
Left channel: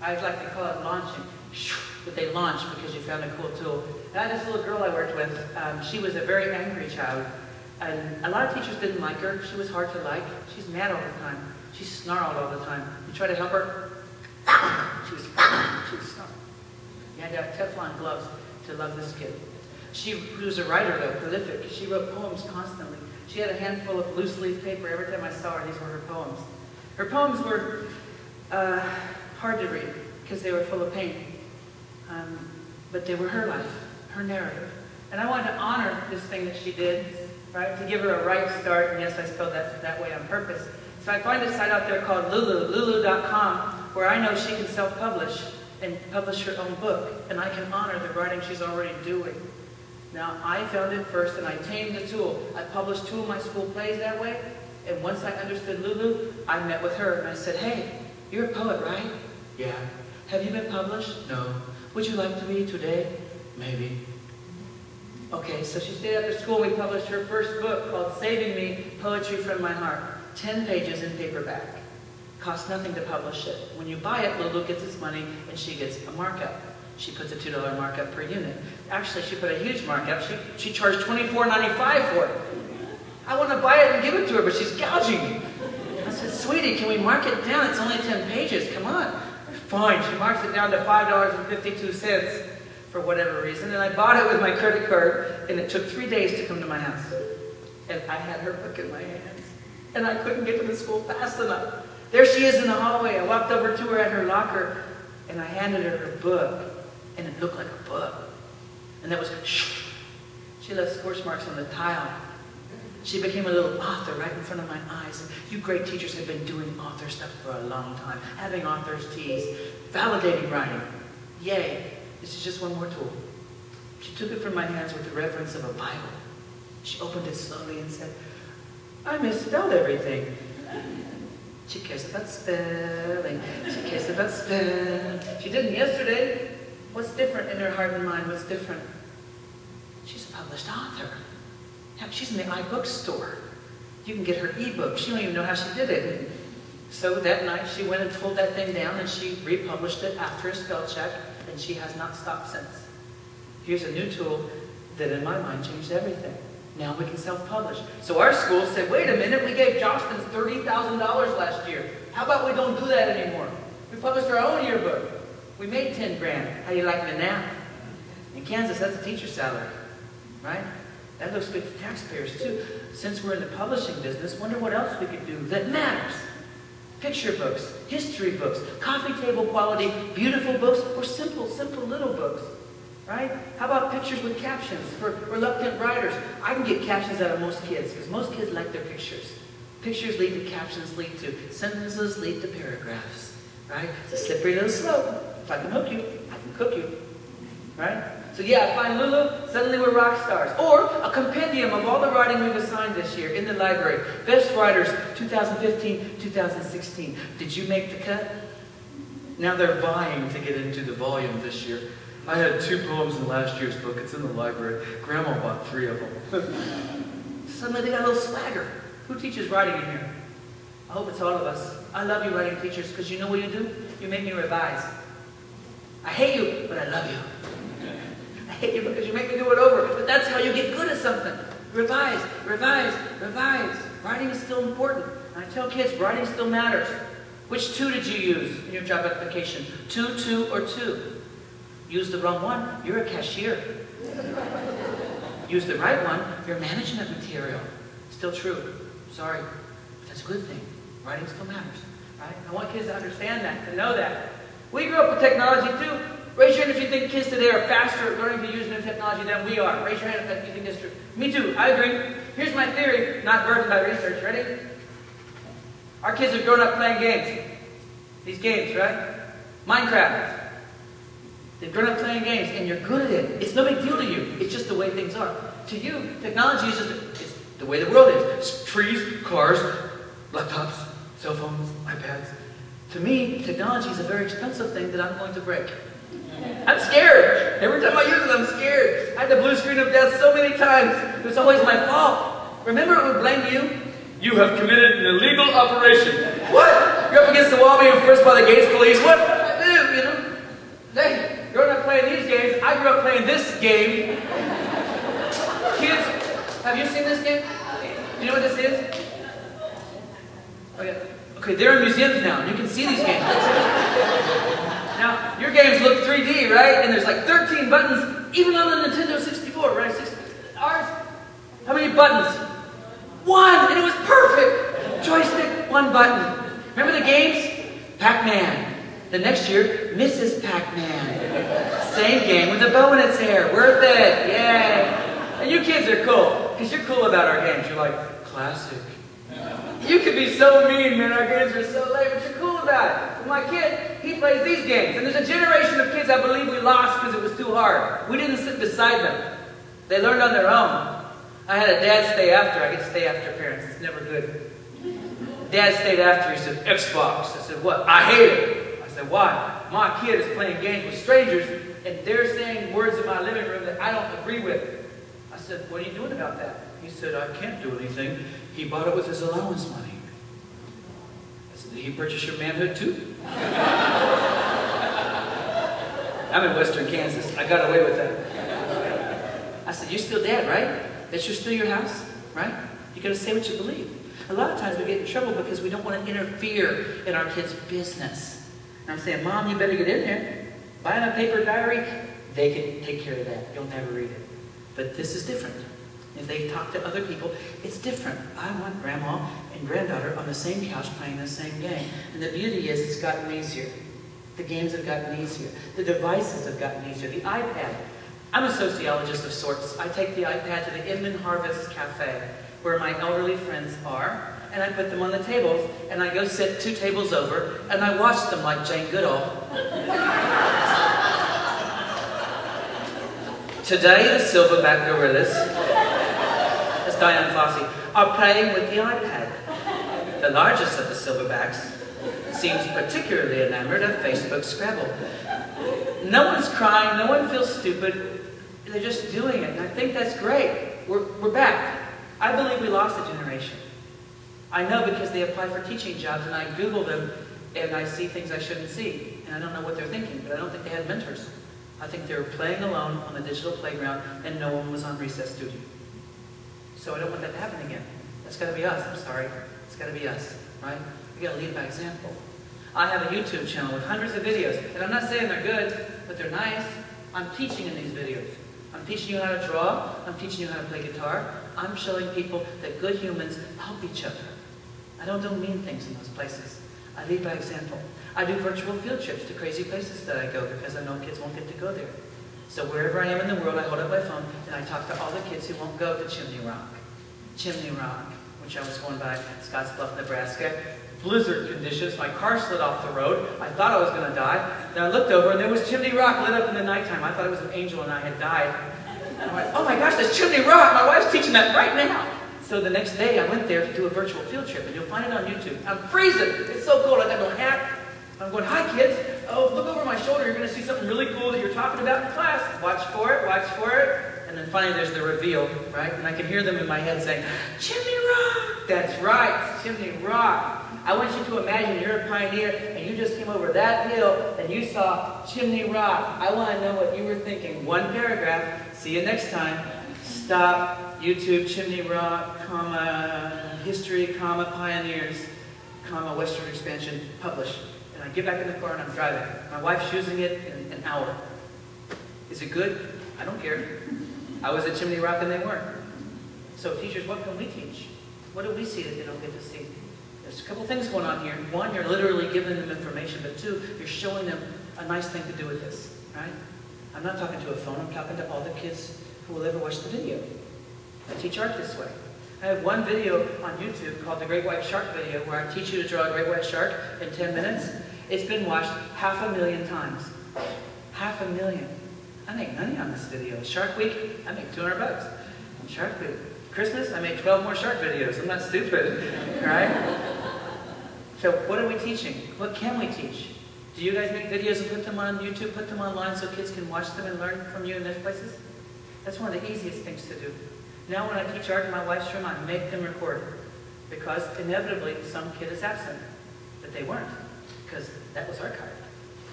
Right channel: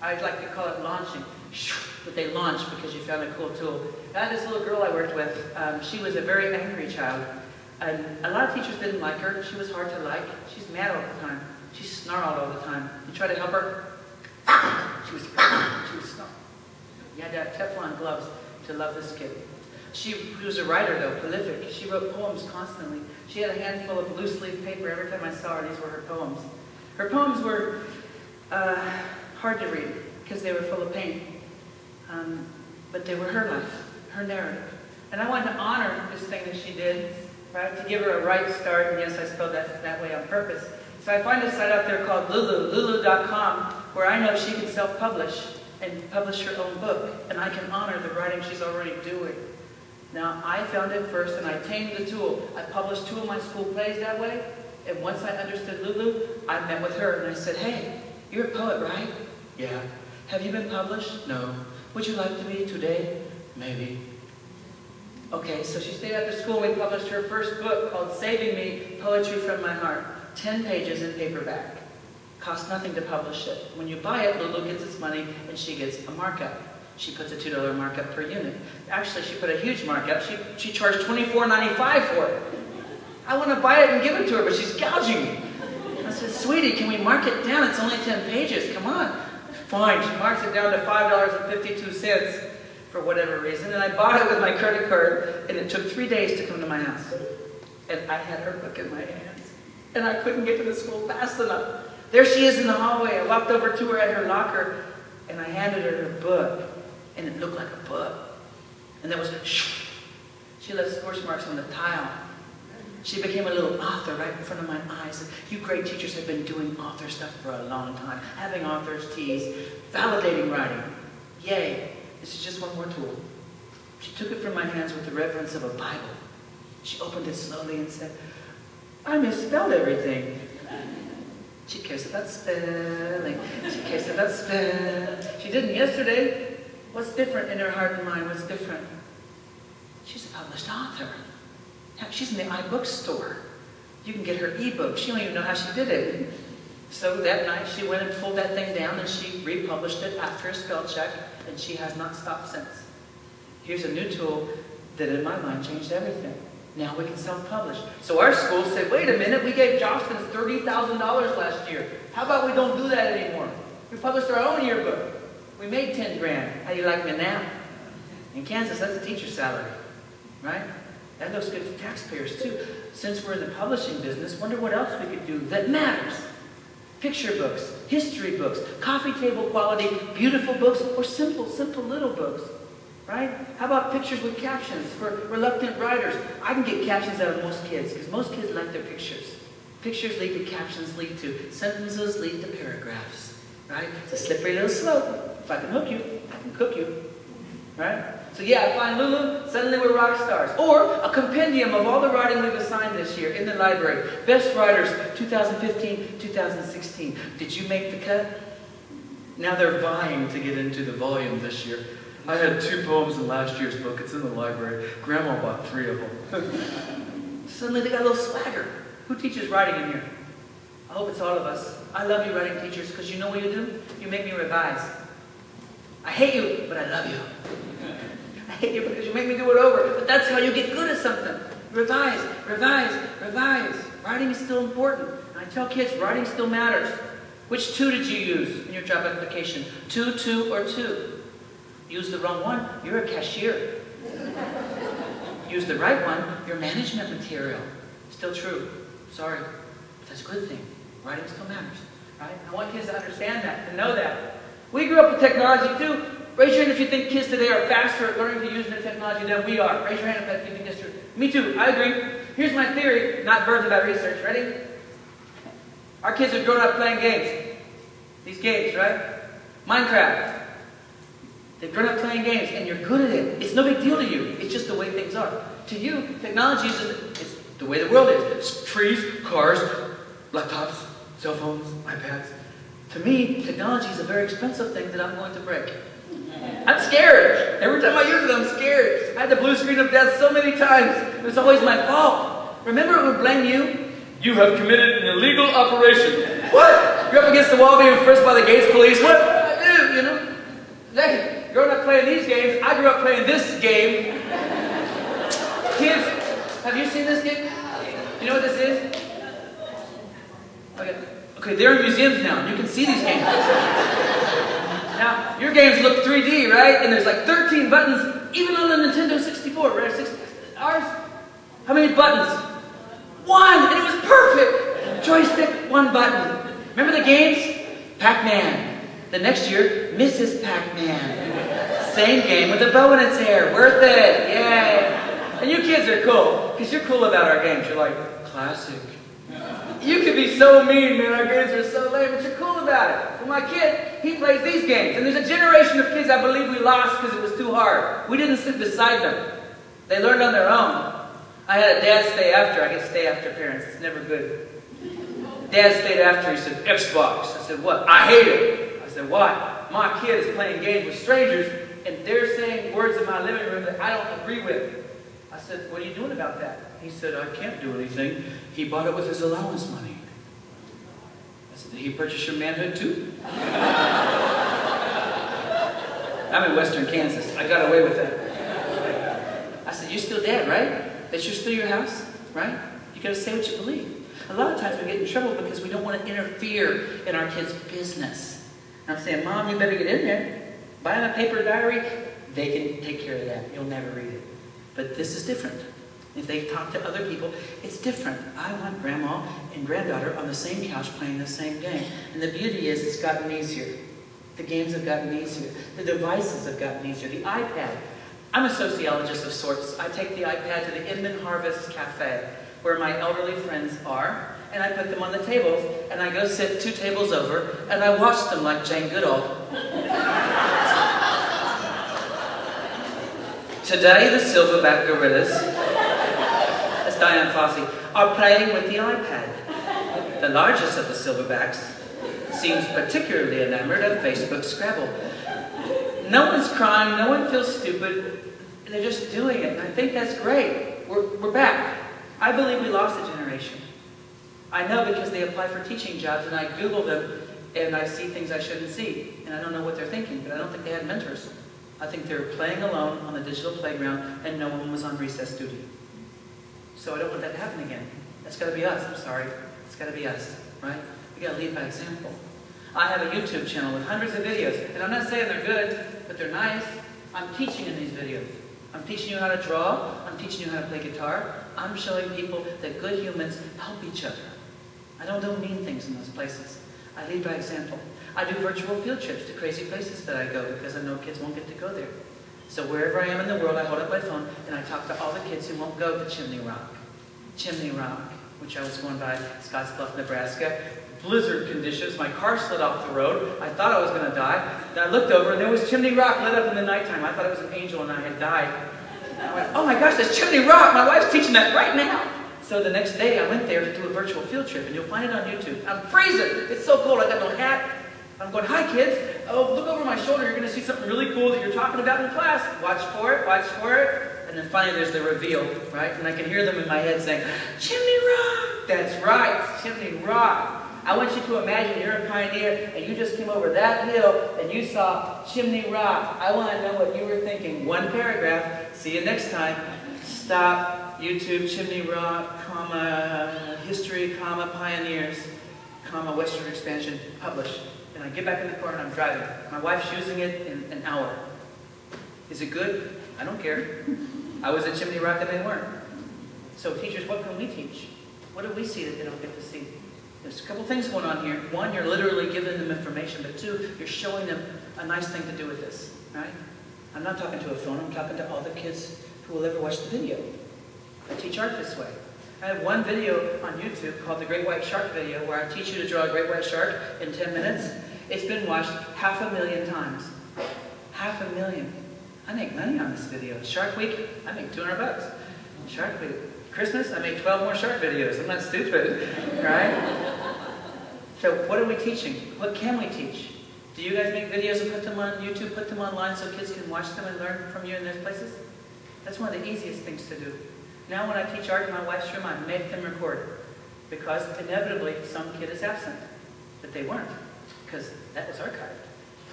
I like to call it launching. But they launched because you found a cool tool. I had this little girl I worked with. She was a very angry child. And a lot of teachers didn't like her. She was hard to like. She's mad all the time. She snarled all the time. You try to help her, she was snarling. You had to have Teflon gloves to love this kid. She was a writer, though, prolific. She wrote poems constantly. She had a handful of loose leaf paper every time I saw her. These were her poems. Her poems were hard to read because they were full of pain. But they were her life, her narrative. And I wanted to honor this thing that she did, right? To give her a right start. And yes, I spelled that way on purpose. So I find a site out there called lulu.com, where I know she can self-publish and publish her own book. And I can honor the writing she's already doing. Now, I found it first, and I tamed the tool. I published 2 of my school plays that way, and once I understood Lulu, I met with her, and I said, hey, you're a poet, right? Yeah. Have you been published? No. Would you like to be today? Maybe. Okay, so she stayed after school, and we published her first book called Saving Me, Poetry from My Heart. 10 pages in paperback. Costs nothing to publish it. When you buy it, Lulu gets its money, and she gets a markup. She puts a $2 markup per unit. Actually, she put a huge markup. She charged $24.95 for it. I want to buy it and give it to her, but she's gouging me. I said, sweetie, can we mark it down? It's only 10 pages. Come on. Fine. She marks it down to $5.52 for whatever reason. And I bought it with my credit card, and it took 3 days to come to my house. And I had her book in my hands. And I couldn't get to the school fast enough. There she is in the hallway. I walked over to her at her locker, and I handed her her book. And it looked like a book. And there was, she left scorch marks on the tile. She became a little author right in front of my eyes. You great teachers have been doing author stuff for a long time. Having authors tease, validating writing. Yay. This is just one more tool. She took it from my hands with the reverence of a Bible. She opened it slowly and said, I misspelled everything. She cares about spelling. She cares about spelling. She didn't yesterday. What's different in her heart and mind? What's different? She's a published author. Heck, she's in the iBookstore. You can get her ebook. She don't even know how she did it. So that night, she went and pulled that thing down, and she republished it after a spell check, and she has not stopped since. Here's a new tool that, in my mind, changed everything. Now we can self-publish. So our school said, wait a minute, we gave Jocelyn $30,000 last year. How about we don't do that anymore? We published our own yearbook. We made 10 grand. How you like me now? In Kansas, that's a teacher's salary, right? That looks good to taxpayers, too. Since we're in the publishing business, wonder what else we could do that matters. Picture books, history books, coffee table quality, beautiful books, or simple little books, right? How about pictures with captions for reluctant writers? I can get captions out of most kids, because most kids like their pictures. Pictures lead to captions, lead to sentences, lead to paragraphs, right? It's a slippery little slope. If I can hook you, I can cook you, right? So yeah, I find Lulu, suddenly we're rock stars. Or a compendium of all the writing we've assigned this year in the library. Best writers, 2015, 2016. Did you make the cut? Now they're vying to get into the volume this year. I had 2 poems in last year's book. It's in the library. Grandma bought 3 of them. Suddenly they got a little swagger. Who teaches writing in here? I hope it's all of us. I love you writing teachers, because you know what you do? You make me revise. I hate you, but I love you. I hate you because you make me do it over. But that's how you get good at something. Revise, revise, revise. Writing is still important. And I tell kids, writing still matters. Which 2 did you use in your job application? 2, 2, or 2? Use the wrong one, you're a cashier. Use the right one, you're management material. Still true. Sorry. That's a good thing. Writing still matters. Right? I want kids to understand that, to know that. We grew up with technology too. Raise your hand if you think kids today are faster at learning to use new technology than we are. Raise your hand if you think this is true. Me too, I agree. Here's my theory, not burdened by research. Ready? Our kids have grown up playing games. These games, right? Minecraft. They've grown up playing games, and you're good at it. It's no big deal to you. It's just the way things are. To you, technology is just it's the way the world is. It's trees, cars, laptops, cell phones, iPads. To me, technology is a very expensive thing that I'm going to break. I'm scared. Every time I use it, I'm scared. I had the blue screen of death so many times. It was always my fault. Remember, it would blame you. You have committed an illegal operation. What? You're up against the wall being frisked by the Gates police. What did I do? great, you know. They, growing up playing these games, I grew up playing this game. Kids, have you seen this game? You know what this is? Okay, they're in museums now. You can see these games. Now, your games look 3D, right? And there's like 13 buttons, even on the Nintendo 64, right? Ours, how many buttons? 1, and it was perfect. Joystick, 1 button. Remember the games? Pac-Man. The next year, Mrs. Pac-Man. Same game with a bow in its hair. Worth it. Yay. And you kids are cool, because you're cool about our games. You're like, classic. You could be so mean, man. Our games are so lame, but you're cool about it. Well, my kid, he plays these games. And there's a generation of kids I believe we lost because it was too hard. We didn't sit beside them. They learned on their own. I had a dad stay after. I get stay after parents. It's never good. Dad stayed after. He said, Xbox. I said, what? I hate it. I said, why? My kid is playing games with strangers, and they're saying words in my living room that I don't agree with. I said, what are you doing about that? He said, I can't do anything. He bought it with his allowance money. I said, did he purchase your manhood too? I'm in western Kansas. I got away with that. I said, you're still dad, right? That you're still your house, right? You got to say what you believe. A lot of times we get in trouble because we don't want to interfere in our kids' business. And I'm saying, Mom, you better get in there. Buy them a paper diary. They can take care of that. You'll never read it. But this is different. If they talk to other people, it's different. I want grandma and granddaughter on the same couch playing the same game. And the beauty is it's gotten easier. The games have gotten easier. The devices have gotten easier. The iPad. I'm a sociologist of sorts. I take the iPad to the Inman Harvest Cafe, where my elderly friends are, and I put them on the tables, and I go sit 2 tables over, and I watch them like Jane Goodall. Today, the silverback gorillas, as Diane Fossey, are playing with the iPad. The largest of the silverbacks seems particularly enamored of Facebook Scrabble. No one's crying, no one feels stupid, they're just doing it. And I think that's great. We're back. I believe we lost a generation. I know because they apply for teaching jobs, and I Google them, and I see things I shouldn't see. And I don't know what they're thinking, but I don't think they had mentors. I think they were playing alone on the digital playground, and no one was on recess duty. So I don't want that to happen again. That's got to be us. I'm sorry. It's got to be us, right? We got to lead by example. I have a YouTube channel with hundreds of videos, and I'm not saying they're good, but they're nice. I'm teaching in these videos. I'm teaching you how to draw. I'm teaching you how to play guitar. I'm showing people that good humans help each other. I don't do mean things in those places. I lead by example. I do virtual field trips to crazy places that I go because I know kids won't get to go there. So wherever I am in the world, I hold up my phone and I talk to all the kids who won't go to Chimney Rock. Chimney Rock, which I was going by Scottsbluff, Nebraska. Blizzard conditions, my car slid off the road. I thought I was going to die. Then I looked over and there was Chimney Rock lit up in the nighttime. I thought it was an angel and I had died. I went, oh my gosh, that's Chimney Rock. My wife's teaching that right now. So the next day I went there to do a virtual field trip, and you'll find it on YouTube. I'm freezing. It's so cold. I got no hat. I'm going, hi kids. Oh, look over my shoulder. You're going to see something really cool that you're talking about in class. Watch for it. Watch for it. And then finally there's the reveal, right? And I can hear them in my head saying, Chimney Rock. That's right. Chimney Rock. I want you to imagine you're a pioneer and you just came over that hill and you saw Chimney Rock. I want to know what you were thinking. 1 paragraph. See you next time. Stop. YouTube, Chimney Rock, comma, history, comma, pioneers, comma, western expansion, publish. And I get back in the car and I'm driving. My wife's using it in an hour. Is it good? I don't care. I was at Chimney Rock and they weren't. So teachers, what can we teach? What do we see that they don't get to see? There's a couple things going on here. 1, you're literally giving them information, but 2, you're showing them a nice thing to do with this, right? I'm not talking to a phone, I'm talking to all the kids who will ever watch the video. I teach art this way. I have one video on YouTube called the Great White Shark video where I teach you to draw a great white shark in 10 minutes. It's been watched 500,000 times. 500,000. I make money on this video. Shark Week, I make $200. Shark Week. Christmas, I made 12 more shark videos. I'm not stupid, right? So what are we teaching? What can we teach? Do you guys make videos and put them on YouTube, put them online so kids can watch them and learn from you in those places? That's one of the easiest things to do. Now when I teach art in my wife's room, I make them record. Because inevitably, some kid is absent. But they weren't. Because that was archived.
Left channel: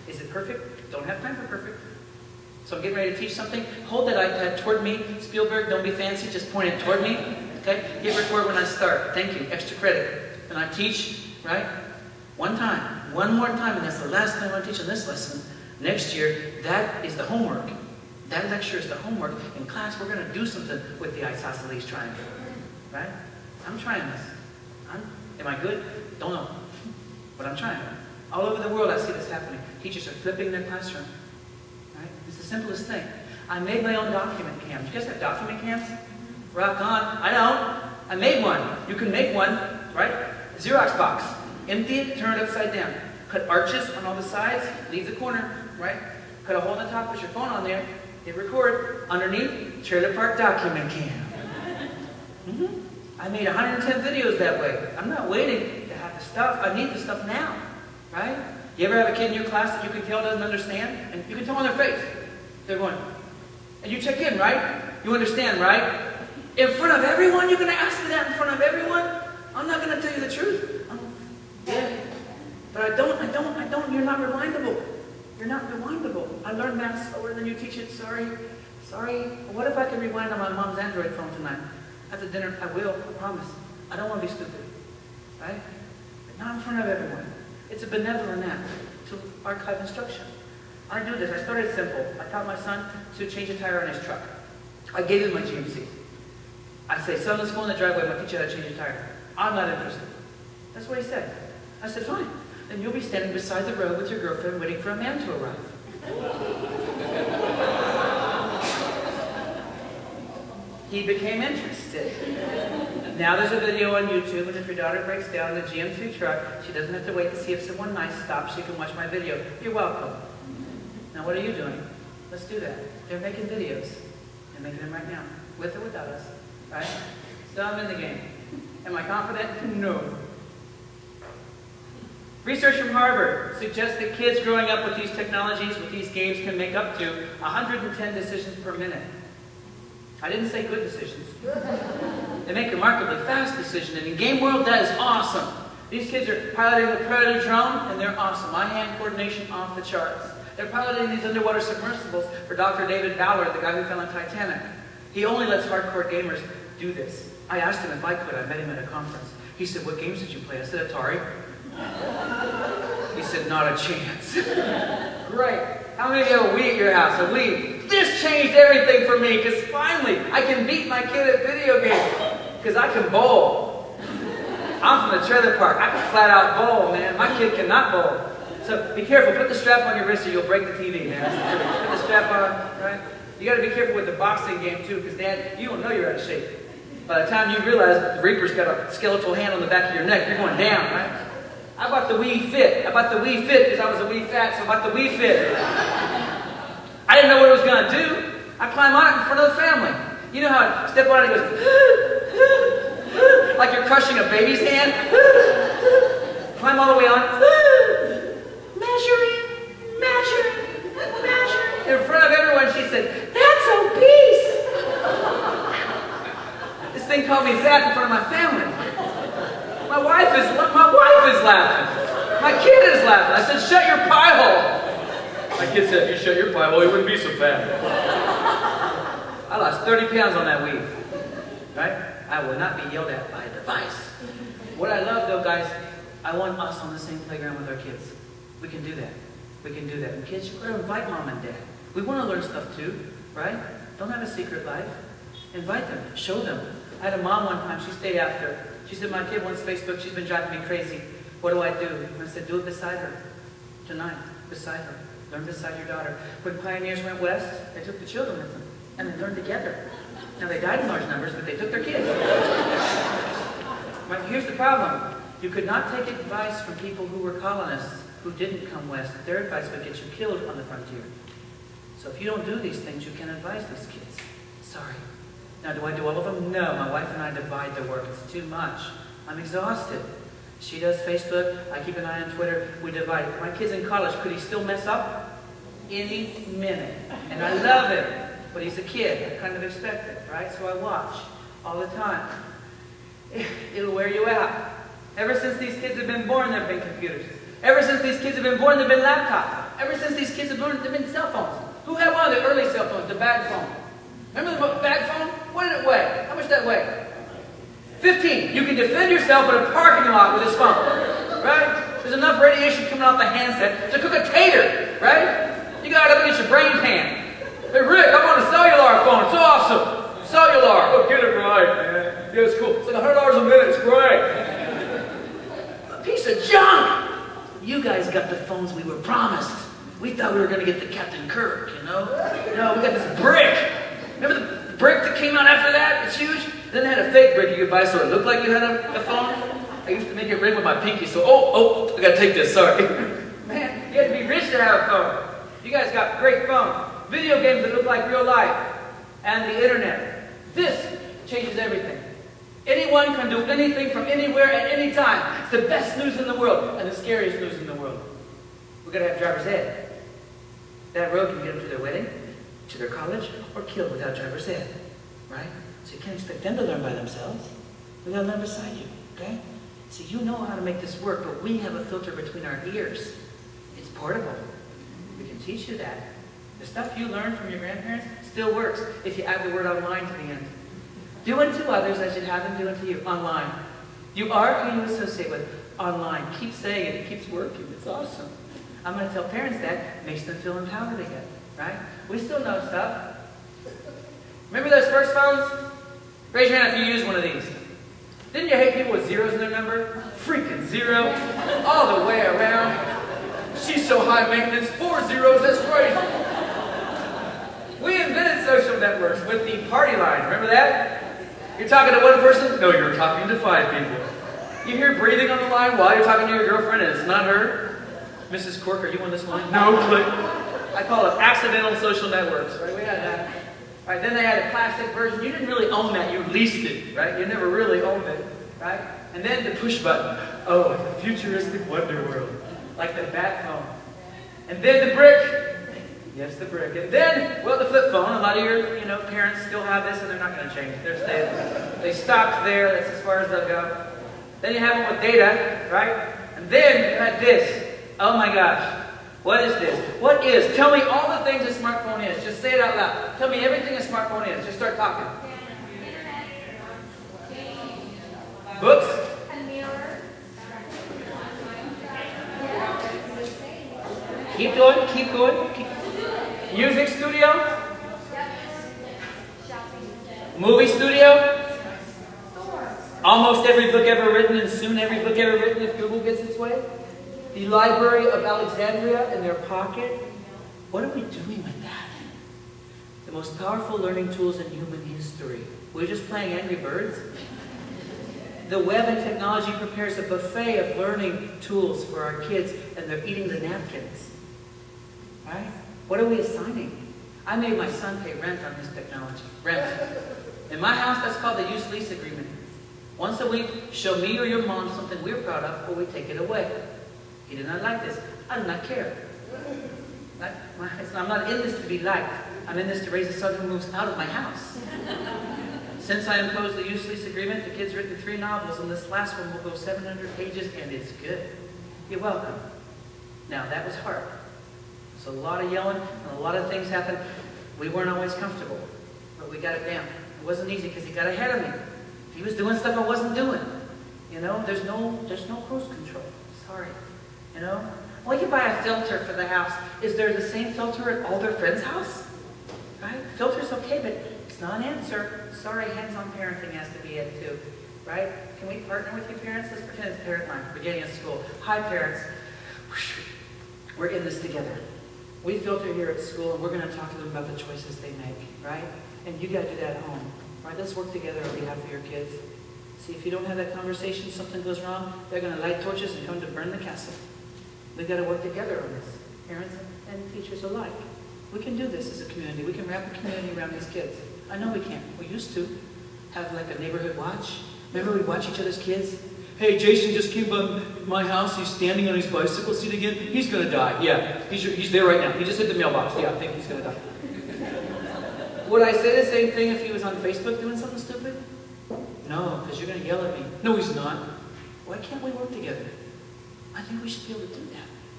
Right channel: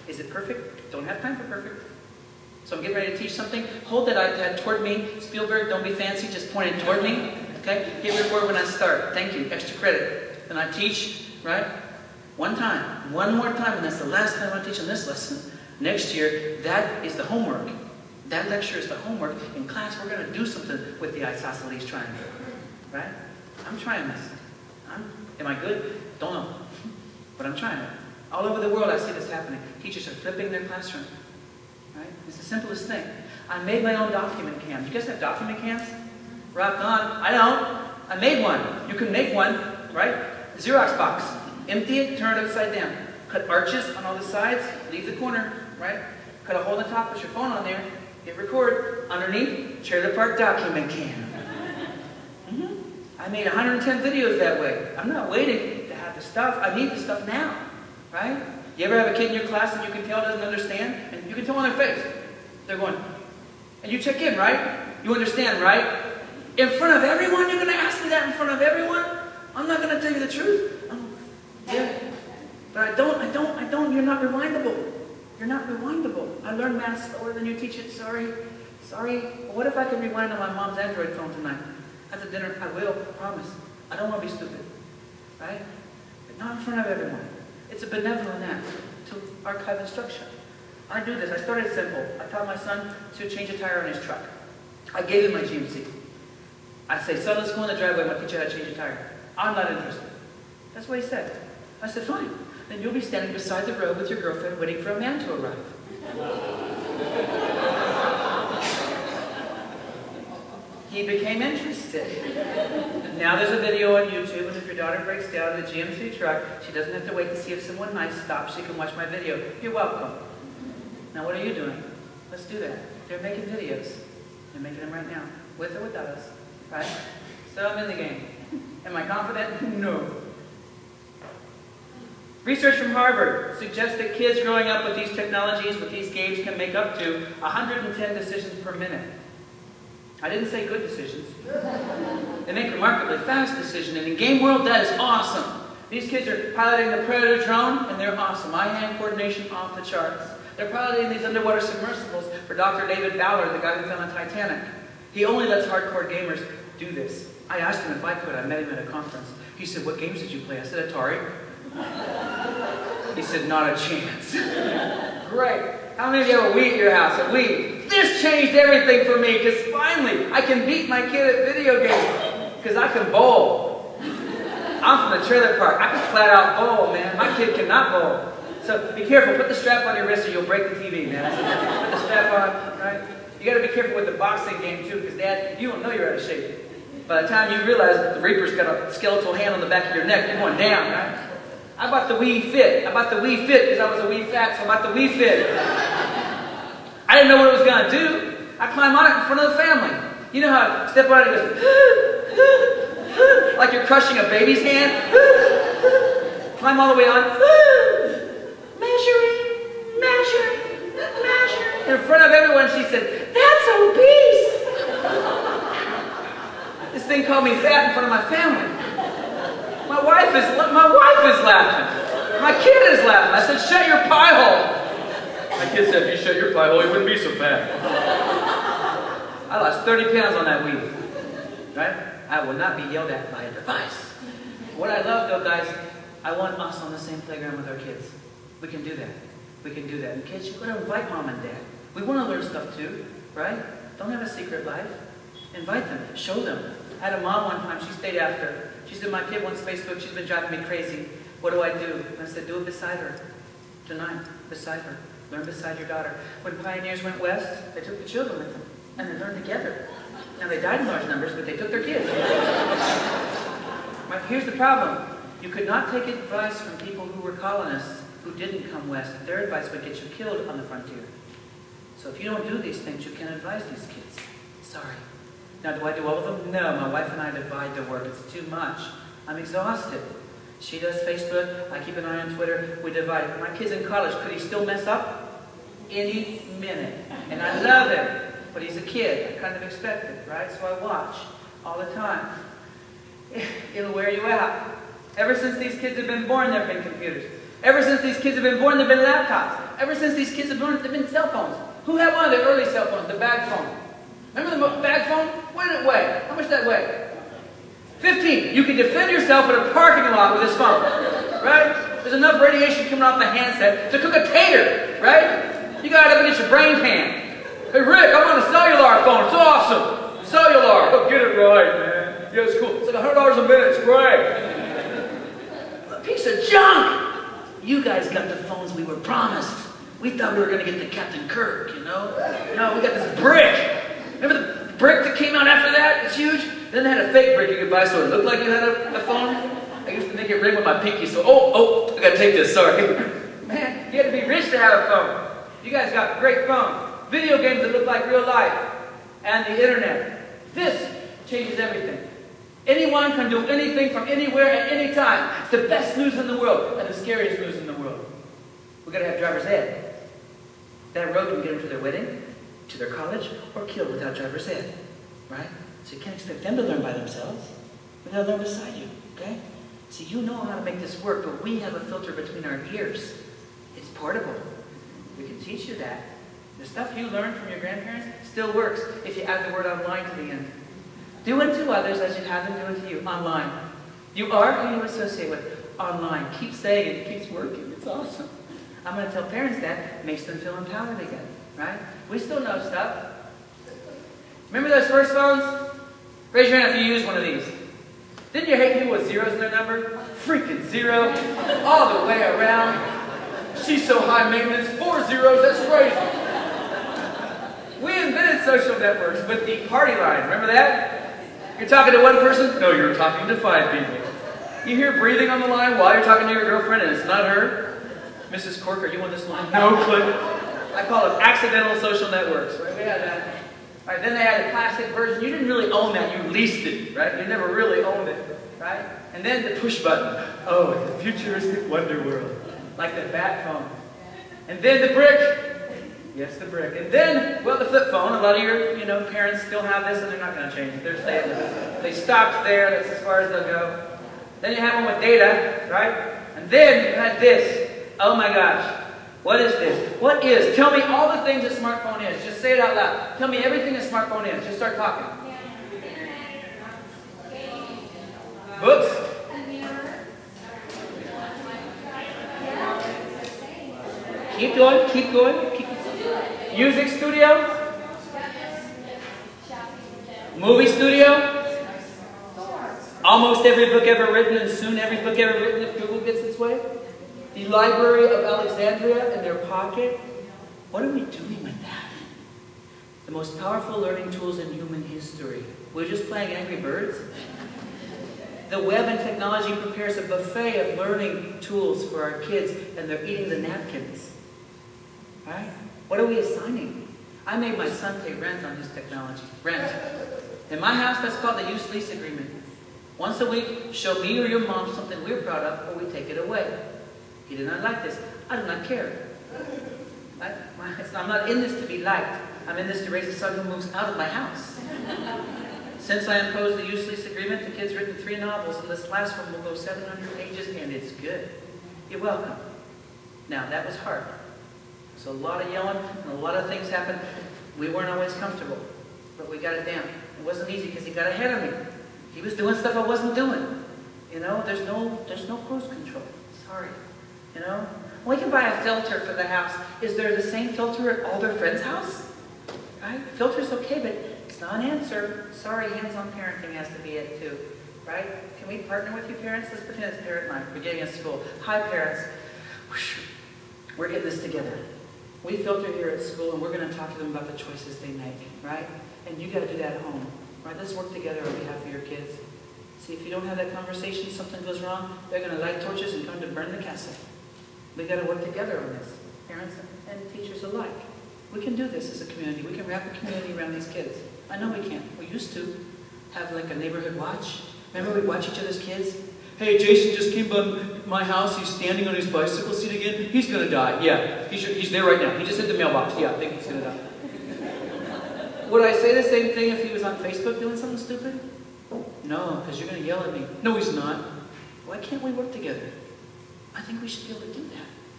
Is it perfect? Don't have time for perfect. So I'm getting ready to teach something. Hold that iPad toward me. Spielberg, don't be fancy, just point it toward me. Okay? Hit record when I start. Thank you. Extra credit. And I teach, right? One time. One more time, and that's the last time I teach on this lesson. Next year, that is the homework. That lecture is the homework. In class, we're going to do something with the isosceles triangle. Right? I'm trying this. Am I good? Don't know. But I'm trying it. All over the world, I see this happening. Teachers are flipping their classroom. Right? It's the simplest thing. I made my own document cams. You guys have document cams? Rock on. I don't. I made one. You can make one, right? A Xerox box. Empty it, turn it upside down. Cut arches on all the sides, leave the corner, right? Cut a hole in the top, put your phone on there, hit record. Underneath, trailer park document cam. I made 110 videos that way. I'm not waiting to have the stuff. I need the stuff now, right? You ever have a kid in your class that you can tell doesn't understand? And you can tell on their face. They're going. And you check in, right? You understand, right? In front of everyone? You're going to ask me that in front of everyone? I'm not going to tell you the truth. Yeah. But I don't. You're not rewindable. You're not rewindable. I learned math slower than you teach it. Sorry. But what if I can rewind on my mom's Android phone tonight? After dinner, I will. I promise. I don't want to be stupid. Right? But not in front of everyone. It's a benevolent act to archive instruction. I do this. I started simple. I taught my son to change a tire on his truck. I gave him my GMC. I said, son, let's go in the driveway. I'm going to teach you how to change a tire. I'm not interested. That's what he said. I said, fine. Then you'll be standing beside the road with your girlfriend waiting for a man to arrive. He became interested. Now there's a video on YouTube, and if your daughter breaks down in the GM3 truck, she doesn't have to wait to see if someone nice stops. She can watch my video. You're welcome. Now what are you doing? Let's do that. They're making videos. They're making them right now, with or without us. Right? So I'm in the game. Am I confident? No. Research from Harvard suggests that kids growing up with these technologies, with these games, can make up to 110 decisions per minute. I didn't say good decisions. They make remarkably fast decisions, and in game world, that is awesome. These kids are piloting the Predator drone, and they're awesome. Eye-hand coordination off the charts. They're piloting these underwater submersibles for Dr. David Ballard, the guy who fell in Titanic. He only lets hardcore gamers do this. I asked him if I could. I met him at a conference. He said, what games did you play? I said, Atari. He said, not a chance. Great. How many of you have a Wii at your house? A Wii. This changed everything for me, because finally I can beat my kid at video games. Because I can bowl. I'm from the trailer park. I can flat out bowl, man. My kid cannot bowl. So be careful. Put the strap on your wrist or you'll break the TV, man. Put the strap on, right? You got to be careful with the boxing game, too, because, Dad, you don't know you're out of shape. By the time you realize that the Reaper's got a skeletal hand on the back of your neck, you're going down, right? I bought the Wii Fit. I bought the Wii Fit because I was a Wii Fat, so I bought the Wii Fit. I didn't know what it was going to do. I climbed on it in front of the family. You know how I step on it and it goes, like you're crushing a baby's hand? Climb all the way on. Measure. In front of everyone, she said, that's obese. This thing called me fat in front of my family. My wife is laughing. My kid is laughing. I said, shut your pie hole. My kid said, if you shut your pie hole, you wouldn't be so fat. I lost 30 pounds on that week. Right? I will not be yelled at by a device. What I love, though, guys, I want us on the same playground with our kids. We can do that. We can do that. And kids, you've got to invite mom and dad. We want to learn stuff too, right? Don't have a secret life. Invite them. Show them. I had a mom one time. She stayed after. She said, my kid wants Facebook. She's been driving me crazy. What do I do? And I said, do it beside her. Tonight. Beside her. Learn beside your daughter. When pioneers went west, they took the children with them. And they learned together. Now, they died in large numbers, but they took their kids. But here's the problem. You could not take advice from people who were colonists who didn't come west. Their advice would get you killed on the frontier. So if you don't do these things, you can't advise these kids. Sorry. Now, do I do all of them? No. My wife and I divide the work. It's too much. I'm exhausted. She does Facebook. I keep an eye on Twitter. We divide it. My kid's in college. Could he still mess up? Any minute. And I love him. But he's a kid. I kind of expect it, right? So I watch all the time. It'll wear you out. Ever since these kids have been born, there have been computers. Ever since these kids have been born, there have been laptops. Ever since these kids have learned, they've been cell phones. Who had one of the early cell phones, the bag phone? Remember the bag phone? What did it weigh? How much did that weigh? 15. You can defend yourself in a parking lot with this phone, right? There's enough radiation coming off the handset to cook a tater, right? You got it up against your brain pan. Hey Rick, I'm on a cellular phone. It's awesome. Cellular. Look, get it right, man. Yeah, it's cool. It's like $100 a minute. It's great. A piece of junk. You guys got the phones we were promised. We thought we were going to get the Captain Kirk, you know? No, we got this brick. Remember the brick that came out after that? It's huge. Then they had a fake brick you could buy so it looked like you had a phone. I used to make it ring with my pinky, so, I gotta take this, sorry. Man, you had to be rich to have a phone. You guys got great phones. Video games that look like real life. And the internet. This changes everything. Anyone can do anything from anywhere at any time. It's the best news in the world and the scariest news in the world. We've got to have driver's ed. That road can get them to their wedding, to their college, or killed without driver's ed. Right? So you can't expect them to learn by themselves. We've got to learn beside you. Okay? So you know how to make this work, but we have a filter between our ears. It's portable. We can teach you that. The stuff you learned from your grandparents still works if you add the word online to the end. Do unto others as you'd have them do unto you. Online. You are who you associate with. Online. Keep saying it. It keeps working. It's awesome. I'm going to tell parents that. It makes them feel empowered again. Right? We still know stuff. Remember those first phones? Raise your hand if you use one of these. Didn't you hate people with zeros in their number? Freaking zero. All the way around. She's so high maintenance. 4 zeros. That's crazy. We invented social networks with the party line. Remember that? You're talking to one person? No, you're talking to 5 people. You hear breathing on the line while you're talking to your girlfriend and it's not her? Mrs. Cork, are you on this line? No, click. I call it accidental social networks, right? We had that. All right, then they had a plastic version. You didn't really own that. You leased it, right? You never really owned it, right? And then the push button. Oh, it's a futuristic wonder world. Like the bat phone. And then the brick. Yes, the brick. And then, well, the flip phone. A lot of your, parents still have this, and they're not going to change it. They're staying there. They stopped there. That's as far as they'll go. Then you have one with data, right? And then you had this. Oh my gosh. What is this? What is? Tell me all the things a smartphone is. Just say it out loud. Tell me everything a smartphone is. Just start talking. Books. Keep going. Keep going. Music studio. Movie studio. Almost every book ever written, and soon every book ever written if Google gets its way. The Library of Alexandria in their pocket. What are we doing with that? The most powerful learning tools in human history. We're just playing Angry Birds. The web and technology prepares a buffet of learning tools for our kids, and they're eating the napkins. Right? What are we assigning? I made my son pay rent on his technology. Rent. In my house, that's called the use-lease agreement. Once a week, show me or your mom something we're proud of, or we take it away. He did not like this. I do not care. I'm not in this to be liked. I'm in this to raise a son who moves out of my house. Since I imposed the use-lease agreement, the kid's written 3 novels, and this last one will go 700 pages, and it's good. You're welcome. Now, that was hard. There's a lot of yelling, and a lot of things happened. We weren't always comfortable, but we got it down. It wasn't easy because he got ahead of me. He was doing stuff I wasn't doing. There's no cruise control. Sorry. We can buy a filter for the house. Is there the same filter at all their friends' house? Right? Filter's okay, but it's not an answer. Sorry, hands-on parenting has to be it too. Right? Can we partner with you parents? Let's pretend it's parent line, beginning of school. Hi parents. We're in this together. We filter here at school, and we're going to talk to them about the choices they make. Right? And you got to do that at home. Right? Let's work together on behalf of your kids. See, if you don't have that conversation, something goes wrong, they're going to light torches and come to burn the castle. We've got to work together on this, parents and teachers alike. We can do this as a community. We can wrap a community around these kids. I know we can. We used to have like a neighborhood watch. Remember we'd watch each other's kids? Hey, Jason just came by my house. He's standing on his bicycle seat again. He's going to die. Yeah, he's there right now. He just hit the mailbox. Yeah, I think he's going to die. Would I say the same thing if he was on Facebook doing something stupid? No, because you're going to yell at me. No, he's not. Why can't we work together? I think we should be able to do that.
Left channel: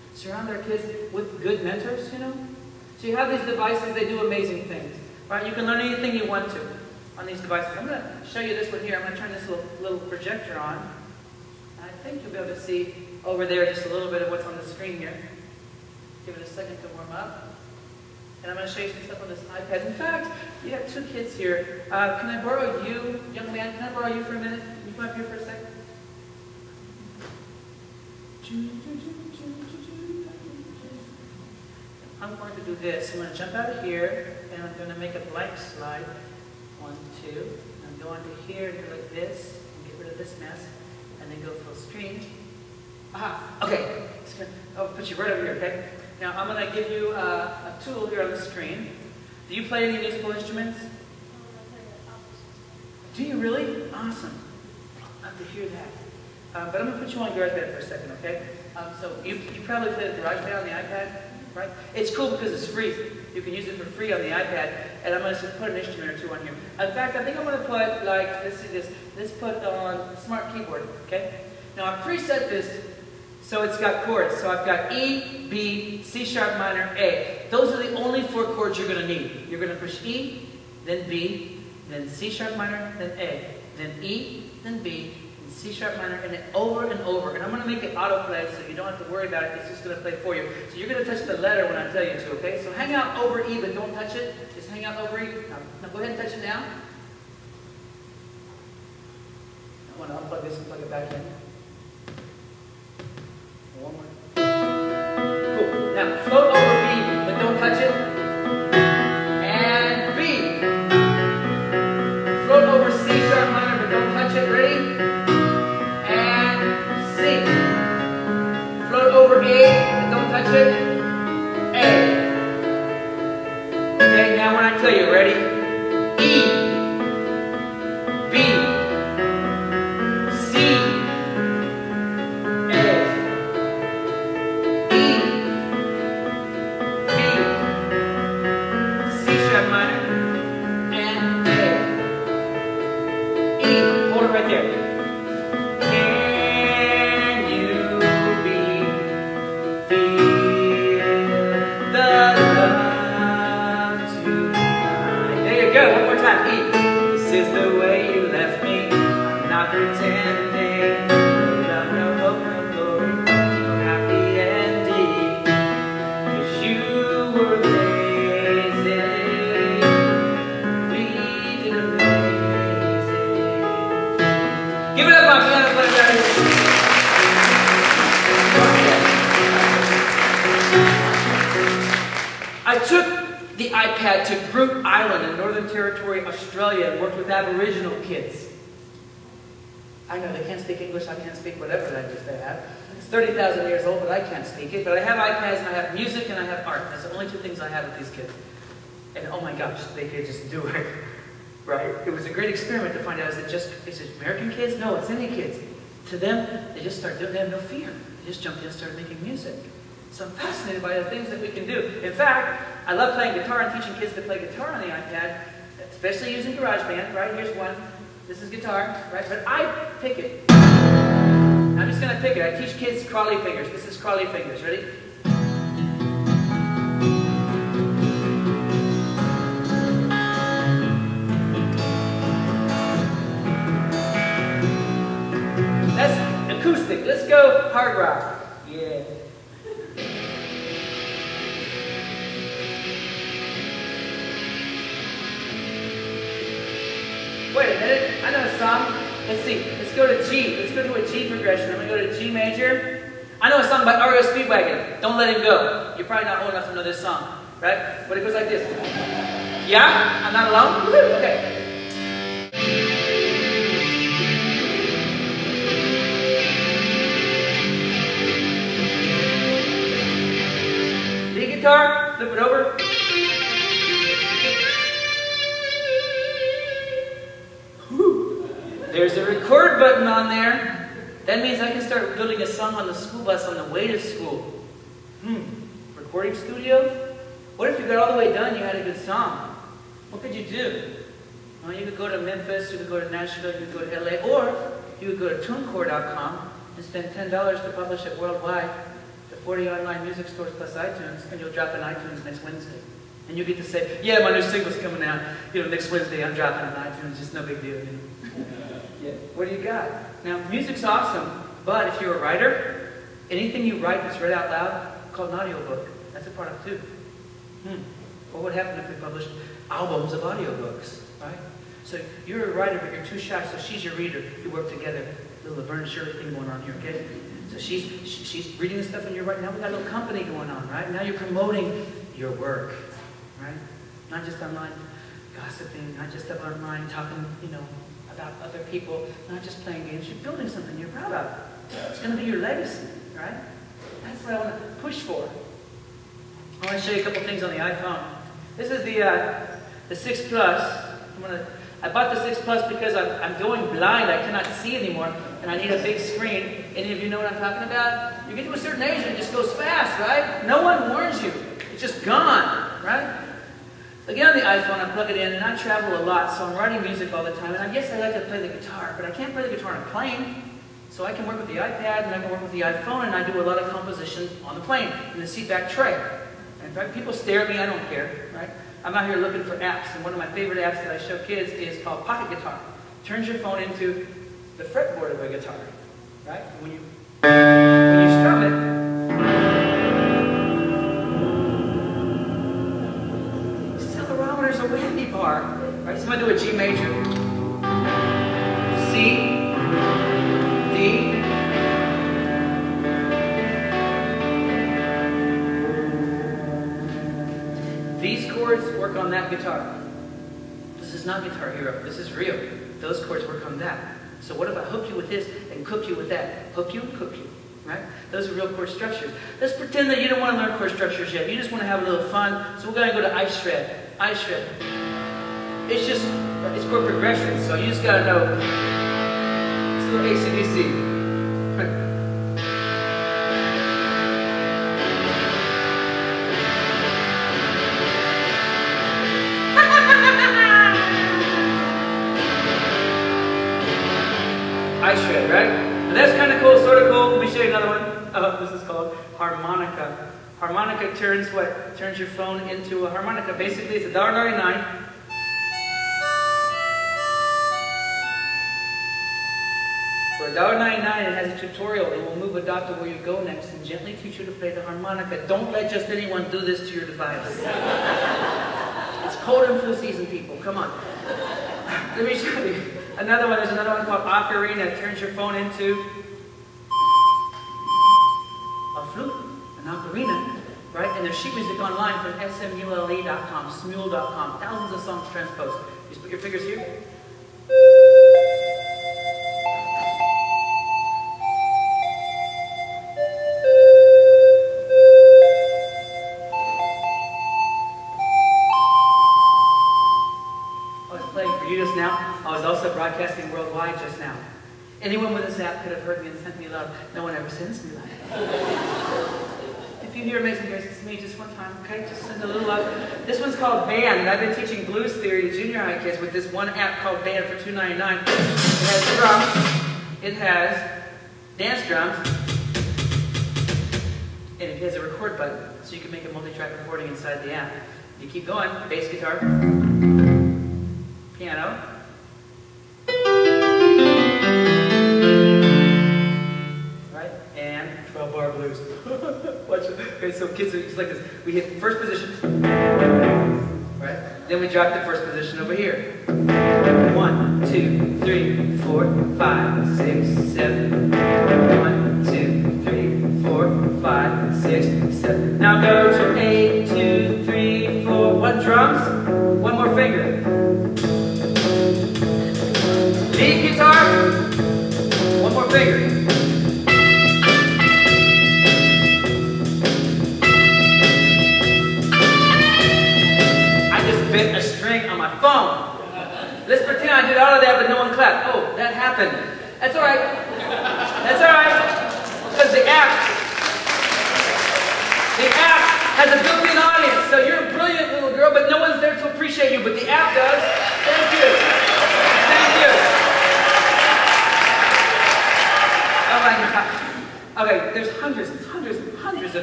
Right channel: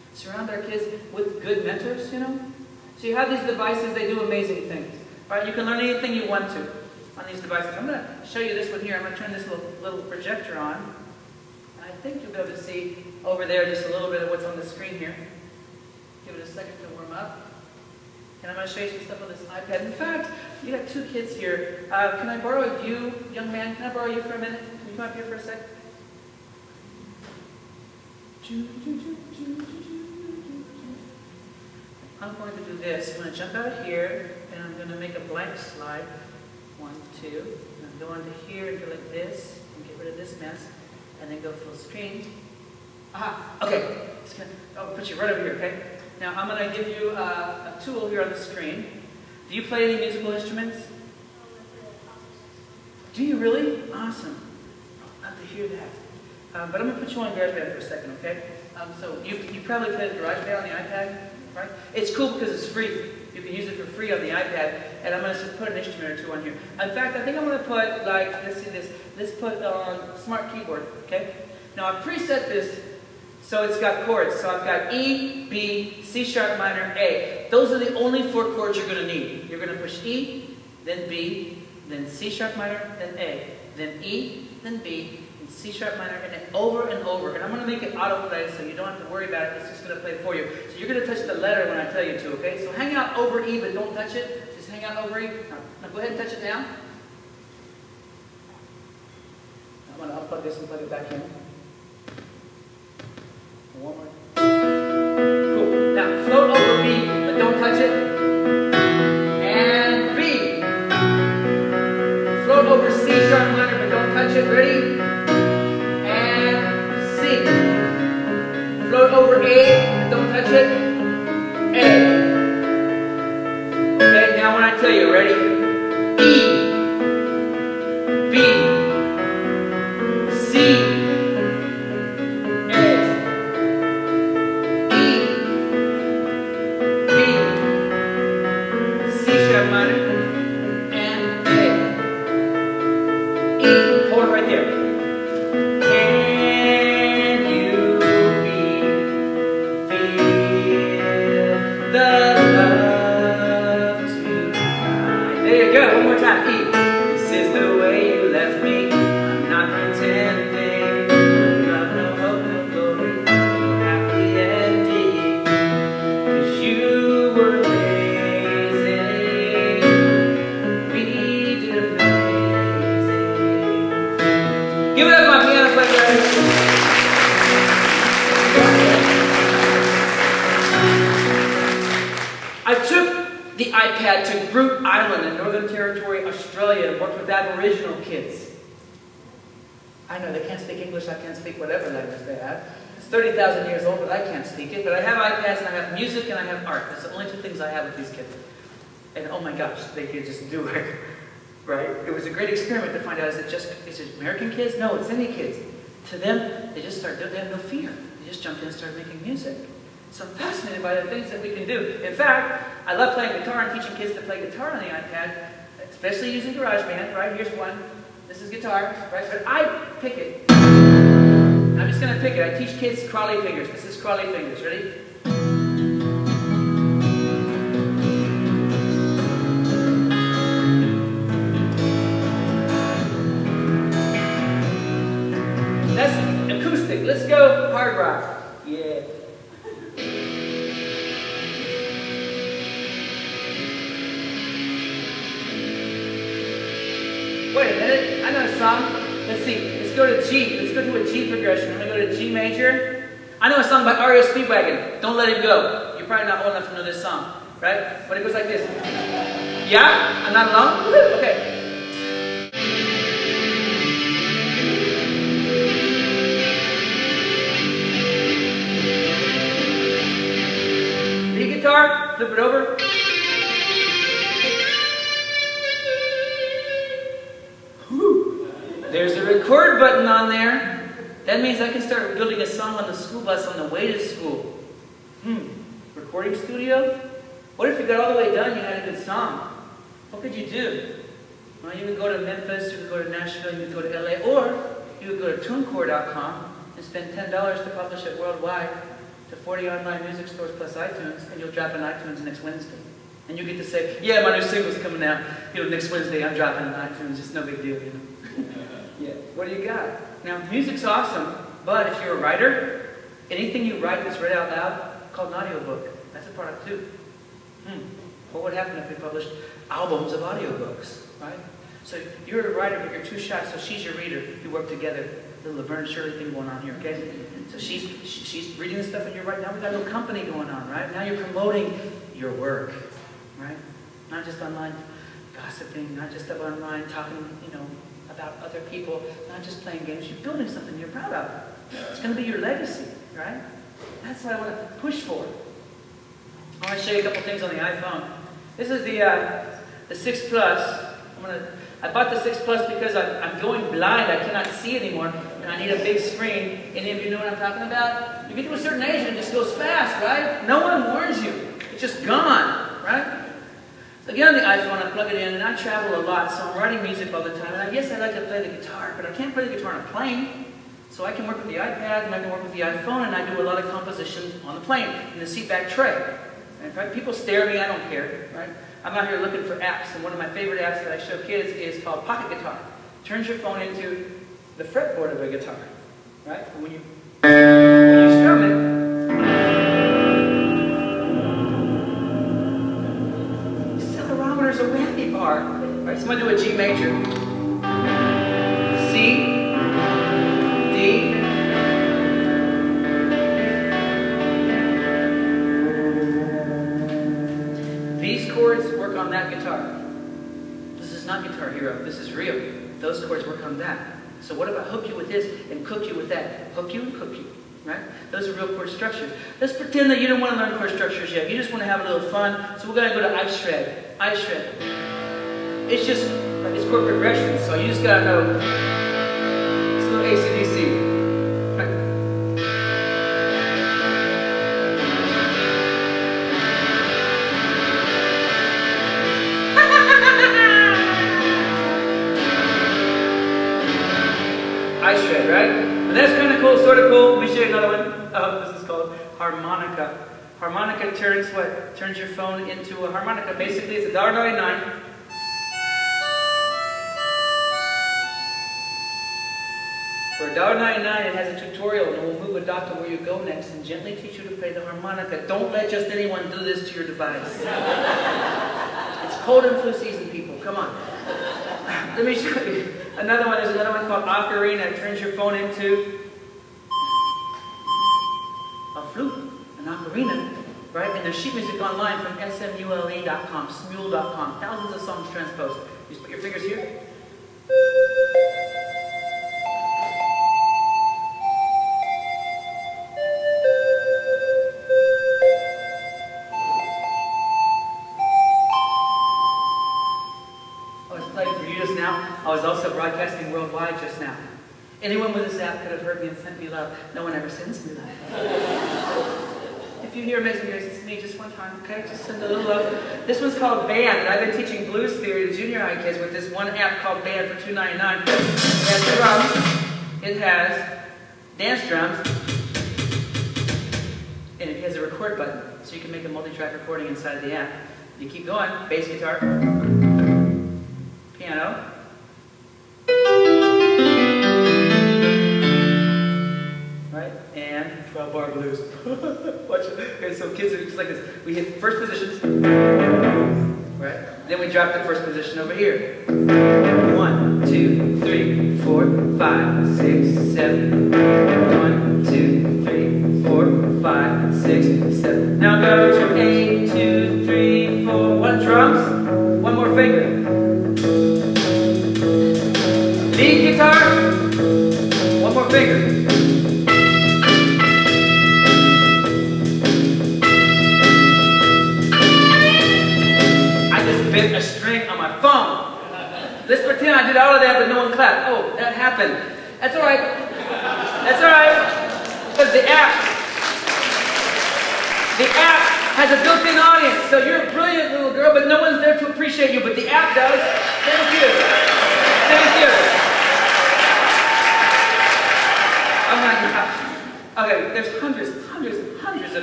Surround our kids with good mentors, you know. So you have these devices, they do amazing things. Right? You can learn anything you want to on these devices. I'm going to show you this one here. I'm going to turn this little projector on. And I think you'll be able to see over there just a little bit of what's on the screen here. Give it a second to warm up. And I'm going to show you some stuff on this iPad. In fact, you got two kids here. Can I borrow you, young man? Can I borrow you for a minute? Can you come up here for a sec? I'm going to do this. I'm going to jump out of here, and I'm going to make a blank slide. 1, 2. And I'm going to here and go like this, and get rid of this mess, and then go full screen. Aha! Okay. I'll put you right over here, okay? Now, I'm going to give you a tool here on the screen. Do you play any musical instruments? Do you really? Awesome. I'd love to hear that. But I'm going to put you on GarageBand for a second, okay? So you probably play the GarageBand on the iPad, right? It's cool because it's free. You can use it for free on the iPad. And I'm going to put an instrument or two on here. In fact, I think I'm going to put, like, let's see this. Let's put on Smart Keyboard, okay? Now, I've preset this so it's got chords. So I've got E, B, C sharp minor, A. Those are the only 4 chords you're going to need. You're going to push E, then B, then C sharp minor, then A. Then E, then B, and C sharp minor, and then over and over. And I'm going to make it autoplay so you don't have to worry about it. It's just going to play for you. So you're going to touch the letter when I tell you to, okay? So hang out over E, but don't touch it. Just hang out over E. Now go ahead and touch it now. I'm going to unplug this and plug it back in. One more. Cool. Now float over B, but don't touch it. And B. Float over C sharp minor, but don't touch it. Ready? And C. Float over A, but don't touch it. A. Okay, now when I tell you, ready? E. B. I took the iPad to Groote Island in Northern Territory, Australia, and worked with Aboriginal kids. I know they can't speak English, I can't speak whatever language they have. It's 30,000 years old, but I can't speak it. But I have iPads, and I have music, and I have art. That's the only 2 things I have with these kids. And oh my gosh, they could just do it, right? It was a great experiment to find out, is it American kids? No, it's any kids. To them, they just start doing it, they have no fear. They just jumped in and started making music. So I'm fascinated by the things that we can do. In fact, I love playing guitar and teaching kids to play guitar on the iPad, especially using GarageBand, right? Here's one. This is guitar, right? But I pick it. I'm just going to pick it. I teach kids crawly fingers. This is crawly fingers. Ready? That's acoustic. Let's go hard rock. Yeah. Wait a minute, I know a song. Let's see, let's go to G. Let's go to a G progression. I'm going to go to G major. I know a song by R.E.O. Speedwagon, Don't Let Him Go. You're probably not old enough to know this song, right? But it goes like this. Yeah? I'm not alone? Okay. The guitar, flip it over. There's a record button on there. That means I can start building a song on the school bus on the way to school. Recording studio? What if you got all the way done and you had a good song? What could you do? Well, you could go to Memphis, you could go to Nashville, you could go to LA, or you could go to TuneCore.com and spend $10 to publish it worldwide. to 40 online music stores plus iTunes, and you'll drop in iTunes next Wednesday. And you get to say, yeah, my new single's coming out. Next Wednesday I'm dropping in iTunes. It's no big deal, Yeah. What do you got? Now, music's awesome, but if you're a writer, anything you write that's read out loud, called an audiobook. That's a product too. What would happen if we published albums of audiobooks, right? So you're a writer, but you're too shy, so she's your reader. You work together. Little Laverne Shirley thing going on here, okay? So she's reading the stuff and you're writing. Now we got a little company going on, right? Now you're promoting your work, right? Not just online gossiping, not just online talking, about other people, not just playing games. You're building something you're proud of. It's going to be your legacy, right? That's what I want to push for. I want to show you a couple things on the iPhone. This is the 6 Plus. I bought the 6 Plus because I'm going blind. I cannot see anymore, and I need a big screen. Any of you know what I'm talking about? You get to a certain age and it just goes fast, right? No one warns you. It's just gone, right? So I get on the iPhone, I plug it in, and I travel a lot, so I'm writing music all the time. And I guess I like to play the guitar, but I can't play the guitar on a plane. So I can work with the iPad, and I can work with the iPhone, and I do a lot of composition on the plane, in the seatback tray. And right, people stare at me, I don't care, right? I'm out here looking for apps, and one of my favorite apps that I show kids is called Pocket Guitar. Turns your phone into the fretboard of a guitar, right? And when you strum it, accelerometer's a whammy bar, right? So I'm going to do a G major, C, D, these chords work on that guitar. This is not Guitar Hero. This is real. Those chords work on that. So what if I hook you with this and cook you with that? Hook you and cook you, right? Those are real chord structures. Let's pretend that you don't want to learn chord structures yet. You just want to have a little fun. So we're going to go to ice shred. Ice shred. It's chord progression. So you just got to know. It's a little AC/DC. Right? Ice shred, right? And that's kind of cool, sort of cool. Let me show you another one. Oh, this is called harmonica. Harmonica turns what? Turns your phone into a harmonica. Basically, it's $1.99. For $1.99, it has a tutorial, and it will move a dot to where you go next and gently teach you to play the harmonica. Don't let just anyone do this to your device. It's cold and flu season, people. Come on. Let me show you another one. There's another one called Ocarina. It turns your phone into a flute, an ocarina, right? And there's sheet music online from smule.com, smule.com. Thousands of songs transposed. You just put your fingers here. I was also broadcasting worldwide just now. Anyone with this app could have heard me and sent me love. No one ever sends me love. If you hear Amazing Grace, it's me just one time, okay? Just send a little love. This one's called Band, and I've been teaching blues theory to junior high kids with this one app called Band for $2.99. It has drums, it has dance drums, and it has a record button, so you can make a multi-track recording inside the app. You keep going, bass guitar, piano, right? And 12-bar blues. Watch it. Okay, so kids are just like this. We hit first position, right? Then we drop the first position over here. 1, 2, 3, 4, 5, 6, 7. 1, 2, 3, 4, 5, 6, 7. Now go to 8, 2, 3, 4. One drums, one more finger. Lead guitar, one more finger. I just bent a string on my phone. Let's pretend I did all of that, but no one clapped. Oh, that happened. That's all right. That's all right. Because the app has a built-in audience. So you're a brilliant little girl, but no one's there to appreciate you. But the app does. Thank you. Thank you. Oh my gosh. Okay, there's hundreds and hundreds and hundreds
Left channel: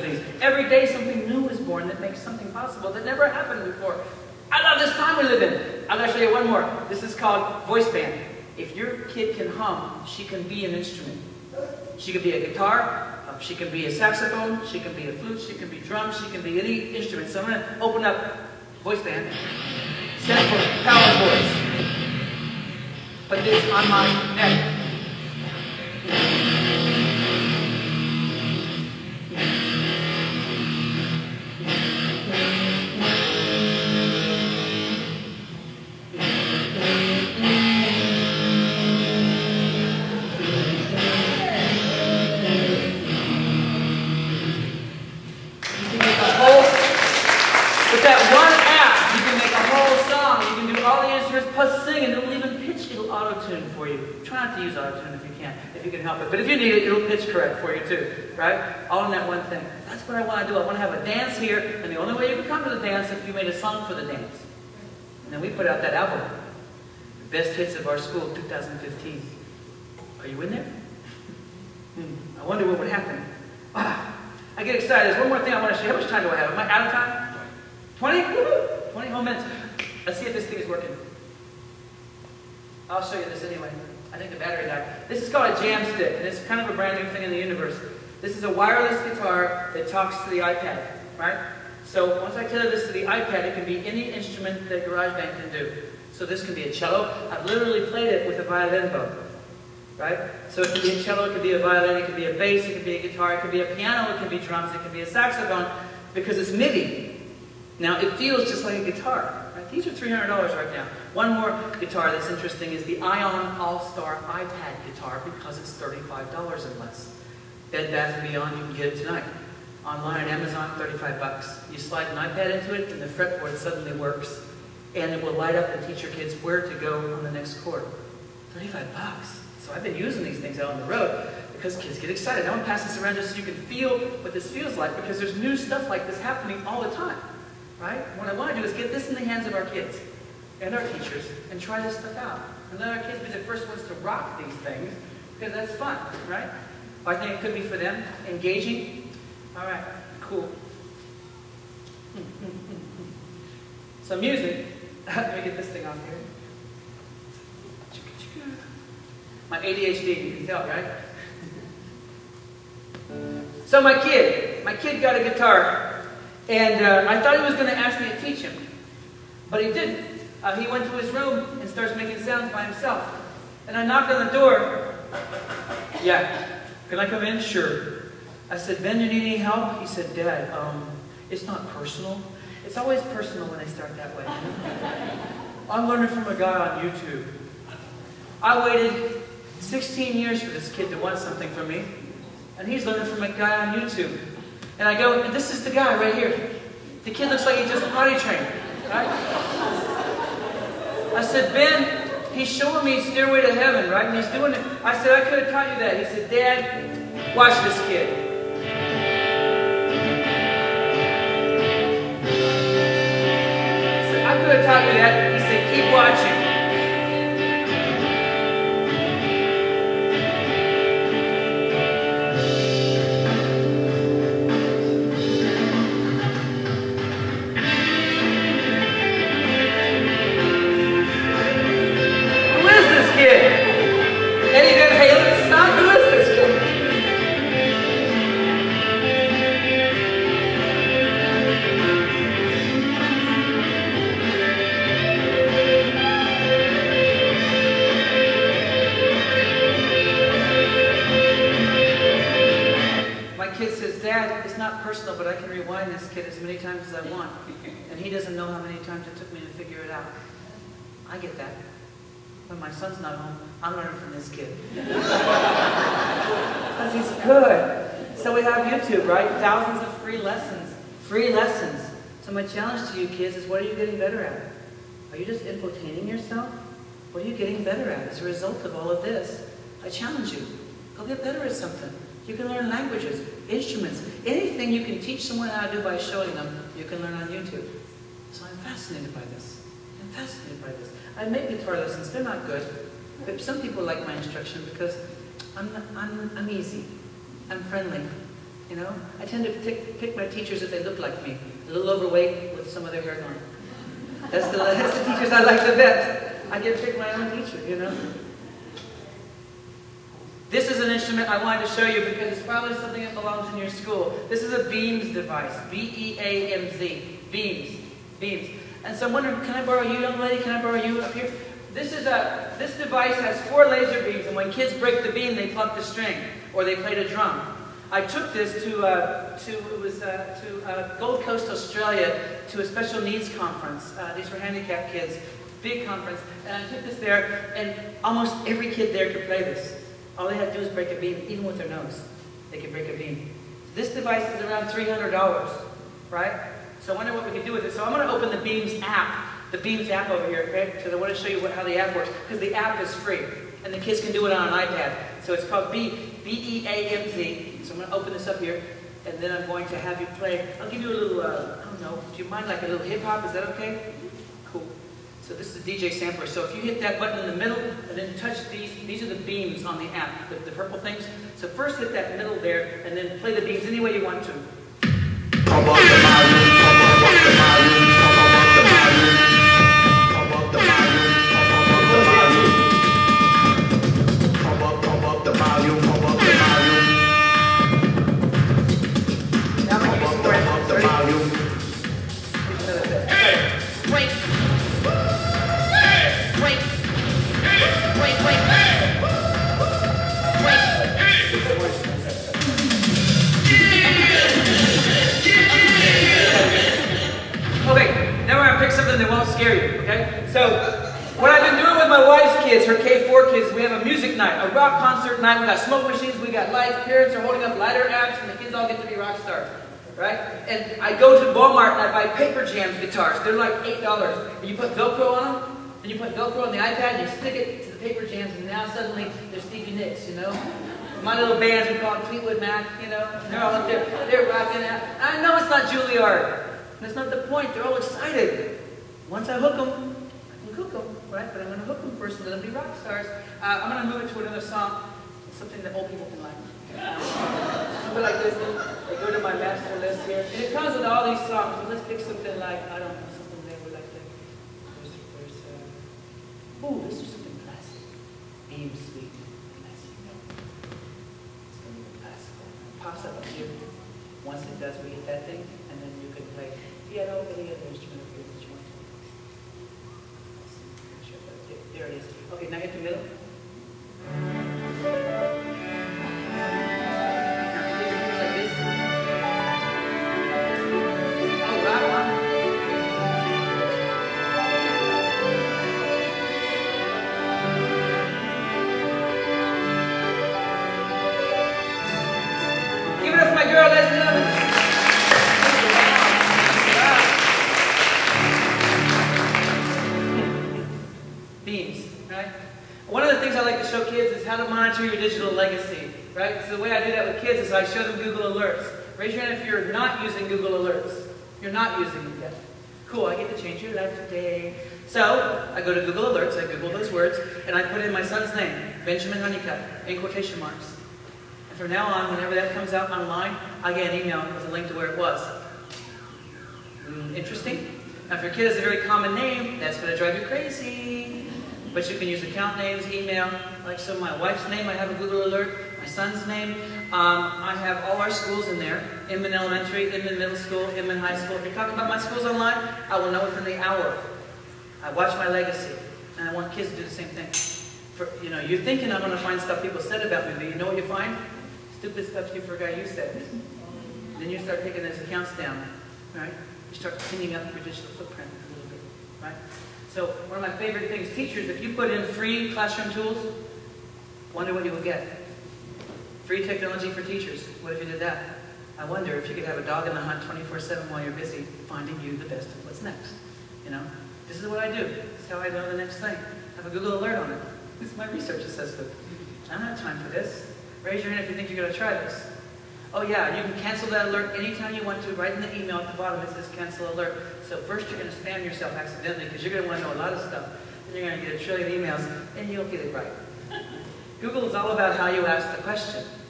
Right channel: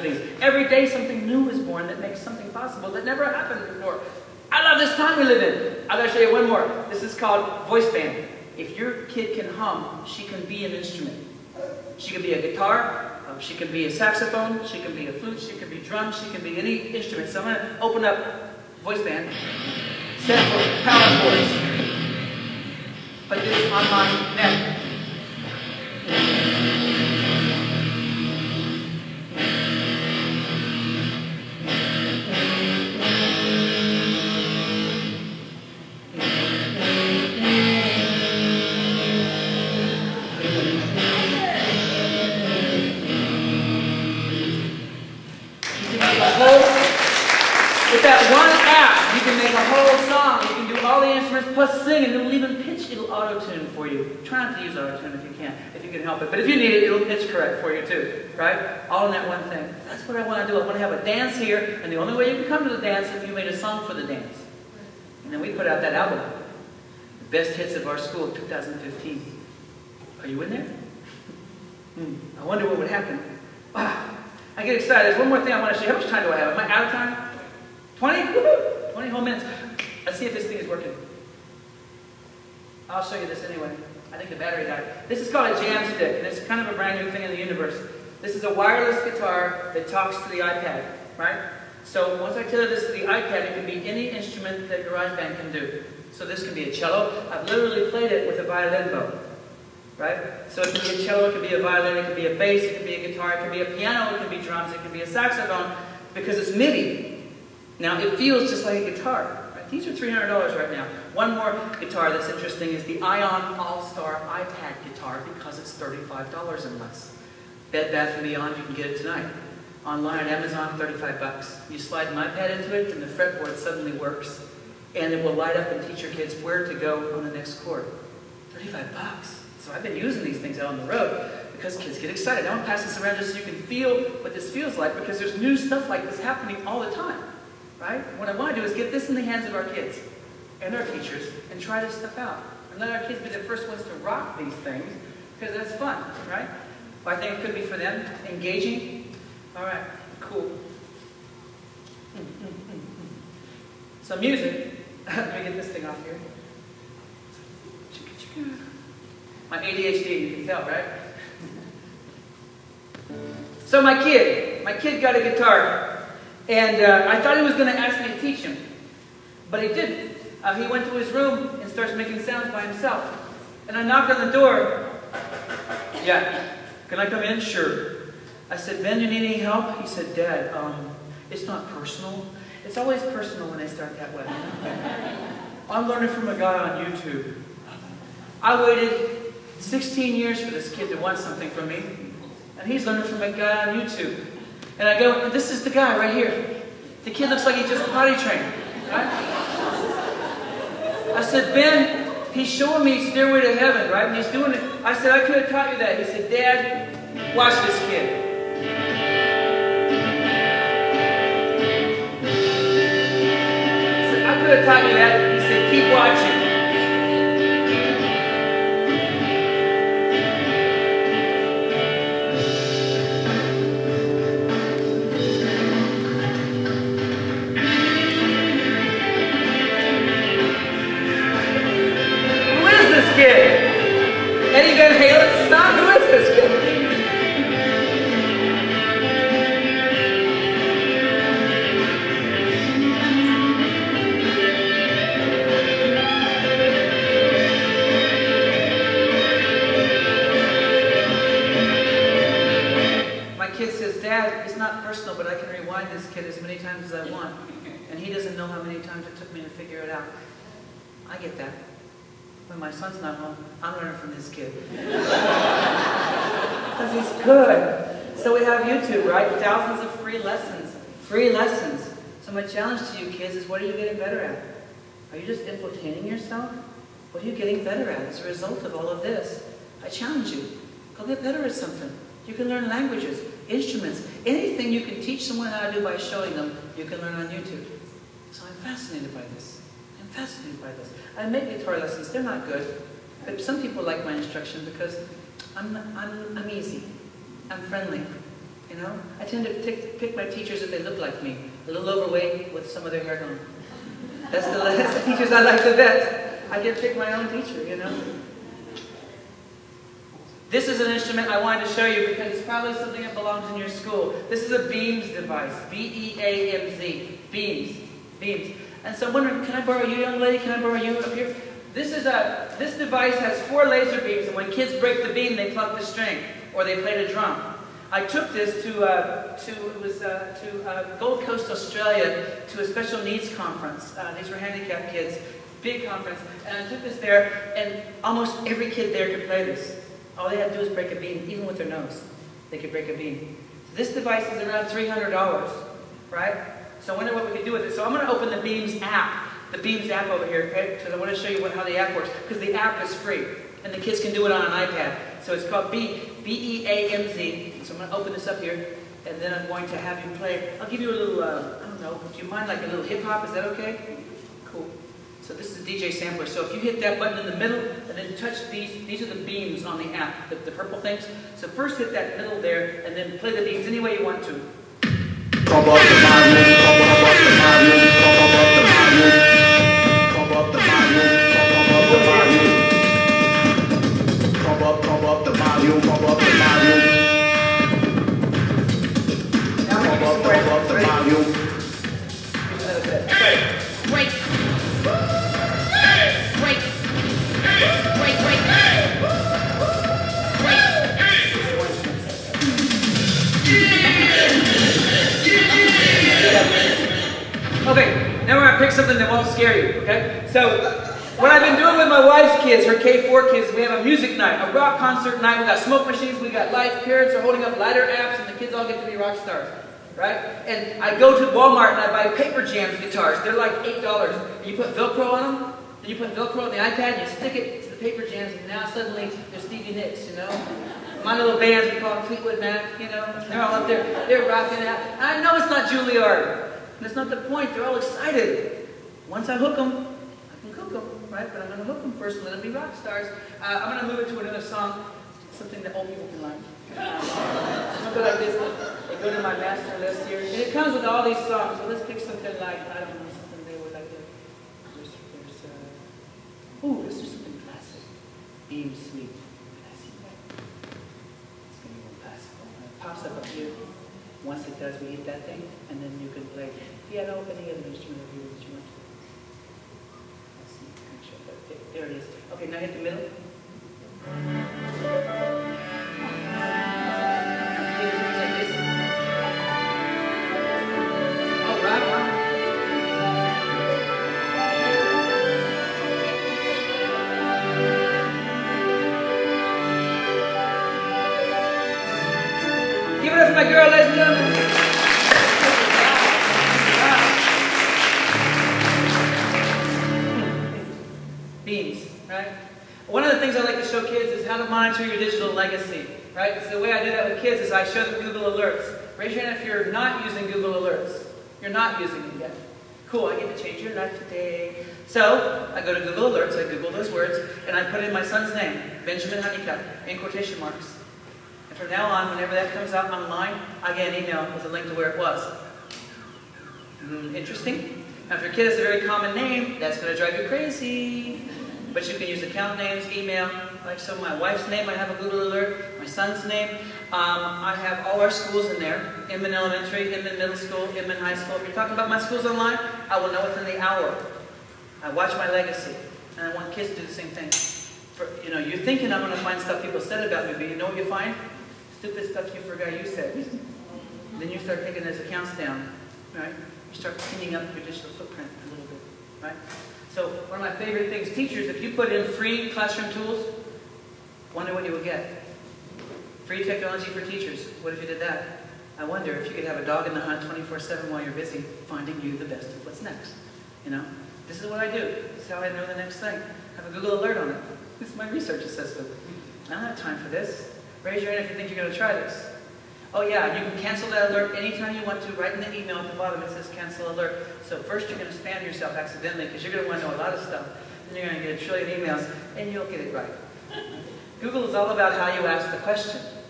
Every day something new is born that makes something possible that never happened before. I love this time we live in. I'm going to show you one more. This is called voice band. If your kid can hum, she can be an instrument. She can be a guitar, she can be a saxophone, she can be a flute, she can be drums, she can be any instrument. So I'm going to open up voice band. Set for power chords. Put this on my neck. With that one app, you can make a whole song. You can do all the instruments plus sing, and it'll even pitch. It'll auto-tune for you. Try not to use auto-tune if you can help it. But if you need it, it'll pitch correct for you too, right? All in that one thing. That's what I want to do. I want to have a dance here, and the only way you can come to the dance is if you made a song for the dance. And then we put out that album, the best hits of our school, 2015. Are you in there? I wonder what would happen. Wow. I get excited. There's one more thing I want to show you. How much time do I have? Am I out of time? 20? Woohoo! 20 whole minutes. Let's see if this thing is working. I'll show you this anyway. I think the battery died. This is called a jam stick, and it's kind of a brand new thing in the universe. This is a wireless guitar that talks to the iPad, right? So once I tether this to the iPad, it can be any instrument that GarageBand can do. So this can be a cello. I've literally played it with a violin bow, right? So it can be a cello, it can be a violin, it can be a bass, it can be a guitar, it can be a piano, it can be drums, it can be a saxophone, because it's MIDI. Now, it feels just like a guitar. Right? These are $300 right now. One more guitar that's interesting is the Ion All-Star iPad guitar because it's $35 and less. Bed Bath & Beyond, you can get it tonight. Online at Amazon, $35. You slide an iPad into it and the fretboard suddenly works. And it will light up and teach your kids where to go on the next chord. $35. So I've been using these things out on the road because kids get excited. I want to pass this around just so you can feel what this feels like because there's new stuff like this happening all the time. Right? What I want to do is get this in the hands of our kids and our teachers and try this stuff out. And let our kids be the first ones to rock these things because that's fun, right? I think it could be for them. Engaging. All right, cool. So music. Let me get this thing off here. My ADHD, you can tell, right? So my kid got a guitar. And I thought he was going to ask me to teach him, but he didn't. He went to his room and starts making sounds by himself. And I knocked on the door. Yeah, can I come in? Sure. I said, Ben, you need any help? He said, Dad, it's not personal. It's always personal when they start that way. I'm learning from a guy on YouTube. I waited 16 years for this kid to want something from me, and he's learning from a guy on YouTube. And I go, this is the guy right here. The kid looks like he just potty trained. Right? I said, Ben, he's showing me Stairway to Heaven, right? And he's doing it. I said, I could have taught you that. He said, Dad, watch this kid. I said, I could have taught you that. He said, keep watching. But I can rewind this kid as many times as I want. And he doesn't know how many times it took me to figure it out. I get that. When my son's not home, I'm learning from this kid. Because he's good. So we have YouTube, right? Thousands of free lessons. Free lessons. So my challenge to you kids is, what are you getting better at? Are you just infotaining yourself? What are you getting better at as a result of all of this? I challenge you. Go get better at something. You can learn languages, instruments, anything you can teach someone how to do by showing them, you can learn on YouTube. So I'm fascinated by this. I'm fascinated by this. I make guitar lessons. They're not good. But some people like my instruction because I'm easy. I'm friendly. You know, I tend to pick my teachers if they look like me, a little overweight with some of their hair gone. That's the teachers I like the best. I get to pick my own teacher, you know. This is an instrument I wanted to show you because it's probably something that belongs in your school. This is a beams device, B-E-A-M-Z, beams, beams. And so I'm wondering, can I borrow you, young lady? Can I borrow you up here? This device has 4 laser beams, and when kids break the beam, they pluck the string, or they play the drum. I took this to Gold Coast, Australia, to a special needs conference. These were handicapped kids, big conference. And I took this there, and almost every kid there could play this. All they had to do was break a beam, even with their nose. They could break a beam. This device is around $300, right? So I wonder what we could do with it. So I'm going to open the Beams app. The Beams app over here, okay? Because I want to show you how the app works. Because the app is free. And the kids can do it on an iPad. So it's called B-E-A-M-Z. So I'm going to open this up here. And then I'm going to have you play. I'll give you a little, I don't know, do you mind like a little hip-hop? Is that okay? Cool. So this is a DJ sampler. So if you hit that button in the middle, and then touch these are the beams on the app, the purple things. So first hit that middle there, and then play the beams any way you want to. Pump up the volume, pump up the volume, pump up the volume, pump up the volume, pump up the volume, pump up the volume, pump up the volume, pump up the volume. Another step. Wait. Wait. Wait. Wait. Wait. Okay, now we're going to pick something that won't scare you, okay? So, what I've been doing with my wife's kids, her K4 kids, we have a music night, a rock concert night. We got smoke machines, we got lights, parents are holding up lighter apps, and the kids all get to be rock stars, right? And I go to Walmart and I buy Paper Jams guitars. They're like $8. And you put Velcro on them, and you put Velcro on the iPad, and you stick it to the Paper Jams, and now suddenly there's Stevie Nicks, you know? My little bands, we call it Fleetwood Mac, you know? They're all up there, they're rocking out. I know it's not Juilliard. That's not the point. They're all excited. Once I hook them, I can cook them, right? But I'm going to hook them first and let them be rock stars. I'm going to move it to another song, something that old people can like. Something like this. I go to my master list here. And it comes with all these songs. So let's pick something like, I don't know, something they would like to. Ooh, this is something classic. Beam Sweet. Classic. It's going to be a little classical. It pops up here. Once it does, we hit that thing, and then you can play piano, any other instrument that you want. Let's see, make sure that there it is. Okay, now hit the middle. Now play the things like this. Oh, wow. Give it up for my girl, ladies and gentlemen. Beams, right? One of the things I like to show kids is how to monitor your digital legacy, right? So the way I do that with kids is I show them Google Alerts. Raise your hand if you're not using Google Alerts. You're not using it yet. Cool, I get to change your life today. So, I go to Google Alerts, I Google those words, and I put in my son's name, Benjamin Honeycutt, in quotation marks. And from now on, whenever that comes out online, I get an email with a link to where it was. Interesting? Now, if your kid has a very common name, that's going to drive you crazy. But you can use account names, email. Like, so my wife's name, I have a Google Alert. My son's name. I have all our schools in there. Inman Elementary, Inman Middle School, Inman High School. If you're talking about my schools online, I will know within the hour. I watch my legacy. And I want kids to do the same thing. You know, you're thinking I'm going to find stuff people said about me, but you know what you find? Stupid stuff you forgot you said. Then you start taking those accounts down, right? You start cleaning up your digital footprint a little bit, right? So one of my favorite things, teachers, if you put in free classroom tools, wonder what you would get. Free technology for teachers. What if you did that? I wonder if you could have a dog in the hunt 24/7 while you're busy finding you the best of what's next. You know, this is what I do. This is how I know the next thing. I have a Google Alert on it. This is my research assessment. I don't have time for this. Raise your hand if you think you're going to try this. Oh yeah, you can cancel that alert anytime you want to. Right in the email at the bottom it says cancel alert. So first you're going to spam yourself accidentally because you're going to want to know a lot of stuff. Then you're going to get a trillion emails and you'll get it right. Google is all about how you ask the question.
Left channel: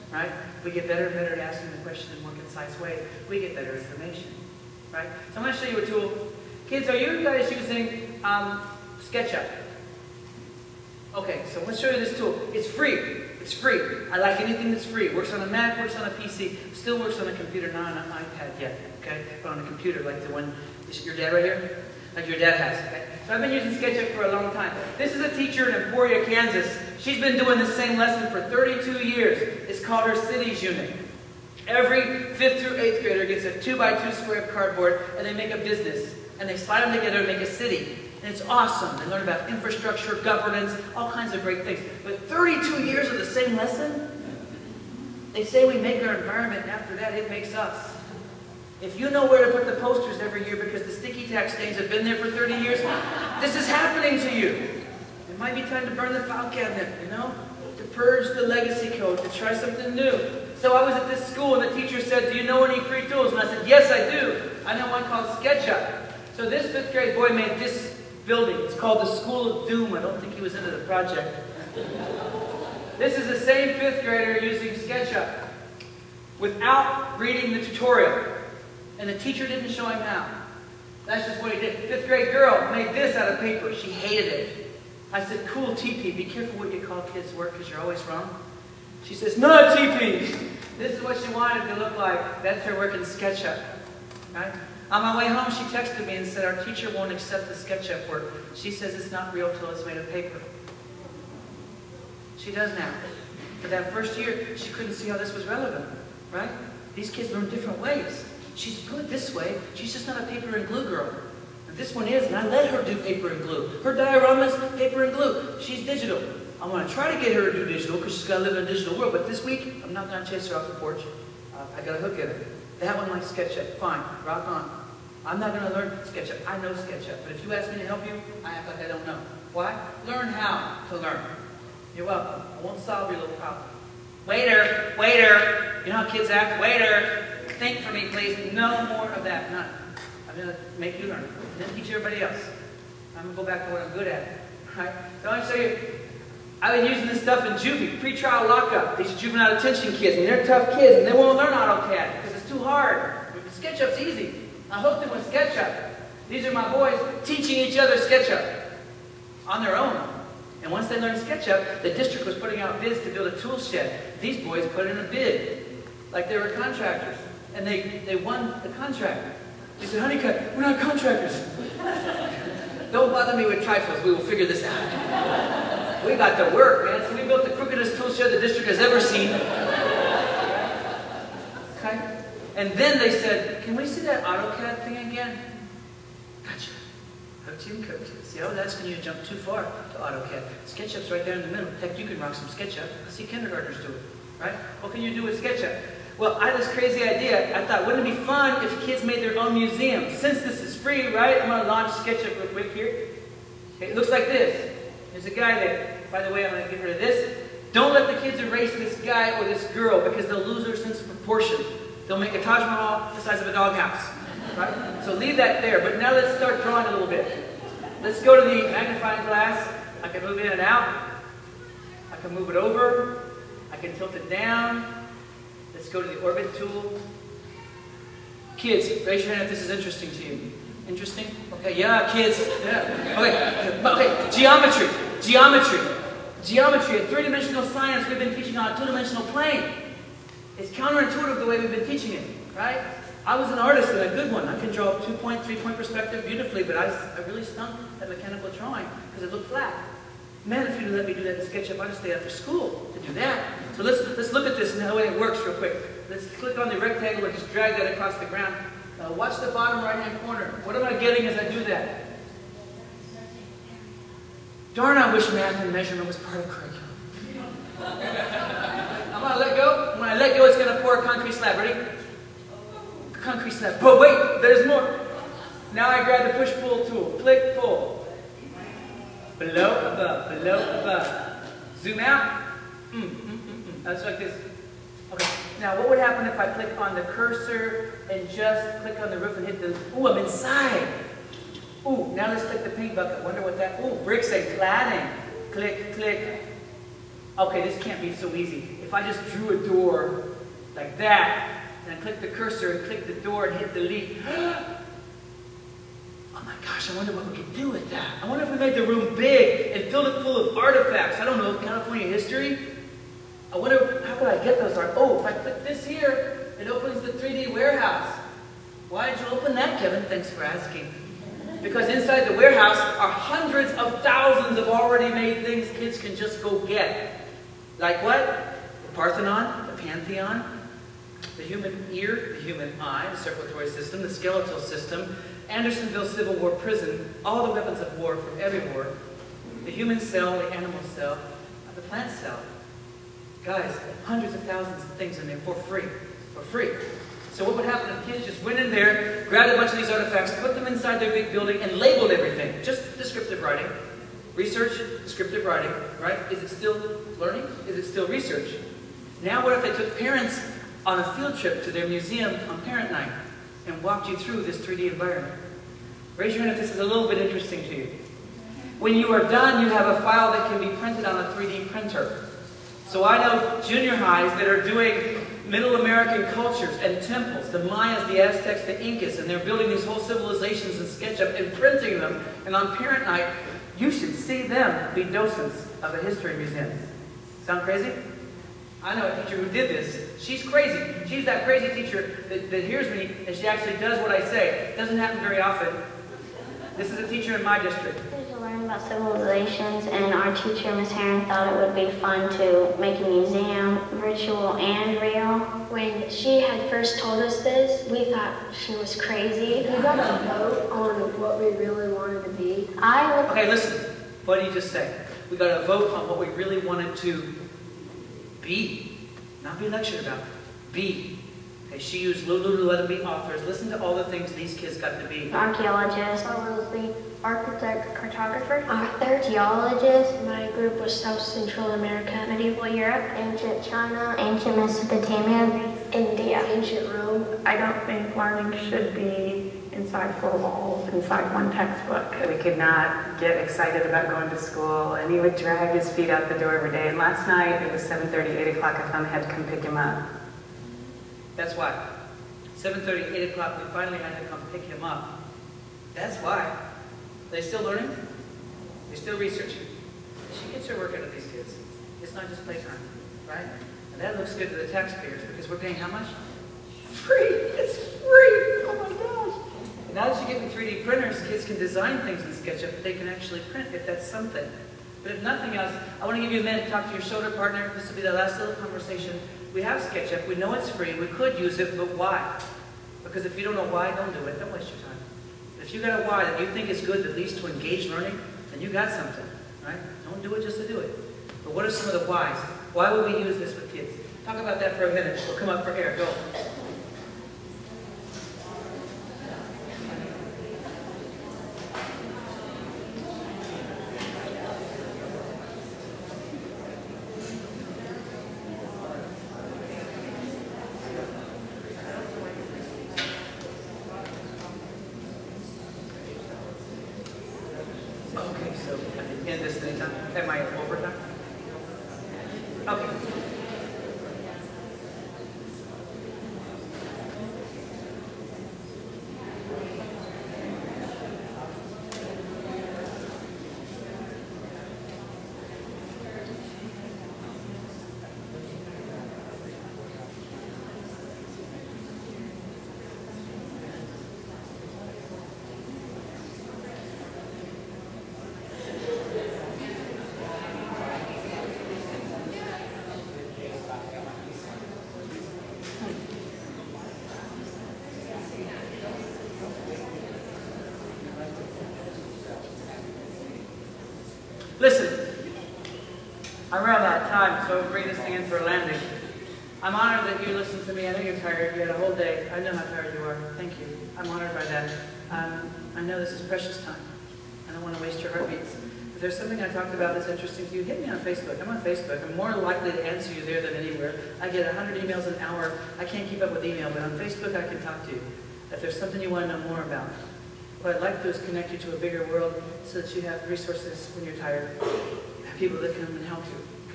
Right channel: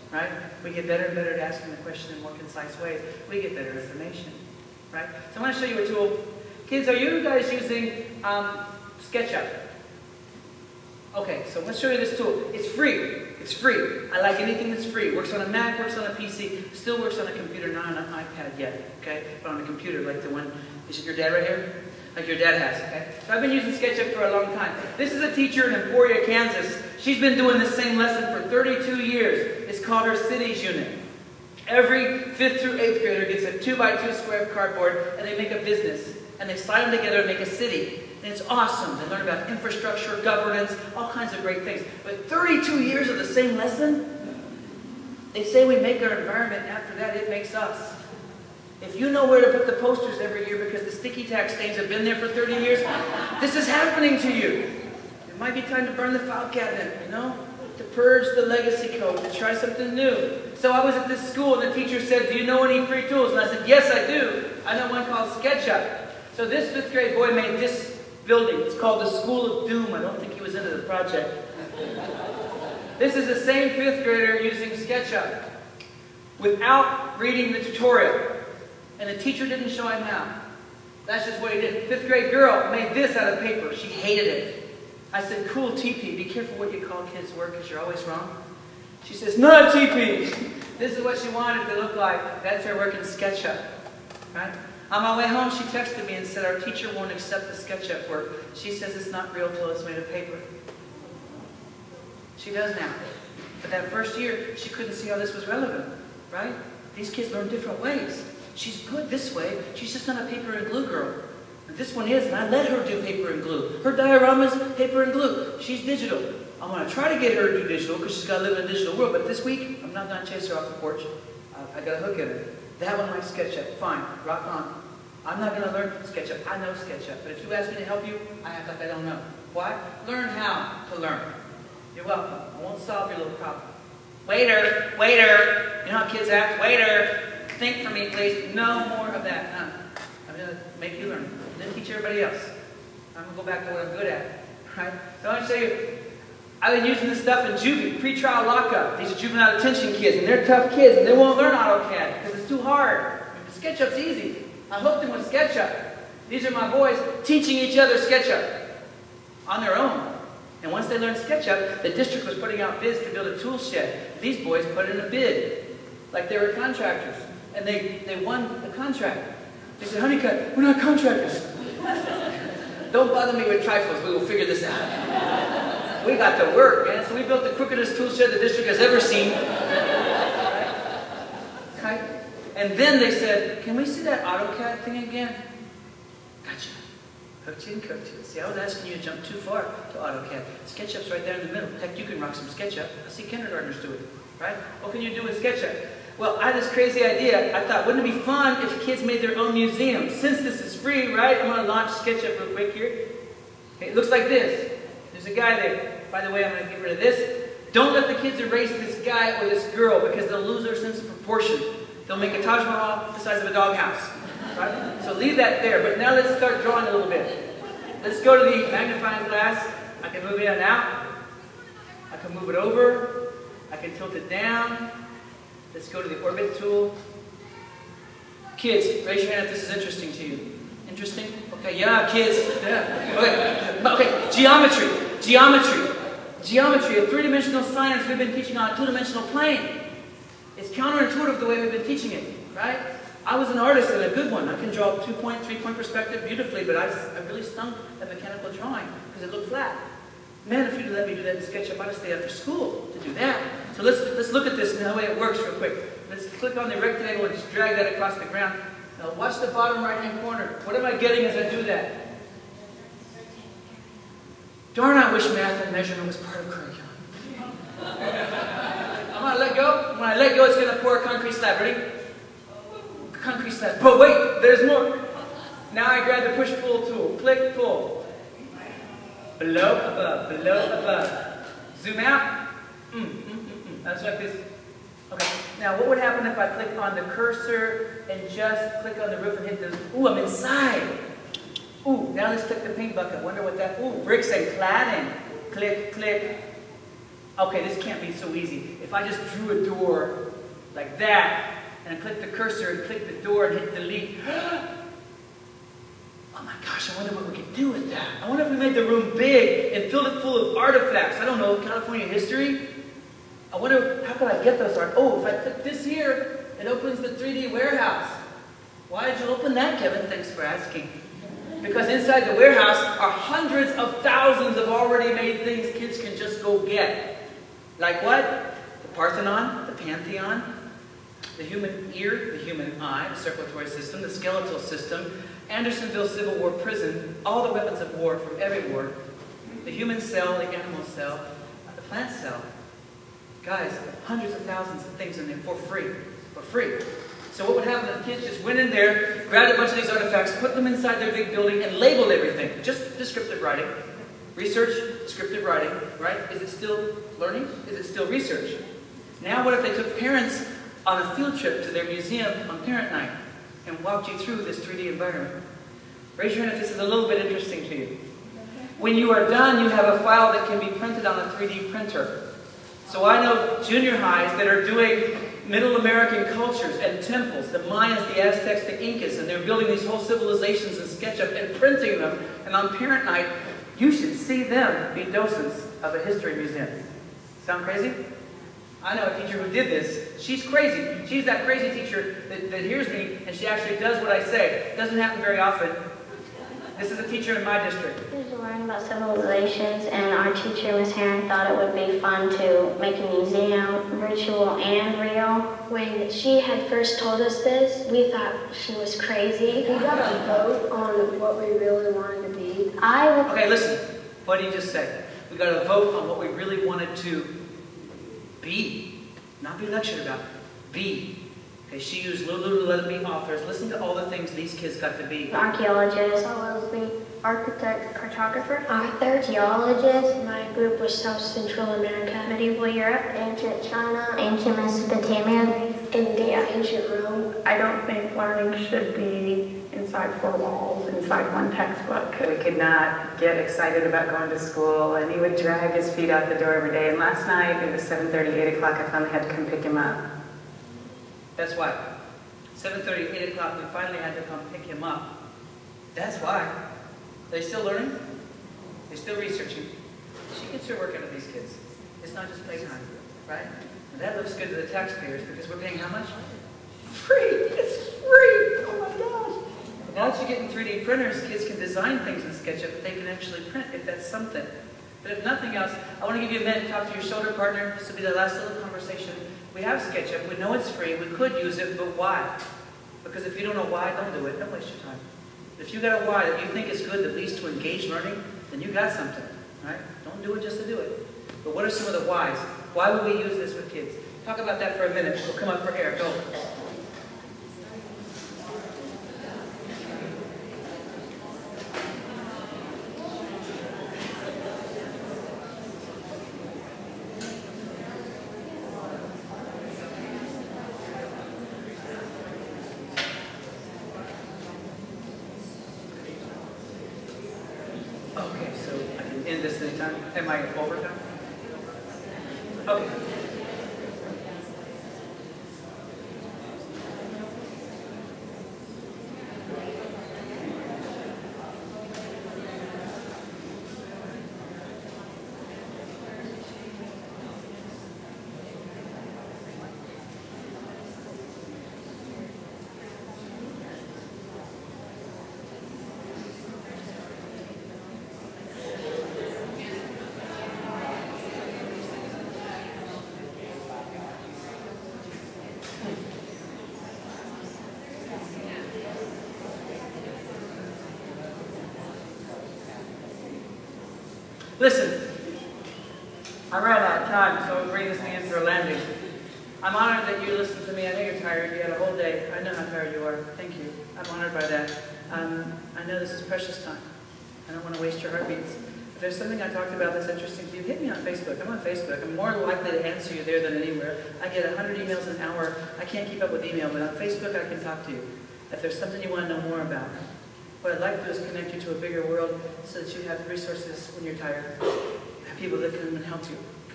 right? We get better and better at asking the question in more concise ways. We get better information, right? So I'm going to show you a tool. Kids, are you guys using SketchUp? Okay, so let's show you this tool. It's free. It's free. I like anything that's free. Works on a Mac, works on a PC, still works on a computer, not on an iPad yet, okay? But on a computer, like the one, is it your dad right here? Like your dad has, okay? So I've been using SketchUp for a long time. This is a teacher in Emporia, Kansas. She's been doing the same lesson for 32 years. It's called her Cities Unit. Every 5th through 8th grader gets a 2x2 square of cardboard, and they make a business. And they slide them together and make a city. And it's awesome. They learn about infrastructure, governance, all kinds of great things. But 32 years of the same lesson? They say we make our environment, and after that, it makes us. If you know where to put the posters every year because the sticky tack stains have been there for 30 years, this is happening to you. It might be time to burn the file cabinet, you know? To purge the legacy code, to try something new. So I was at this school, and the teacher said, do you know any free tools? And I said, yes, I do. I know one called SketchUp. So this 5th grade boy made this building. It's called the School of Doom. I don't think he was into the project. This is the same 5th grader using SketchUp without reading the tutorial. And the teacher didn't show him how. That's just what he did. 5th grade girl made this out of paper. She hated it. I said, cool, TP. Be careful what you call kids' work because you're always wrong. She says, no, TP. This is what she wanted it to look like. That's her work in SketchUp. Right? On my way home, she texted me and said, our teacher won't accept the SketchUp work. She says it's not real till it's made of paper. She does now. But that first year, she couldn't see how this was relevant. Right? These kids learn different ways. She's good this way. She's just not a paper and glue girl. And this one is, and I let her do paper and glue. Her dioramas, paper and glue. She's digital. I'm going to try to get her to do digital because she's got to live in a digital world. But this week, I'm not going to chase her off the porch. I got a hook in her. That one likes SketchUp. Fine. Rock on. I'm not going to learn SketchUp. I know SketchUp. But if you ask me to help you, I act like I don't know. Why? Learn how to learn. You're welcome. I won't solve your little problem. Waiter, waiter. You know how kids act? Waiter. Think for me, please. No more of that. None. I'm going to make you learn. Then teach everybody else. I'm going to go back to what I'm good at. Right? So I'm going to show you. I've been using this stuff in juvie, pretrial lockup. These are juvenile detention kids, and they're tough kids, and they won't learn AutoCAD because it's too hard. SketchUp's easy. I hooked them with SketchUp. These are my boys teaching each other SketchUp on their own. And once they learned SketchUp, the district was putting out bids to build a tool shed. These boys put in a bid, like they were contractors, and they won the contract. They said, Honeycutt, we're not contractors. Don't bother me with trifles. We will figure this out. We got to work, man. So we built the crookedest tool shed the district has ever seen. Okay? And then they said, can we see that AutoCAD thing again? Gotcha. Hooked you and cooked you. See, I was asking you to jump too far to AutoCAD. SketchUp's right there in the middle. Heck, you can rock some SketchUp. I see kindergartners do it. Right? What can you do with SketchUp? Well, I had this crazy idea. I thought, wouldn't it be fun if kids made their own museum? Since this is free, right? I'm going to launch SketchUp real quick here. Okay, it looks like this. There's a guy there. By the way, I'm going to get rid of this. Don't let the kids erase this guy or this girl because they'll lose their sense of proportion. They'll make a Taj Mahal the size of a doghouse. Right? So leave that there. But now let's start drawing a little bit. Let's go to the magnifying glass. I can move it in and out. I can move it over. I can tilt it down. Let's go to the orbit tool. Kids, raise your hand if this is interesting to you. Interesting? Okay, yeah, kids. Yeah. Okay, geometry. Geometry. Geometry, a three-dimensional science we've been teaching on a two-dimensional plane. It's counterintuitive the way we've been teaching it, right? I was an artist and a good one. I can draw a 2-point, 3-point perspective beautifully, but I really stunk at mechanical drawing because it looked flat. Man, if you'd let me do that in SketchUp, I'd stay after school to do that. So let's look at this and the way it works real quick. Let's click on the rectangle and just drag that across the ground. Now watch the bottom right-hand corner. What am I getting as I do that? Darn, I wish math and measurement was part of curriculum. I'm going to let go. When I let go, it's going to pour a concrete slab. Ready? Concrete slab. But wait, there's more. Now I grab the push-pull tool. Click, pull. Below, above, below, above. Zoom out. That's like this. Okay. Now, what would happen if I click on the cursor and just click on the roof and hit the... Ooh, I'm inside. Ooh, now let's click the paint bucket. Wonder what that... Ooh, bricks and cladding. Click, click. Okay, this can't be so easy. If I just drew a door like that, and I clicked the cursor and clicked the door and hit delete, oh my gosh, I wonder what we could do with that. I wonder if we made the room big and filled it full of artifacts. I don't know, California history? I wonder, how could I get those art? Oh, if I click this here, it opens the 3D warehouse. Why did you open that, Kevin? Thanks for asking. Because inside the warehouse are hundreds of thousands of already made things kids can just go get. Like what? The Parthenon, the Pantheon, the human ear, the human eye, the circulatory system, the skeletal system, Andersonville Civil War prison, all the weapons of war from every war, the human cell, the animal cell, the plant cell. Guys, hundreds of thousands of things in there for free. For free. So what would happen if kids just went in there, grabbed a bunch of these artifacts, put them inside their big building, and labeled everything? Just descriptive writing. Research, descriptive writing, right? Is it still learning? Is it still research? Now what if they took parents on a field trip to their museum on parent night and walked you through this 3D environment? Raise your hand if this is a little bit interesting to you. When you are done, you have a file that can be printed on a 3D printer. So I know junior highs that are doing Middle American cultures and temples, the Mayas, the Aztecs, the Incas, and they're building these whole civilizations in SketchUp and printing them, and on parent night, you should see them be docents of a history museum. Sound crazy? I know a teacher who did this. She's crazy. She's that crazy teacher that hears me and she actually does what I say. It doesn't happen very often. This is a teacher in my district. We were learning about civilizations, and our teacher, Miss Heron, thought it would be fun to make a museum, virtual and real. When she had first told us this, we thought she was crazy. We got a vote on what we really wanted to be. Okay, listen. What did you just say? We got a vote on what we really wanted to be. Not be lectured about. Be. Okay, she used Lulu to let them be authors. Listen to all the things these kids got to be. Archaeologist, probably architect, cartographer, Author, geologist. my group was South Central America, Medieval Europe, ancient China, ancient Mesopotamia, India, ancient Rome. I don't think learning should be inside four walls, inside one textbook. We could not get excited about going to school, and he would drag his feet out the door every day. And last night, it was 7:30, 8 o'clock, I finally had to come pick him up. That's why. 7:30, 8 o'clock, we finally had to come pick him up. That's why. They're still learning. They're still researching. She gets her work out of these kids. It's not just playtime, right? And that looks good to the taxpayers because we're paying how much? Free! It's free! Oh my gosh! And now that you're getting 3D printers, kids can design things in SketchUp that they can actually print if that's something. But if nothing else, I want to give you a minute to talk to your shoulder partner. This will be the last little conversation. We have SketchUp. We know it's free. We could use it, but why? Because if you don't know why, don't do it. Don't waste your time. If you got a why that you think is good that leads to engaged learning, then you got something, right? Don't do it just to do it. But what are some of the whys? Why would we use this with kids? Talk about that for a minute. We'll come up for air. Go. Okay, so I can end this in time. Am I over time? Okay. Listen, I'm running out of time, so I'll bring this thing in for a landing. I'm honored that you listened to me. I know you're tired. You had a whole day. I know how tired you are. Thank you. I'm honored by that. I know this is precious time. I don't want to waste your heartbeats. If there's something I talked about that's interesting to you, hit me on Facebook. I'm on Facebook. I'm more likely to answer you there than anywhere. I get 100 emails an hour. I can't keep up with email, but on Facebook I can talk to you. If there's something you want to know more about, what I'd like to do is connect you to a bigger world so that you have resources when you're tired. Have people that come and help you,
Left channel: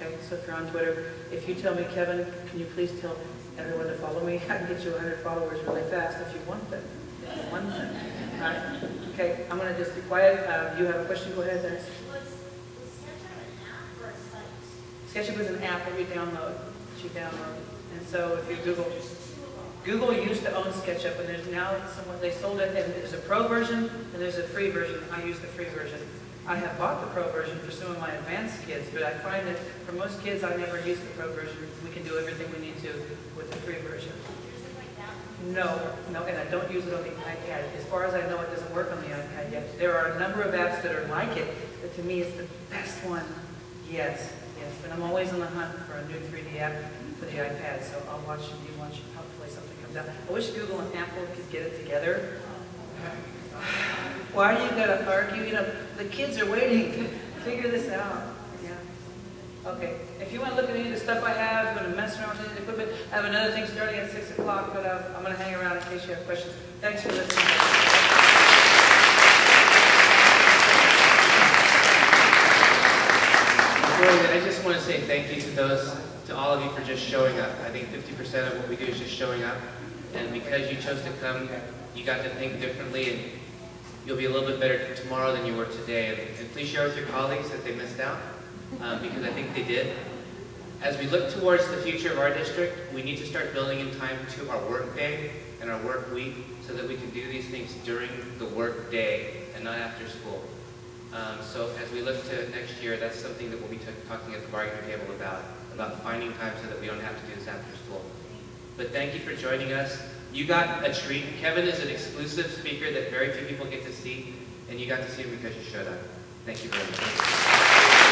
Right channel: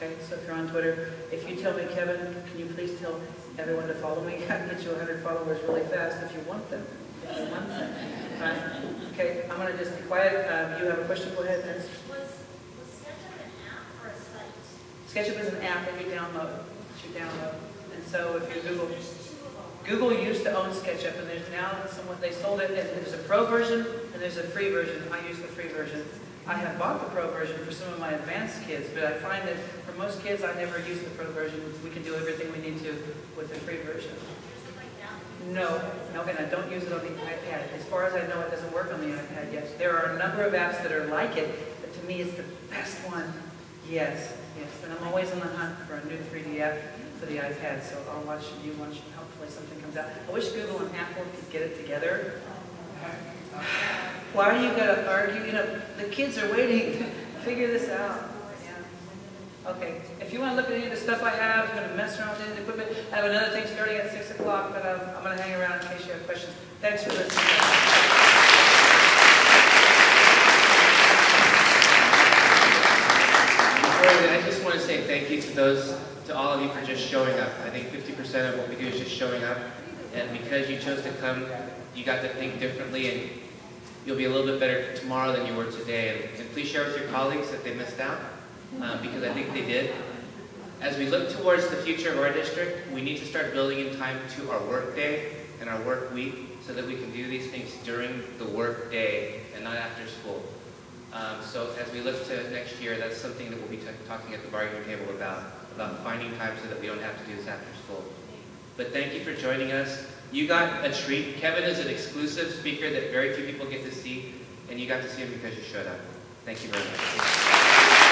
Okay, so if you're on Twitter, if you tell me, Kevin, can you please tell everyone to follow me? I can get you 100 followers really fast if you want them. If you want them. All right? Okay, I'm going to just be quiet. You have a question? Go ahead, Dennis. Was SketchUp an app or a site? SketchUp is an app that you download. And so if you Google used to own SketchUp, and there's now someone, they sold it, and there's a pro version and there's a free version. I use the free version. I have bought the pro version for some of my advanced kids, but I find that for most kids, I never use the pro version. We can do everything we need to with the free version. No, and I don't use it on the iPad. As far as I know, it doesn't work on the iPad yet. There are a number of apps that are like it, but to me, it's the best one. Yes, but I'm always on the hunt for a new 3D app for the iPad, so I'll watch you watch. Hopefully something comes out. I wish Google and Apple could get it together. Why are you going to argue? You know, the kids are waiting to figure this out. Yeah. Okay. If you want to look at any of the stuff I have, if you want to mess around with any of the equipment, I have another thing starting at 6 o'clock, but I'm going to hang around in case you have questions. Thanks for listening. I just want to say thank you to all of you for just showing up. I think 50% of what we do is just showing up. And because you chose to come, you got to think differently, and you'll be a little bit better tomorrow than you were today. And please share with your colleagues that they missed out, because I think they did. As we look towards the future of our district, we need to start building in time to our work day and our work week so that we can do these things during the work day and not after school. So as we look to next year, that's something that we'll be talking at the bargaining table about finding time so that we don't have to do this after school. But thank you for joining us. You got a treat. Kevin is an exclusive speaker that very few people get to see, and you got to see him because you showed up. Thank you very much.